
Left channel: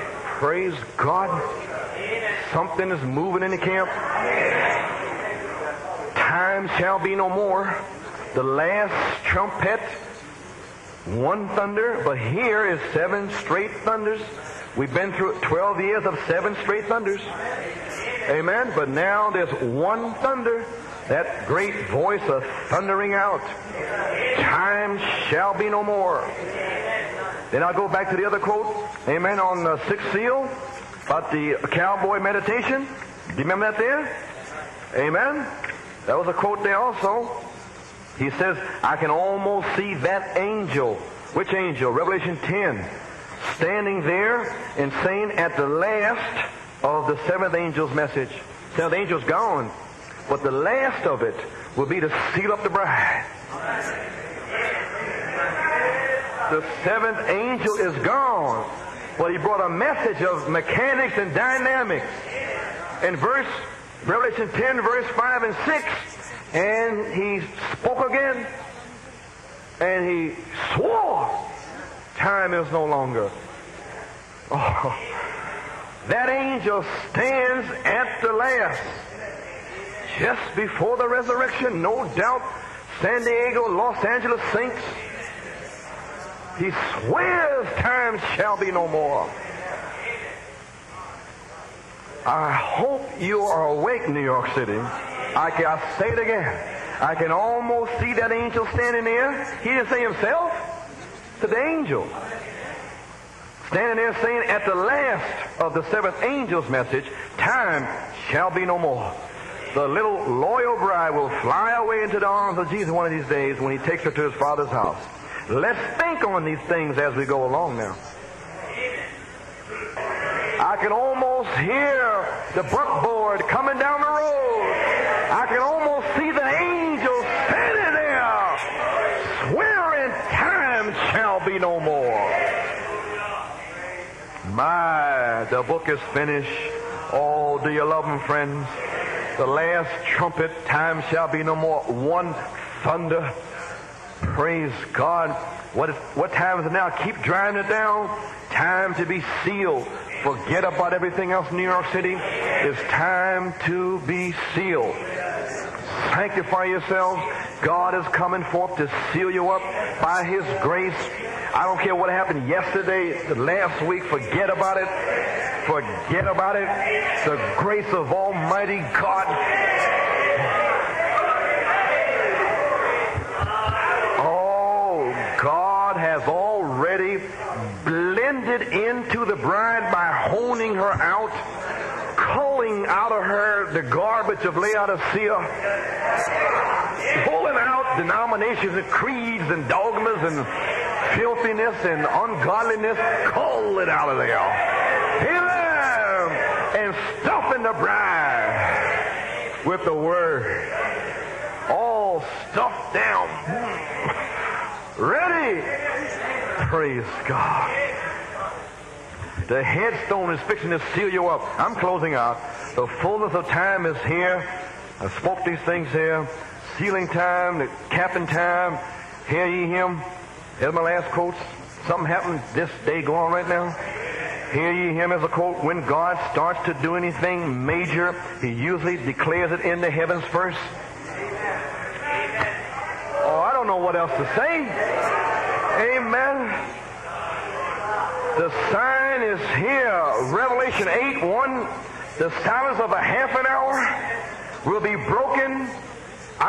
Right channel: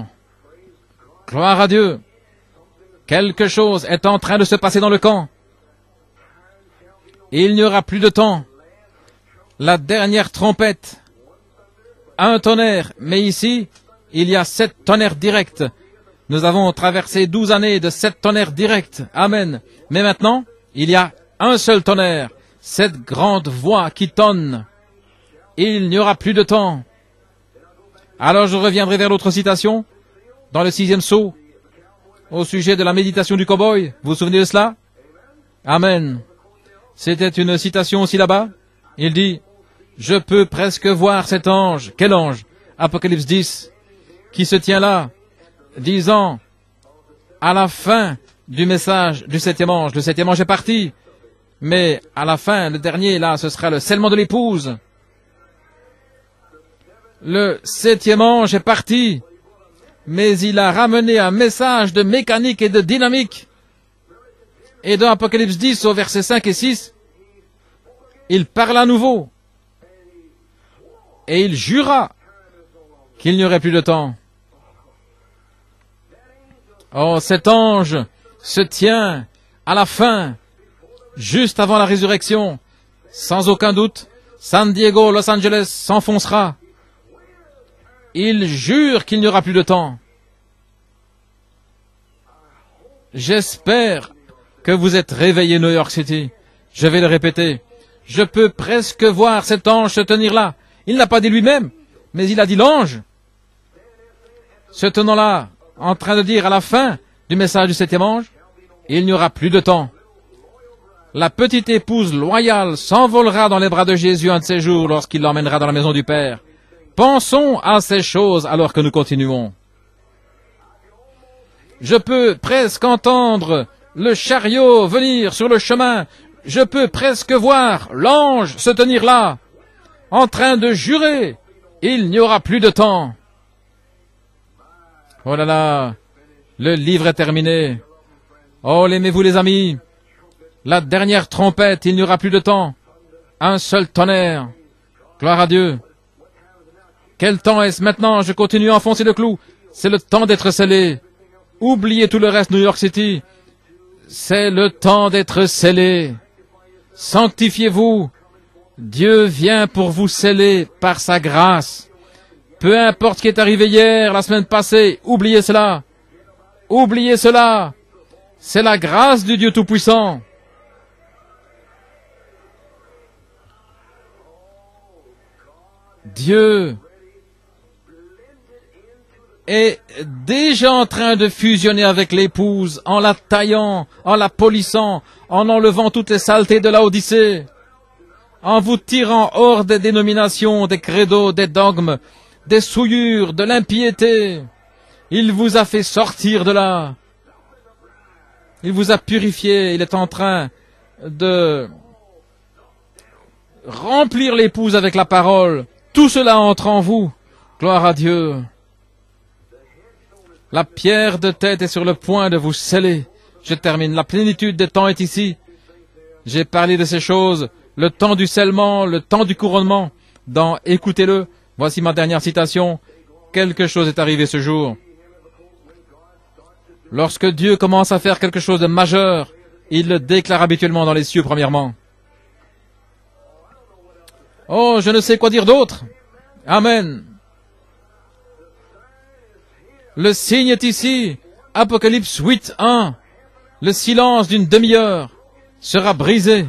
Gloire à Dieu. Quelque chose est en train de se passer dans le camp. Il n'y aura plus de temps. La dernière trompette. Un tonnerre. Mais ici, il y a 7 tonnerres directs. Nous avons traversé 12 années de 7 tonnerres directs. Amen. Mais maintenant, il y a un seul tonnerre. Cette grande voix qui tonne. Il n'y aura plus de temps. Alors je reviendrai vers l'autre citation, dans le 6e sceau, au sujet de la méditation du cow-boy. Vous vous souvenez de cela? Amen. C'était une citation aussi là-bas. Il dit, je peux presque voir cet ange. Quel ange? Apocalypse 10, qui se tient là, disant, à la fin du message du 7e ange, le 7e ange est parti, mais à la fin, le dernier, là, ce sera le scellement de l'épouse. Le 7e ange est parti, mais il a ramené un message de mécanique et de dynamique. Et dans Apocalypse 10, au verset 5 et 6, il parle à nouveau. Et il jura qu'il n'y aurait plus de temps. Oh, cet ange se tient à la fin, juste avant la résurrection. Sans aucun doute, San Diego, Los Angeles s'enfoncera. Il jure qu'il n'y aura plus de temps. J'espère que vous êtes réveillés, New York City. Je vais le répéter. Je peux presque voir cet ange se tenir là. Il n'a pas dit lui-même, mais il a dit l'ange. Se tenant là, en train de dire à la fin du message du 7e ange, il n'y aura plus de temps. La petite épouse loyale s'envolera dans les bras de Jésus un de ces jours lorsqu'il l'emmènera dans la maison du Père. Pensons à ces choses alors que nous continuons. Je peux presque entendre le chariot venir sur le chemin. Je peux presque voir l'ange se tenir là, en train de jurer. Il n'y aura plus de temps. Oh là là, le livre est terminé. Oh, l'aimez-vous les amis? La dernière trompette, il n'y aura plus de temps. Un seul tonnerre. Gloire à Dieu. Quel temps est-ce maintenant? Je continue à enfoncer le clou. C'est le temps d'être scellé. Oubliez tout le reste, New York City. C'est le temps d'être scellé. Sanctifiez-vous. Dieu vient pour vous sceller par sa grâce. Peu importe ce qui est arrivé hier, la semaine passée, oubliez cela. Oubliez cela. C'est la grâce du Dieu Tout-Puissant. Dieu est déjà en train de fusionner avec l'épouse, en la taillant, en la polissant, en enlevant toutes les saletés de la Odyssée, en vous tirant hors des dénominations, des credos, des dogmes, des souillures, de l'impiété. Il vous a fait sortir de là. Il vous a purifié. Il est en train de remplir l'épouse avec la parole. Tout cela entre en vous. Gloire à Dieu. La pierre de tête est sur le point de vous sceller. Je termine. La plénitude des temps est ici. J'ai parlé de ces choses. Le temps du scellement, le temps du couronnement. Dans Écoutez-le, voici ma dernière citation. Quelque chose est arrivé ce jour. Lorsque Dieu commence à faire quelque chose de majeur, il le déclare habituellement dans les cieux premièrement. Oh, je ne sais quoi dire d'autre. Amen. Le signe est ici. Apocalypse 8:1. Le silence d'une demi-heure sera brisé.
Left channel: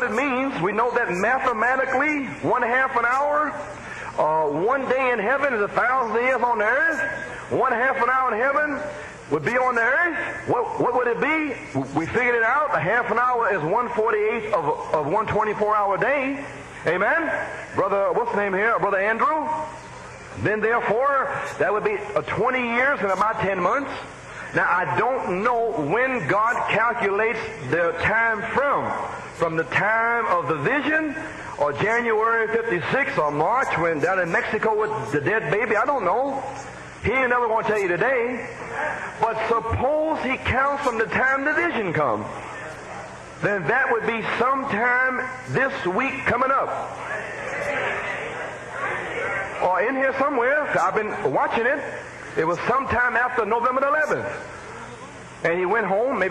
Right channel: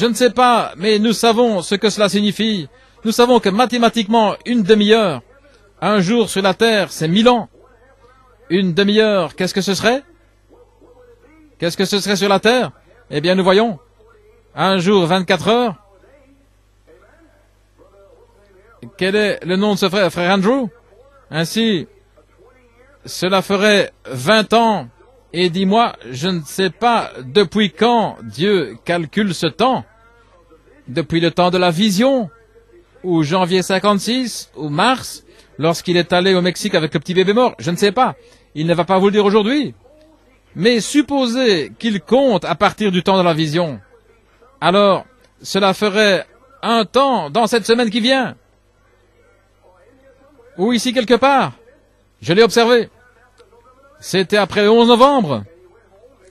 Je ne sais pas, mais nous savons ce que cela signifie. Nous savons que mathématiquement, une demi-heure, un jour sur la terre, c'est 1000 ans. Une demi-heure, qu'est-ce que ce serait? Qu'est-ce que ce serait sur la terre? Eh bien, nous voyons, un jour, 24 heures. Quel est le nom de ce frère? Frère Andrew? Ainsi, cela ferait 20 ans. Et dis-moi, je ne sais pas depuis quand Dieu calcule ce temps. Depuis le temps de la vision, ou janvier 56, ou mars, lorsqu'il est allé au Mexique avec le petit bébé mort. Je ne sais pas. Il ne va pas vous le dire aujourd'hui. Mais supposez qu'il compte à partir du temps de la vision. Alors, cela ferait un temps dans cette semaine qui vient. Ou ici quelque part. Je l'ai observé. C'était après le 11 novembre.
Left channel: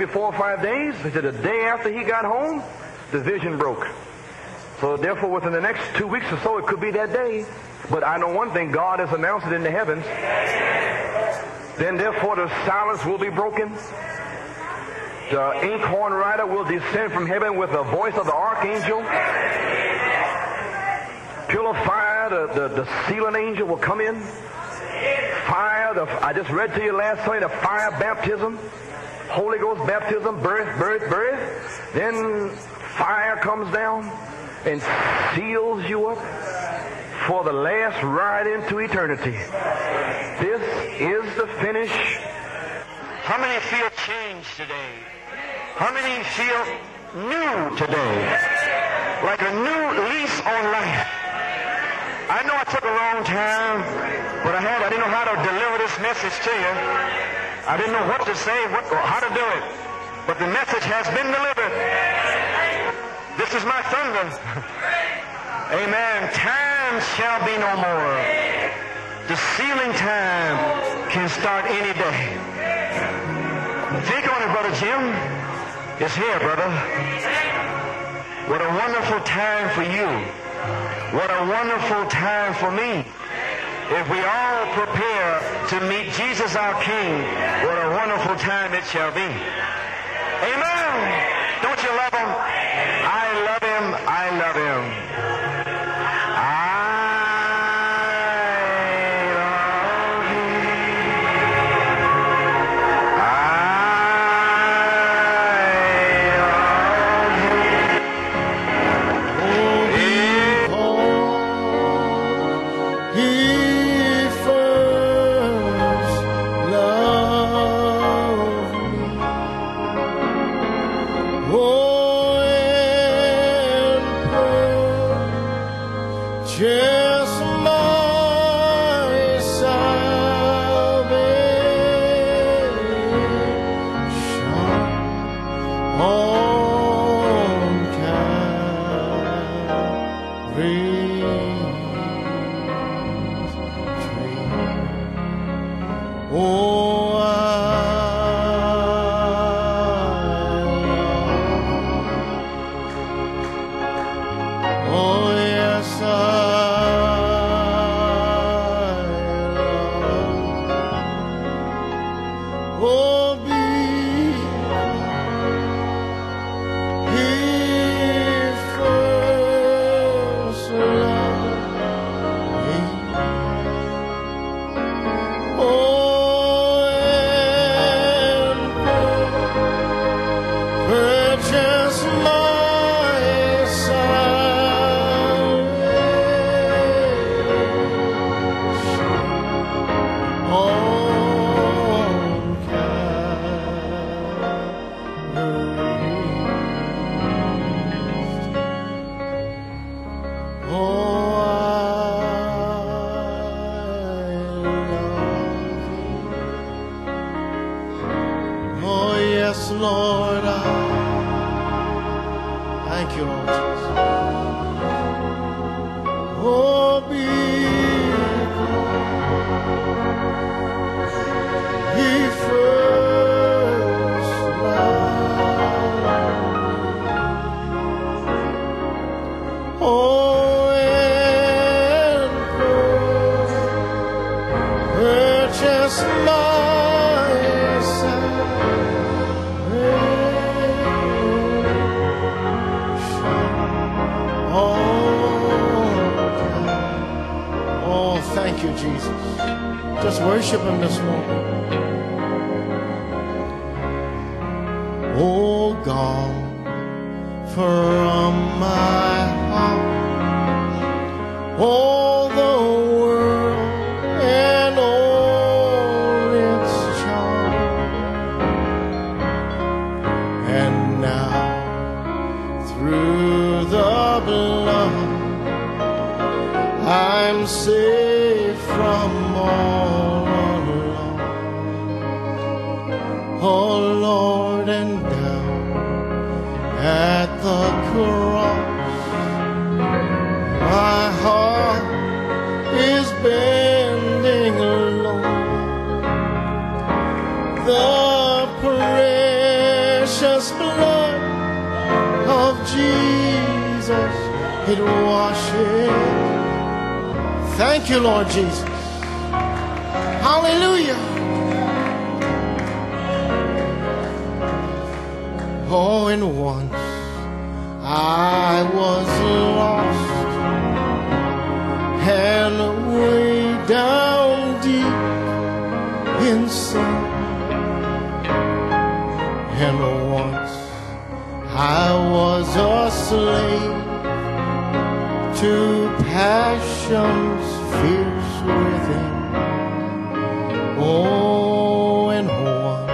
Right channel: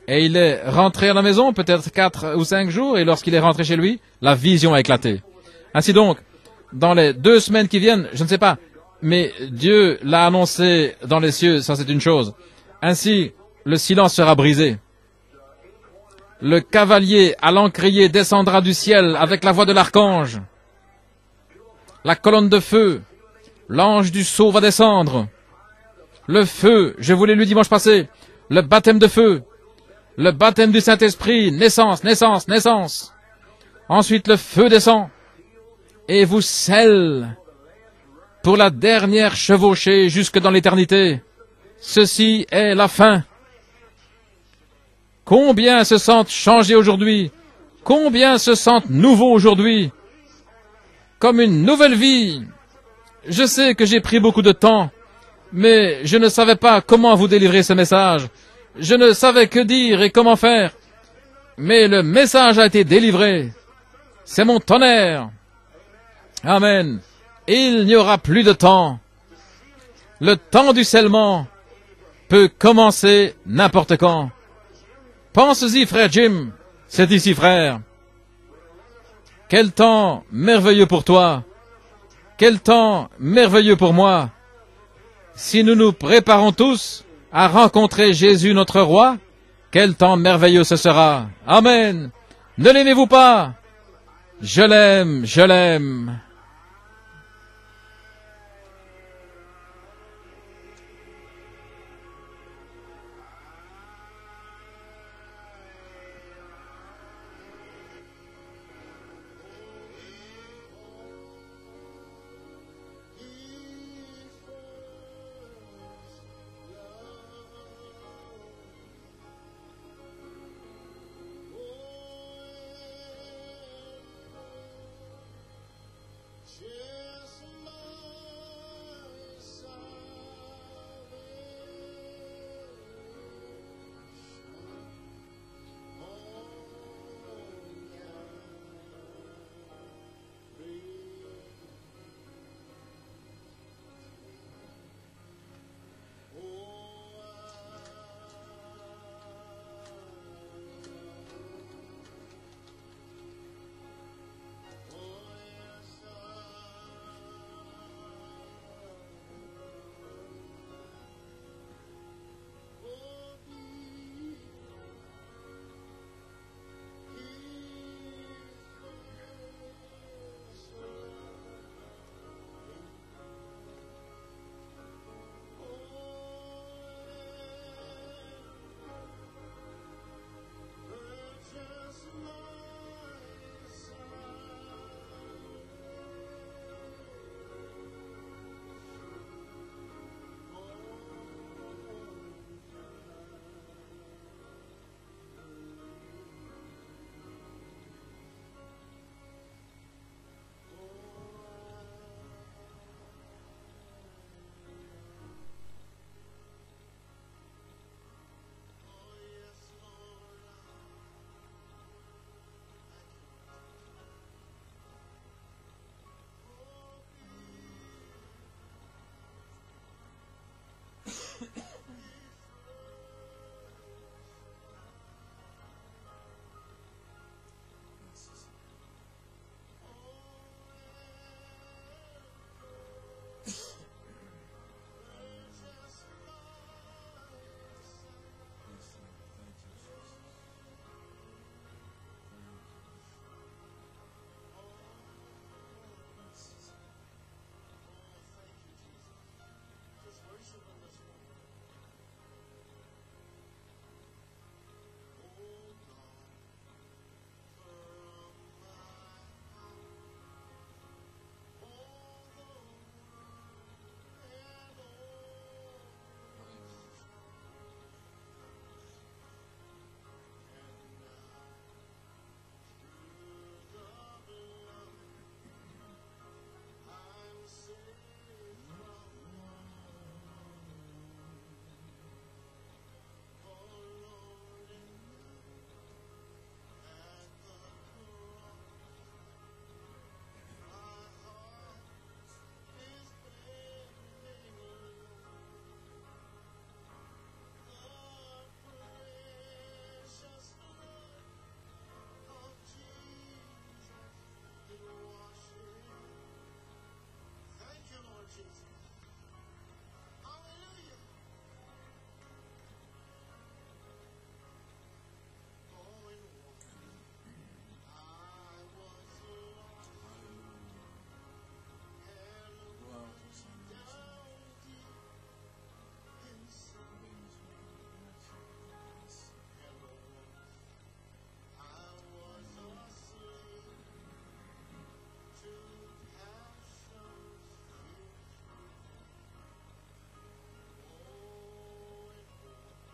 Et il est rentré à la maison, peut-être 4 ou 5 jours, et lorsqu'il est rentré chez lui, la vision a éclaté. Ainsi donc, dans les 2 semaines qui viennent, je ne sais pas, mais Dieu l'a annoncé dans les cieux, ça c'est une chose. Ainsi, le silence sera brisé. Le cavalier à l'encrier descendra du ciel avec la voix de l'archange. La colonne de feu, l'ange du sceau va descendre. Le feu, je vous l'ai lu dimanche passé, le baptême de feu, le baptême du Saint-Esprit, naissance, naissance, naissance. Ensuite, le feu descend et vous scelle pour la dernière chevauchée jusque dans l'éternité. Ceci est la fin. Combien se sentent changés aujourd'hui? Combien se sentent nouveaux aujourd'hui? Comme une nouvelle vie. Je sais que j'ai pris beaucoup de temps, mais je ne savais pas comment vous délivrer ce message. Je ne savais que dire et comment faire. Mais le message a été délivré. C'est mon tonnerre. Amen. Il n'y aura plus de temps. Le temps du scellement peut commencer n'importe quand. Pense-y, frère Jim. C'est ici, frère. Quel temps merveilleux pour toi. Quel temps merveilleux pour moi. Si nous nous préparons tous à rencontrer Jésus notre roi, quel temps merveilleux ce sera. Amen. Ne l'aimez-vous pas? Je l'aime, je l'aime. Oh, and purchase my salvation on Calvary's tree. Oh, oh, yes, I love. Oh, He first loved me. Oh, and purchase my salvation on Calvary's. Oh, oh, yes, Lord, thank you, Lord Jesus. Oh, because He first loved me. Oh, and purchase my salvation. Oh, thank you, Jesus. Just worship Him this morning. Oh, God, from my heart all the world and all its charm, and now through the blood I'm safe from all alarm. Oh, Lord, and down at the cross my heart is bending low. The precious blood of Jesus, it washes. Thank you, Lord Jesus. Hallelujah. Oh, and once I was lost and way down deep in sin, and once I was a slave to passions fierce within. Oh, and once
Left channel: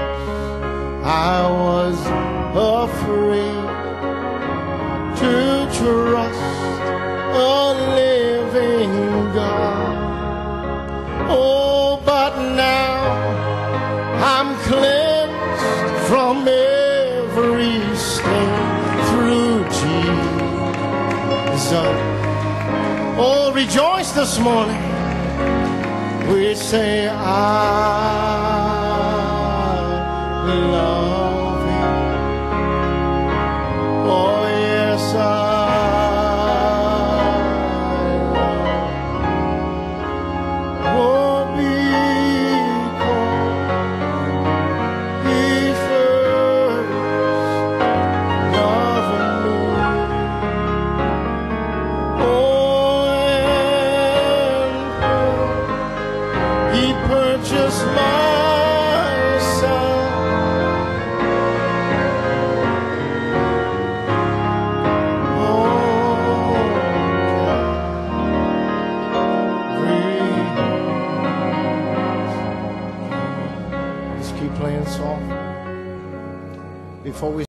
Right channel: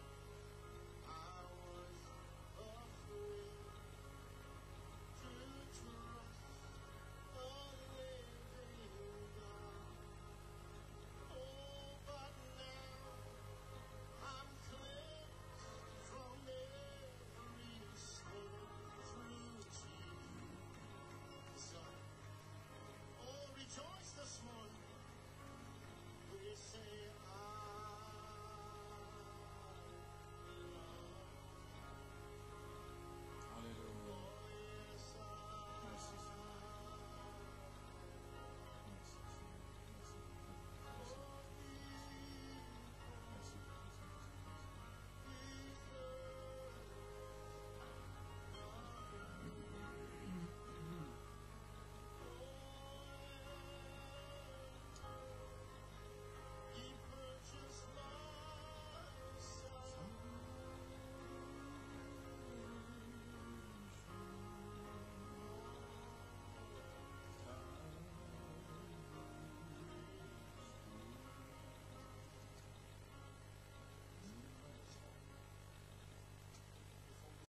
I was afraid to trust a living God. Oh, but now I'm cleansed from every stain through Jesus. Oh, rejoice this morning. We say, I love Him. Oh, yes, I love. Oh, because He first loved me. Oh, and He purchased my Let's keep playing soft before we